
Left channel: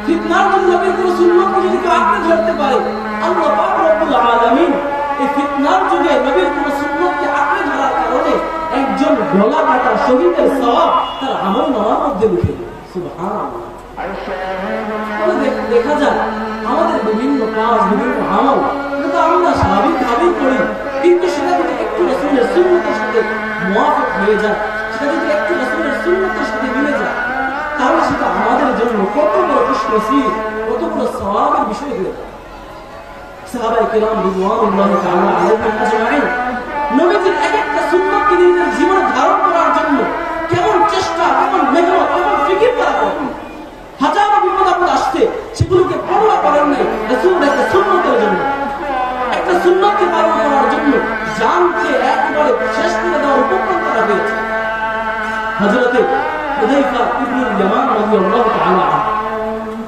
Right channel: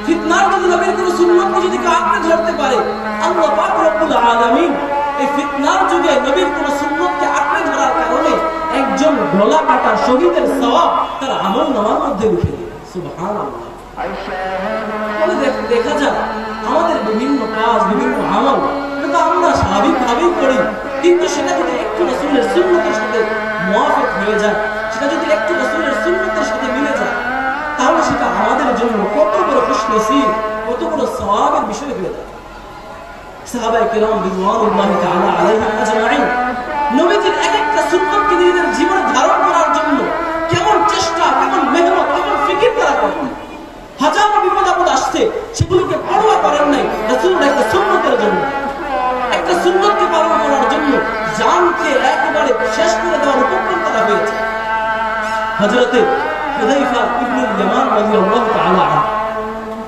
ফিতনার যুগে নবীর কোন সুন্নতকে যদি কেউ আঁকড়ে ধরতে পারে, আল্লাহ পাক রব্বুল আলামিন এই ফিতনার যুগে নবীর কোন সুন্নতকে আঁকড়ে ধরার কারণে একজন গলা কাটা শহীদের সওয়াব তার আমলনামার মধ্যে লিখে দেবে। সুবহানাল্লাহ। দেখা যায় আমাদের বিভিন্ন কাজ, বিভিন্ন আমল কিন্তু আমরা স্বাভাবিকভাবেই করি, কিন্তু সেটা যদি একটু রাসূলের সুন্নতের সাথে মুওয়াফিক হয়ে যায়, সেটা যদি একটু রাসূলের সুন্নতের সাথে মিলে যায়, তাহলে সেটা আমাদের জন্য কত বড় খুশনসিব, কত বড় সওয়াবের বিষয় হয়ে যায়। সাহাবায়ে কিরাম রিদওয়ানুল্লাহি তাআলা আলাইহিম আজমাইন নবীজির এক একটা সুন্নতকে নিজেদের জীবনে ধারণ করার জন্য কেমন চেষ্টা, কেমন মেহনত, কেমন ফিকির তারা করতেন। হাজারো বিপদ আপদ আসছে, সেগুলোকে পরোয়া করেন নাই রাসূলের একটা সুন্নতের জন্য। একটা সুন্নতকে পালন করার জন্য জানকে একেবারে শেষ করে দেওয়ার উপক্রম করা হয়েছে। হযরতে হুযায়ফা ইবনুল ইয়ামান রাদিয়াল্লাহু তাআলা আনহু,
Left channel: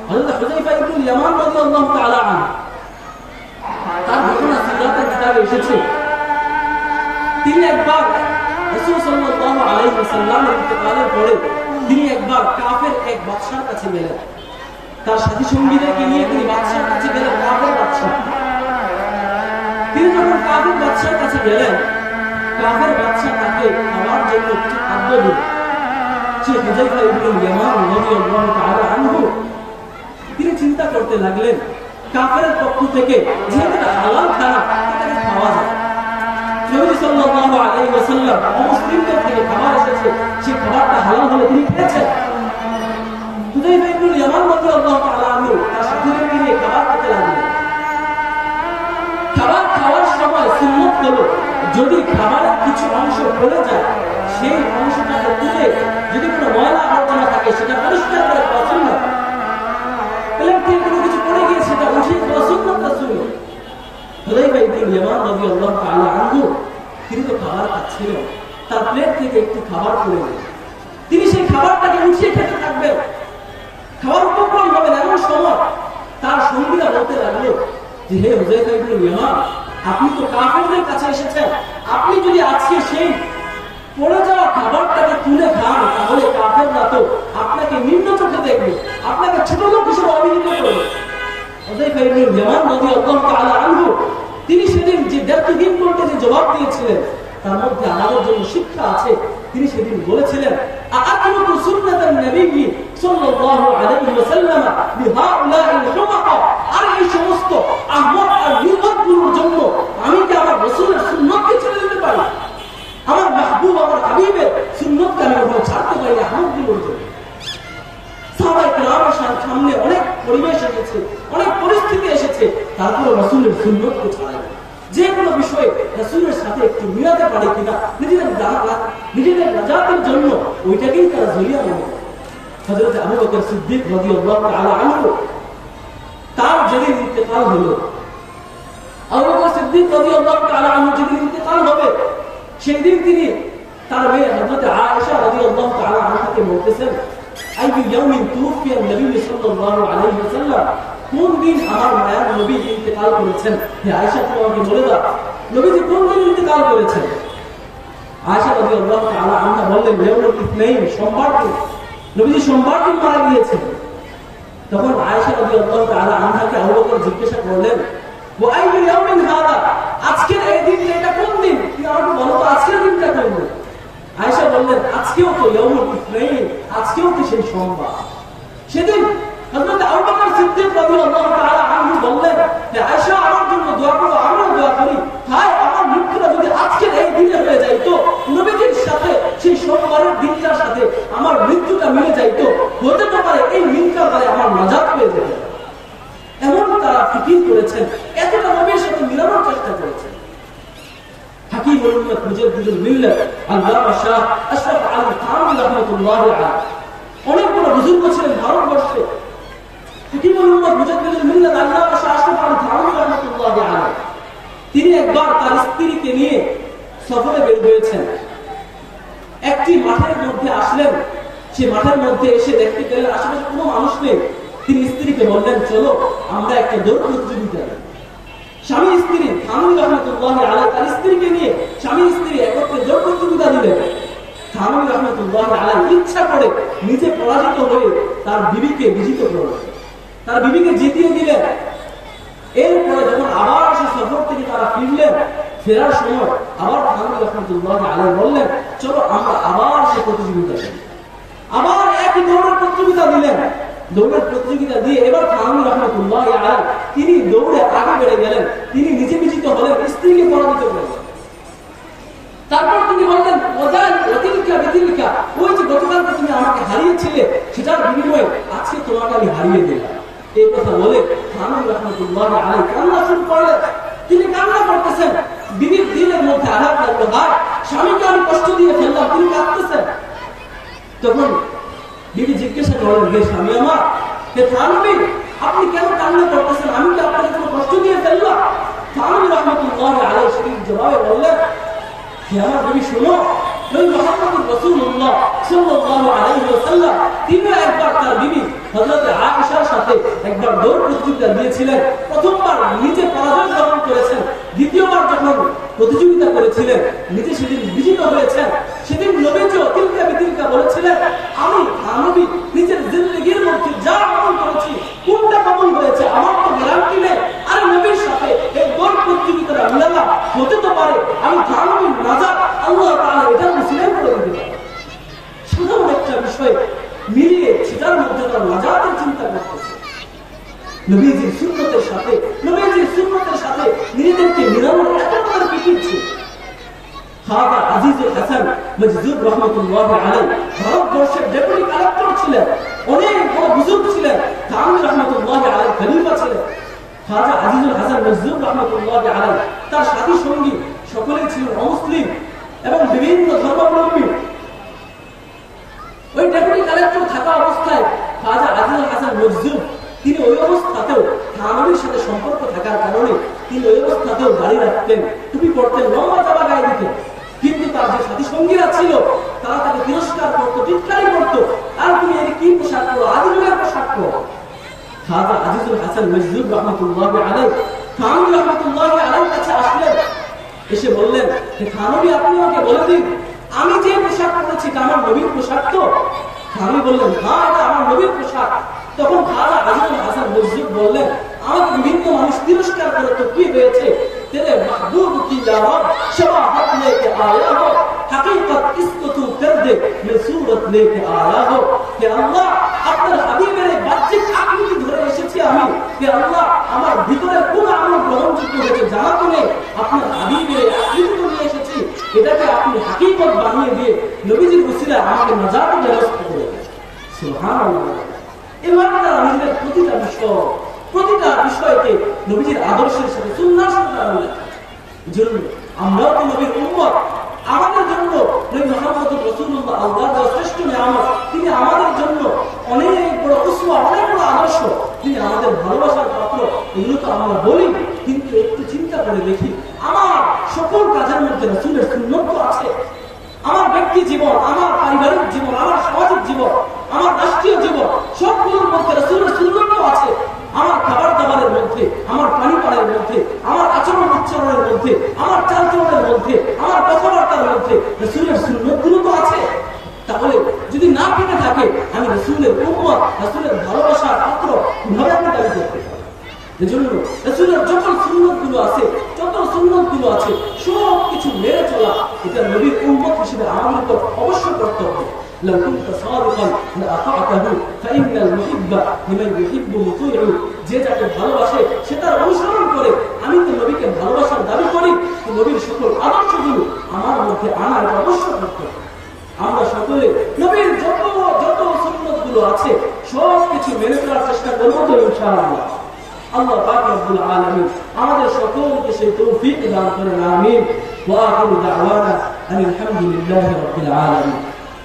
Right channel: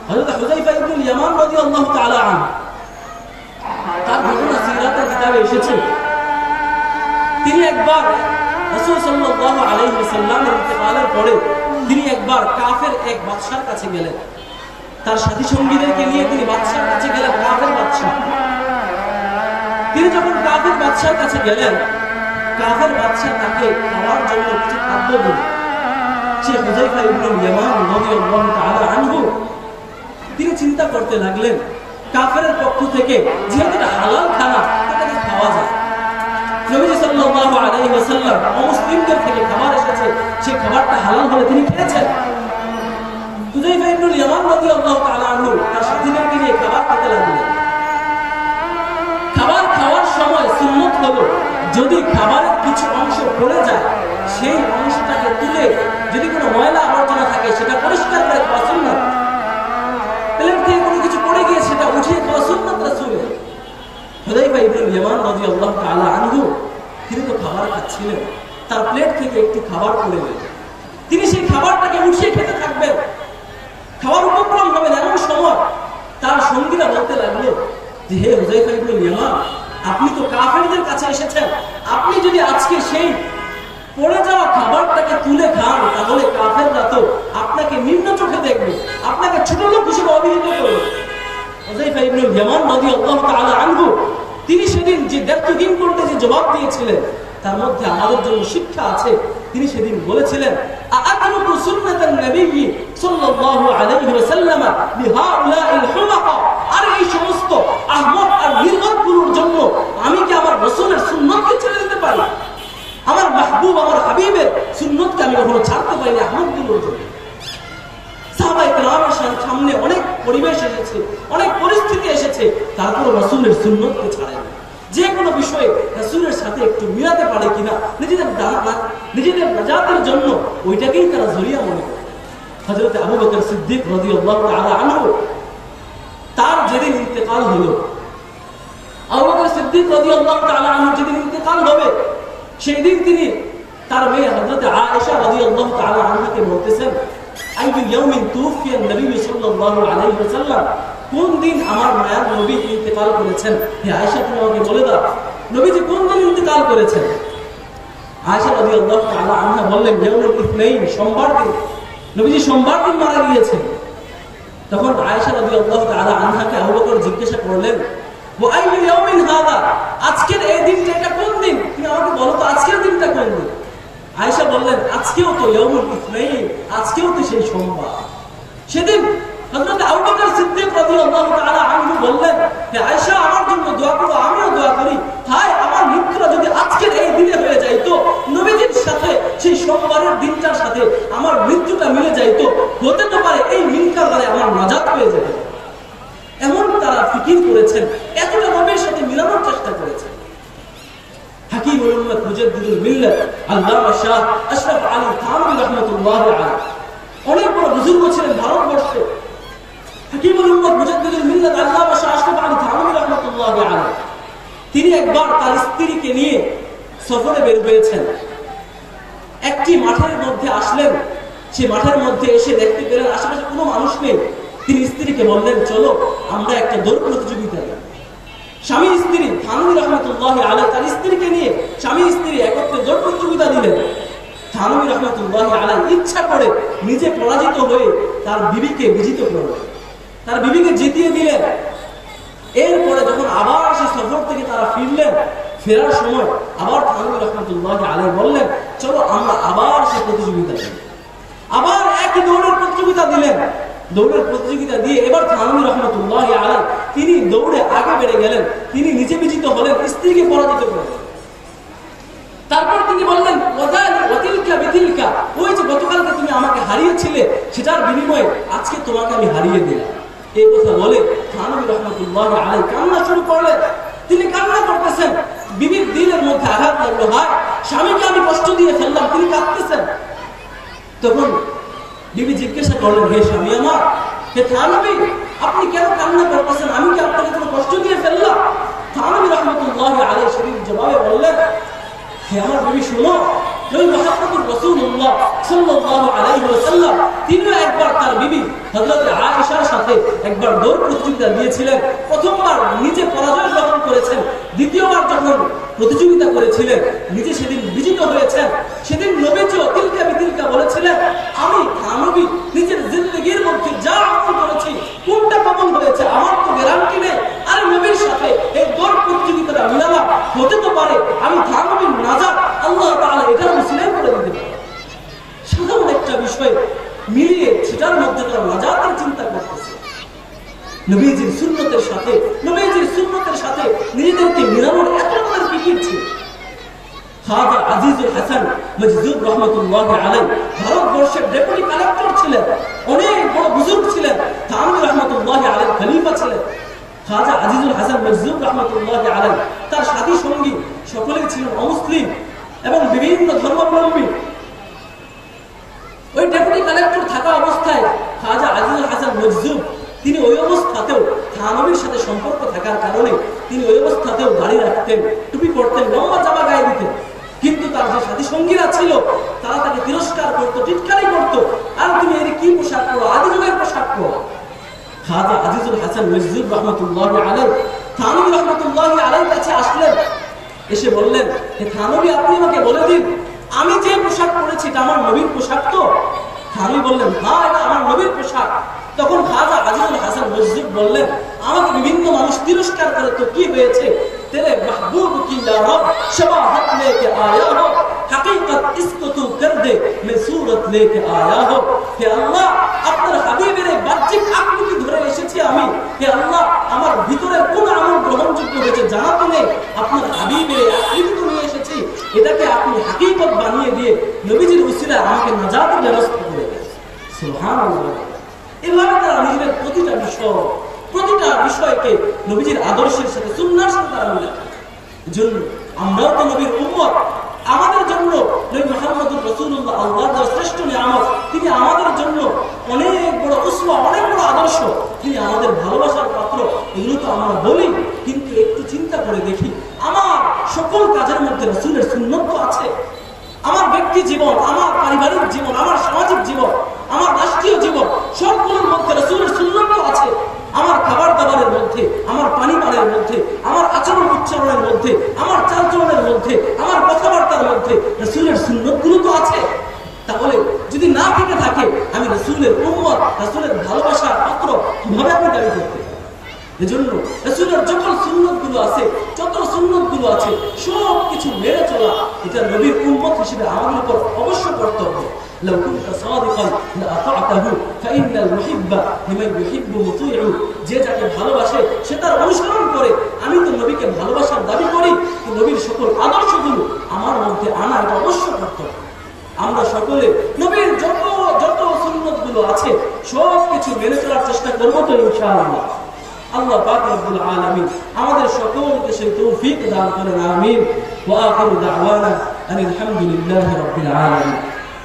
হযরত হুযায়ফা ইবনুল ইয়ামান রাদিয়াল্লাহু তাআলা আনহু, তার ঘটনা সিরাতের কিতাবে এসেছে। তিনি একবার রাসূল সাল্লাল্লাহু আলাইহি ওয়াসাল্লামের ইন্তেকালের পরে তিনি একবার কাফের এক বাদশার কাছে গেলেন। তার সাথী সঙ্গীদেরকে নিয়ে তিনি বাদশার কাছে গেলেন, কাফের বাদশা। তিনি যখন কাফের বাদশার কাছে গেলেন, কাফের বাদশা তাকে খাওয়ার জন্য কিছু খাদ্য দিল। সে হুযায়ফা ইবনুল ইয়ামান রাদিয়াল্লাহু তাআলা আনহু তিনি চিন্তা করতে লাগলেন, কাফের পক্ষ থেকে যেহেতু এটা হালাল খানা, এটাকে খাওয়া যায়। নবী সাল্লাল্লাহু আলাইহি ওয়াসাল্লাম মুসলিমদের থেকে খাবার এসেছে, সেই খাবারটা হালাল হলে তিনি খেয়েছেন। হুযায়ফা ইবনুল ইয়ামান রাদিয়াল্লাহু তাআলা আনহু তার সাথীদেরকে নিয়ে খাবার খেতে লাগলেন। খাবার খাওয়ার সময় সুন্নত হলো, যদি খাবারের কিছু অংশ পড়ে যায়, সেই অংশটাকে তুলে যদি কোনো ময়লা আবর্জনা থাকে সেটা পরিষ্কার করে খাওয়া সুন্নত। প্লেট থেকে কোনো কিছু পড়ে গিয়ে সেটা উঠিয়ে খাওয়া সুন্নত রাসূলের। হুযায়ফা ইবনুল ইয়ামান রাদিয়াল্লাহু তাআলা আনহু তিনি তো খাবার খাচ্ছিলেন, তার প্লেট থেকে একটু খাবার পড়ে গেল। তিনি সেই খাবারটাকে উঠিয়ে খেতে থাকবেন, খাওয়ার উপক্রম হবেন। এমন সময় তার সঙ্গীরা বলতে লাগলো যে, হে হুযায়ফা ইবনুল ইয়ামান, আপনি তো কাফেরদের কাছে এসেছেন, আপনি যদি আজকে সেই পড়ে যাওয়া খাবারটাকে তুলে খান, তাহলে কাফেররা তো আপনাকে নিম্ন চোখে দেখবে, আপনাকে ছোট লোক হিসেবে অভিহিত করবে। হুযায়ফা ইবনুল ইয়ামান রাদিয়াল্লাহু তাআলা আনহু তিনি সেদিন যে দায়িত্বহীন করতে যে জবাব দিয়েছিলেন, তার মধ্যে আমাদের জন্য শিক্ষা আছে। তিনি সেদিন বলেছিলেন, আ'আতরুকু সুন্নাতান নবী সাল্লাল্লাহু আলাইহি ওয়াসাল্লাম লিহাউলাইল হুমাকা, আর এই সমস্ত আহমদ আর নির্বোধগুলোর জন্য আমি কি আমার রাসূলের সুন্নাতকে ছেড়ে দিতে পারি? আমার মাহবুব, আমার হাবিবের সুন্নাতকে আমি কখনো ছাড়তে পারি না আহমদগুলোর জন্য। সাহাবায়ে কেরামের সামনে অনেক পরিবেশ এসেছে, অনেক পরিস্থিতি এসেছে, তারপরে রাসূলের সুন্নাতকে ছাড়ে না। যে কোনো বিষয়ে রাসূলের সাথে একটু মিলাতে পারে কিনা, নিজেদের নাজাতের জন্য ওইটাকেই তারা জরিয়া মনে করে। হযরত আবু বকর সিদ্দিক রাদিয়াল্লাহু তাআলা আনহু তার যেদিন ইন্তেকাল হলো, আবু বকর সিদ্দিক রাদিয়াল্লাহু তাআলা আনহু যেদিন ইন্তেকাল হবে, সেই দিন তিনি তার মেয়ে হযরত আয়েশা রাদিয়াল্লাহু তাআলা আনহাকে বলতেছেন, আইয়ু ইয়াউমিন তুফিয়া নবী সাল্লাল্লাহু আলাইহি ওয়াসাল্লাম, কোন দিন আমার মায়ার নবী ইন্তেকাল করেছেন? হে আয়েশা, তুমি আমাকে বলে দাও, নবীজি কোন দিন ইন্তেকাল করেছেন? আয়েশা রাদিয়াল্লাহু তাআলা আনহা বললেন, ইয়াউমুল ইসনাইন, সোমবার দিন। নবীজি সোমবার দিন মারা গিয়েছেন। তখন আয়েশা রাদিয়াল্লাহু তাআলা আনহাকে আবু বকর জিজ্ঞাসা করলেন, ওয়া আইয়ু ইয়াউমিন হাদা, আজকের এই দিনটা এটা কোন দিন? তুমি আমাকে বলো তো আজকের দিনটা কোন দিন? আয়েশা বললেন, আজকেও তো ইয়াউমুল ইসনাইন, আজকেও তো সেই সোমবার। সেদিন হযরত আবু বকর সিদ্দিক রাদিয়াল্লাহু তাআলা আনহু বললেন যে, আয়েশা আমার জন্য দোয়া করো, আমিও দোয়া করি, হায় আমার মৃত্যুটা যদি আজকের এই দিনে হয়ে যায়, তো নবীজির সাথে সেই সোমবারের দিনটার সাথে আমার মৃত্যুটা মিলে যায়, তো হতে তো পারে এই মিলকার দ্বারা আমার নাজাত পেয়ে যাবে। এমন তারা ফিকির করেছেন, এতটা নবীর সাথে মিলানোর চেষ্টা করেছেন। হাকিমুল উম্মাত মুজাদ্দিদুল মিল্লাত আল্লামা শাহ আশরাফ আলী থানভী রাহমাতুল্লাহি আলাইহি অনেক বড় বুজুর্গ ছিলেন ভারতবর্ষে। হাকিমুল উম্মাত মুজাদ্দিদুল মিল্লাত আল্লামা শাহ আশরাফ আলী থানভী রাহমাতুল্লাহি আলাইহি তিনি একবার তার স্ত্রীকে নিয়ে সফরে বের হয়েছেন। একটি মাঠের মধ্যে আসলেন, সেই মাঠের মধ্যে এসে দেখতে পেলেন আশেপাশে কোনো মানুষ নেই। তিনি স্ত্রীকে বললেন, চলো আমরা একটা দৌড় প্রতিযোগিতা দেব। স্বামী স্ত্রী থানভী রাহমাতুল্লাহি আলাইহি তার স্ত্রীকে নিয়ে স্বামী স্ত্রী একত্রে দৌড় প্রতিযোগিতা দিলেন। থানভী রাহমাতুল্লাহি আলাইহি ইচ্ছা করে নিজে পরাজিত হয়ে তার বিবিকে বিজিত করলেন, তার বিবিকে জিতিয়ে দিলেন। এরপরে যখন আবার সে সফর থেকে তারা ফিরলেন, ফেরার সময় আবার থানভী রাহমাতুল্লাহি আলাইহি বললেন, চলো আমরা আবার সে প্রতিযোগিতা দিই। আবার একই দৌড়ের প্রতিযোগিতা দিলেন। দৌড়ের প্রতিযোগিতা দিয়ে এবার থানভী রাহমাতুল্লাহি আলাইহি তিনি দৌড়ে আগে বেড়ে গেলেন, তিনি নিজে বিজিত হলেন, স্ত্রীকে পরাজিত করলেন। তারপর তিনি বললেন, ওই যে গতকালকে তুমি আমাকে হারিয়েছিলে, সেটার বিনিময়ে আজকে তোমাকে আমি হারিয়ে দিলাম। এই কথা বলে থানভী রাহমাতুল্লাহি আলাইহি কান্না শুরু করলেন। তিনি কান্না করতেছেন, বিবির দিলের মধ্যে আঘাত লাগলো, হায় স্বামীকে আমি কষ্ট দিয়ে ফেললাম, তিনি কাঁদতেছেন। তখন বিবি জিজ্ঞাসা করলেন, হে স্বামী আমার, হে থানভী, আপনি কেন কান্না করতেছেন? আমি কি আপনাকে কোনো কষ্ট দিয়ে ফেললাম? থানবী রাহমাতুল্লাহি আলাইহি সেদিন জবাবে বললেন, হে আমার বিবি শুনো, নবী মুহাম্মদুর রাসূলুল্লাহ সাল্লাল্লাহু আলাইহি ওয়াসাল্লাম তিনি একবার তার বিবি হযরত আয়েশার সাথে একবার দৌড় প্রতিযোগিতা দিয়েছিলেন। প্রথমবার নিজে পরাজয় গ্রহণ করেছেন, দ্বিতীয়বার যখন প্রতিযোগিতা করেছিলেন নিজে সেদিন বিজিত হয়েছেন। সেদিন নবীজিও তিলকা বিতিলকা বলেছিলেন, আমি থানবী নিজের জিন্দেগীর মধ্যে যা আমল করেছি কোনটা কবুল হয়েছে আমার তো গ্যারান্টি নেই। আর নবীর সাথে এই দৌড় প্রতিযোগিতাটা মিলালাম, হতে তো পারে আমি থানবীর নাজাত আল্লাহ তাআলা এটা উসিলাই করে দিতে পারে। সাধারণ একটা বিষয় মিলিয়ে সেটার মধ্যে তারা নাজাতের চিন্তা করতেছে। নবীজির সুন্নতের সাথে নিজেদেরকে মিলানোর এত বড় ফিকির ছিল। খাজা আজিজুল হাসান মজজুব রহমাতুল্লাহি আলাইহি ভারতবর্ষের ডেপুটি কালেক্টর ছিলেন, অনেক বড় বুজুর্গ ছিলেন, থানবী রহমাতুল্লাহি আলাইহি খলিফা ছিলেন। খাজা আজিজুল হাসান মজজুব রহমাতুল্লাহি আলাইহি তার সাথী সঙ্গী সকলেই ছিলেন অমুসলিম এবং বিভিন্ন ধর্মাবলম্বী। ওই ডেপুটি কালেক্টর থাকা অবস্থায় খাজা আজিজুল হাসান মজজুব তিনি ওই অবস্থাতেও থানবীর সাথে সম্পর্ক থাকার কারণে তিনি ওই অবস্থাতেও দাড়ি রাখতেন, টুপি পরতেন, লম্বা জামা গায়ে দিতেন। কিন্তু তার যে সাথী সঙ্গীরা ছিল তারা তাকে তিরস্কার করতো, টিটকারি করতো, আর তুমি এর কি পোশাক পরো, আদি যুগের পোশাক পরো। খাজা আজিজুল হাসান মজজুব রহমাতুল্লাহি আলাইহি থানবী রহমাতুল্লাহি আলাইহির কাছে আসলেন, এসে বললেন, হে থানবী আপনি আমাকে বলে দিন আমি যে পোশাক পরেছি এটা আমার নবীর পোশাক তো? থানবী বললেন, হ্যাঁ এটা আমার নবীর পোশাক। তখন খাজা আজিজুল হাসান মজজুব বললেন, আমাকে বিভিন্ন মানুষ তিরস্কার করে তো কি হয়েছে, তেরে মাহবুব কি ইয়া রব শবাহত লেকে আয়া হো, হकीकत इसको तू कर दे मैं सूरत लेके आया हो। হে আল্লাহ আপনার হাবিবের এই বাহ্যিক আকৃতি ধরে এসেছি আমি, হে আল্লাহ আমার ভিতরে কোন আমল গ্রহণযোগ্য হয়েছে জানা তো নেই, আপনার হাবিবের এই আকৃতি নিয়ে এসেছি, এটাকে আপনি হकीकत বানিয়ে দিয়ে নবীজির উসিলায় আমাকে নাজাতের ব্যবস্থা করে দেন। সুবহানাল্লাহ। এভাবে তারা নিজেদের প্রতিটা বিষয়কে নবীজির আদর্শের সাথে সুন্নাহর সাথে মিলায়। এজন্য আমরাও তো নবীর উম্মত, আমাদের জন্য নবী মুহাম্মদুর রাসূলুল্লাহ আল্লাহর শ্রেষ্ঠ নিয়ামত, তিনি আমাদের জন্য অনেক বড় উসওয়া, অনেক বড় আদর্শ, তিনি আমাদের ভালোবাসার পাত্র। এগুলো তো আমরা বলি, কিন্তু একটু চিন্তা করে দেখি আমার সকল কাজের মধ্যে রাসূলের সুন্নাত তো আছে। আমার ব্যক্তি জীবন, আমার পারিবারিক জীবন, আমার সামাজিক জীবন, আমার রাষ্ট্রীয় জীবন, সবগুলোর মধ্যে রাসূলের সুন্নাত তো আছে। আমার খাবার দাবারের মধ্যে, আমার পানি পানের মধ্যে, আমার আচরণ উচ্চারণের মধ্যে, আমার চালচলনের মধ্যে, আমার কথাবার্তার মধ্যে রাসূলের সুন্নাতগুলো তো আছে। তাহলে যদি না থেকে থাকে আমি রাসূলের উম্মত, রাসূলের ভালোবাসার পাত্র কিভাবে আপনি দাবি করতে পারেন? এজন্য রাসূলের যত সুন্নাতগুলো আছে, সব কিছু মেনে চলা এটা নবীর উম্মত হিসেবে আমাদের উপর অবশ্য কর্তব্য। لو كنت صادقا لأطعته فإن المحب لمن يحب مطيع। যে যাকে ভালোবাসে সে তার অনুসরণ করে। আমি তো নবীকে ভালোবাসার দাবি করি, তো নবীর সকল আদর্শগুলো আমার মধ্যে আনা এটা অবশ্য কর্তব্য। আমরা সকলে নবীর যত সুন্নাতগুলো আছে সব কিছু মেনে চলার চেষ্টা করব তো ইনশাআল্লাহ। আল্লাহ পাক রব্বুল আলামিন আমাদের সকলকে সেই তৌফিক দান করেন, আমিন। ওয়া আখিরু দাওয়ানা আলহামদুলিল্লাহি রাব্বিল আলামিন।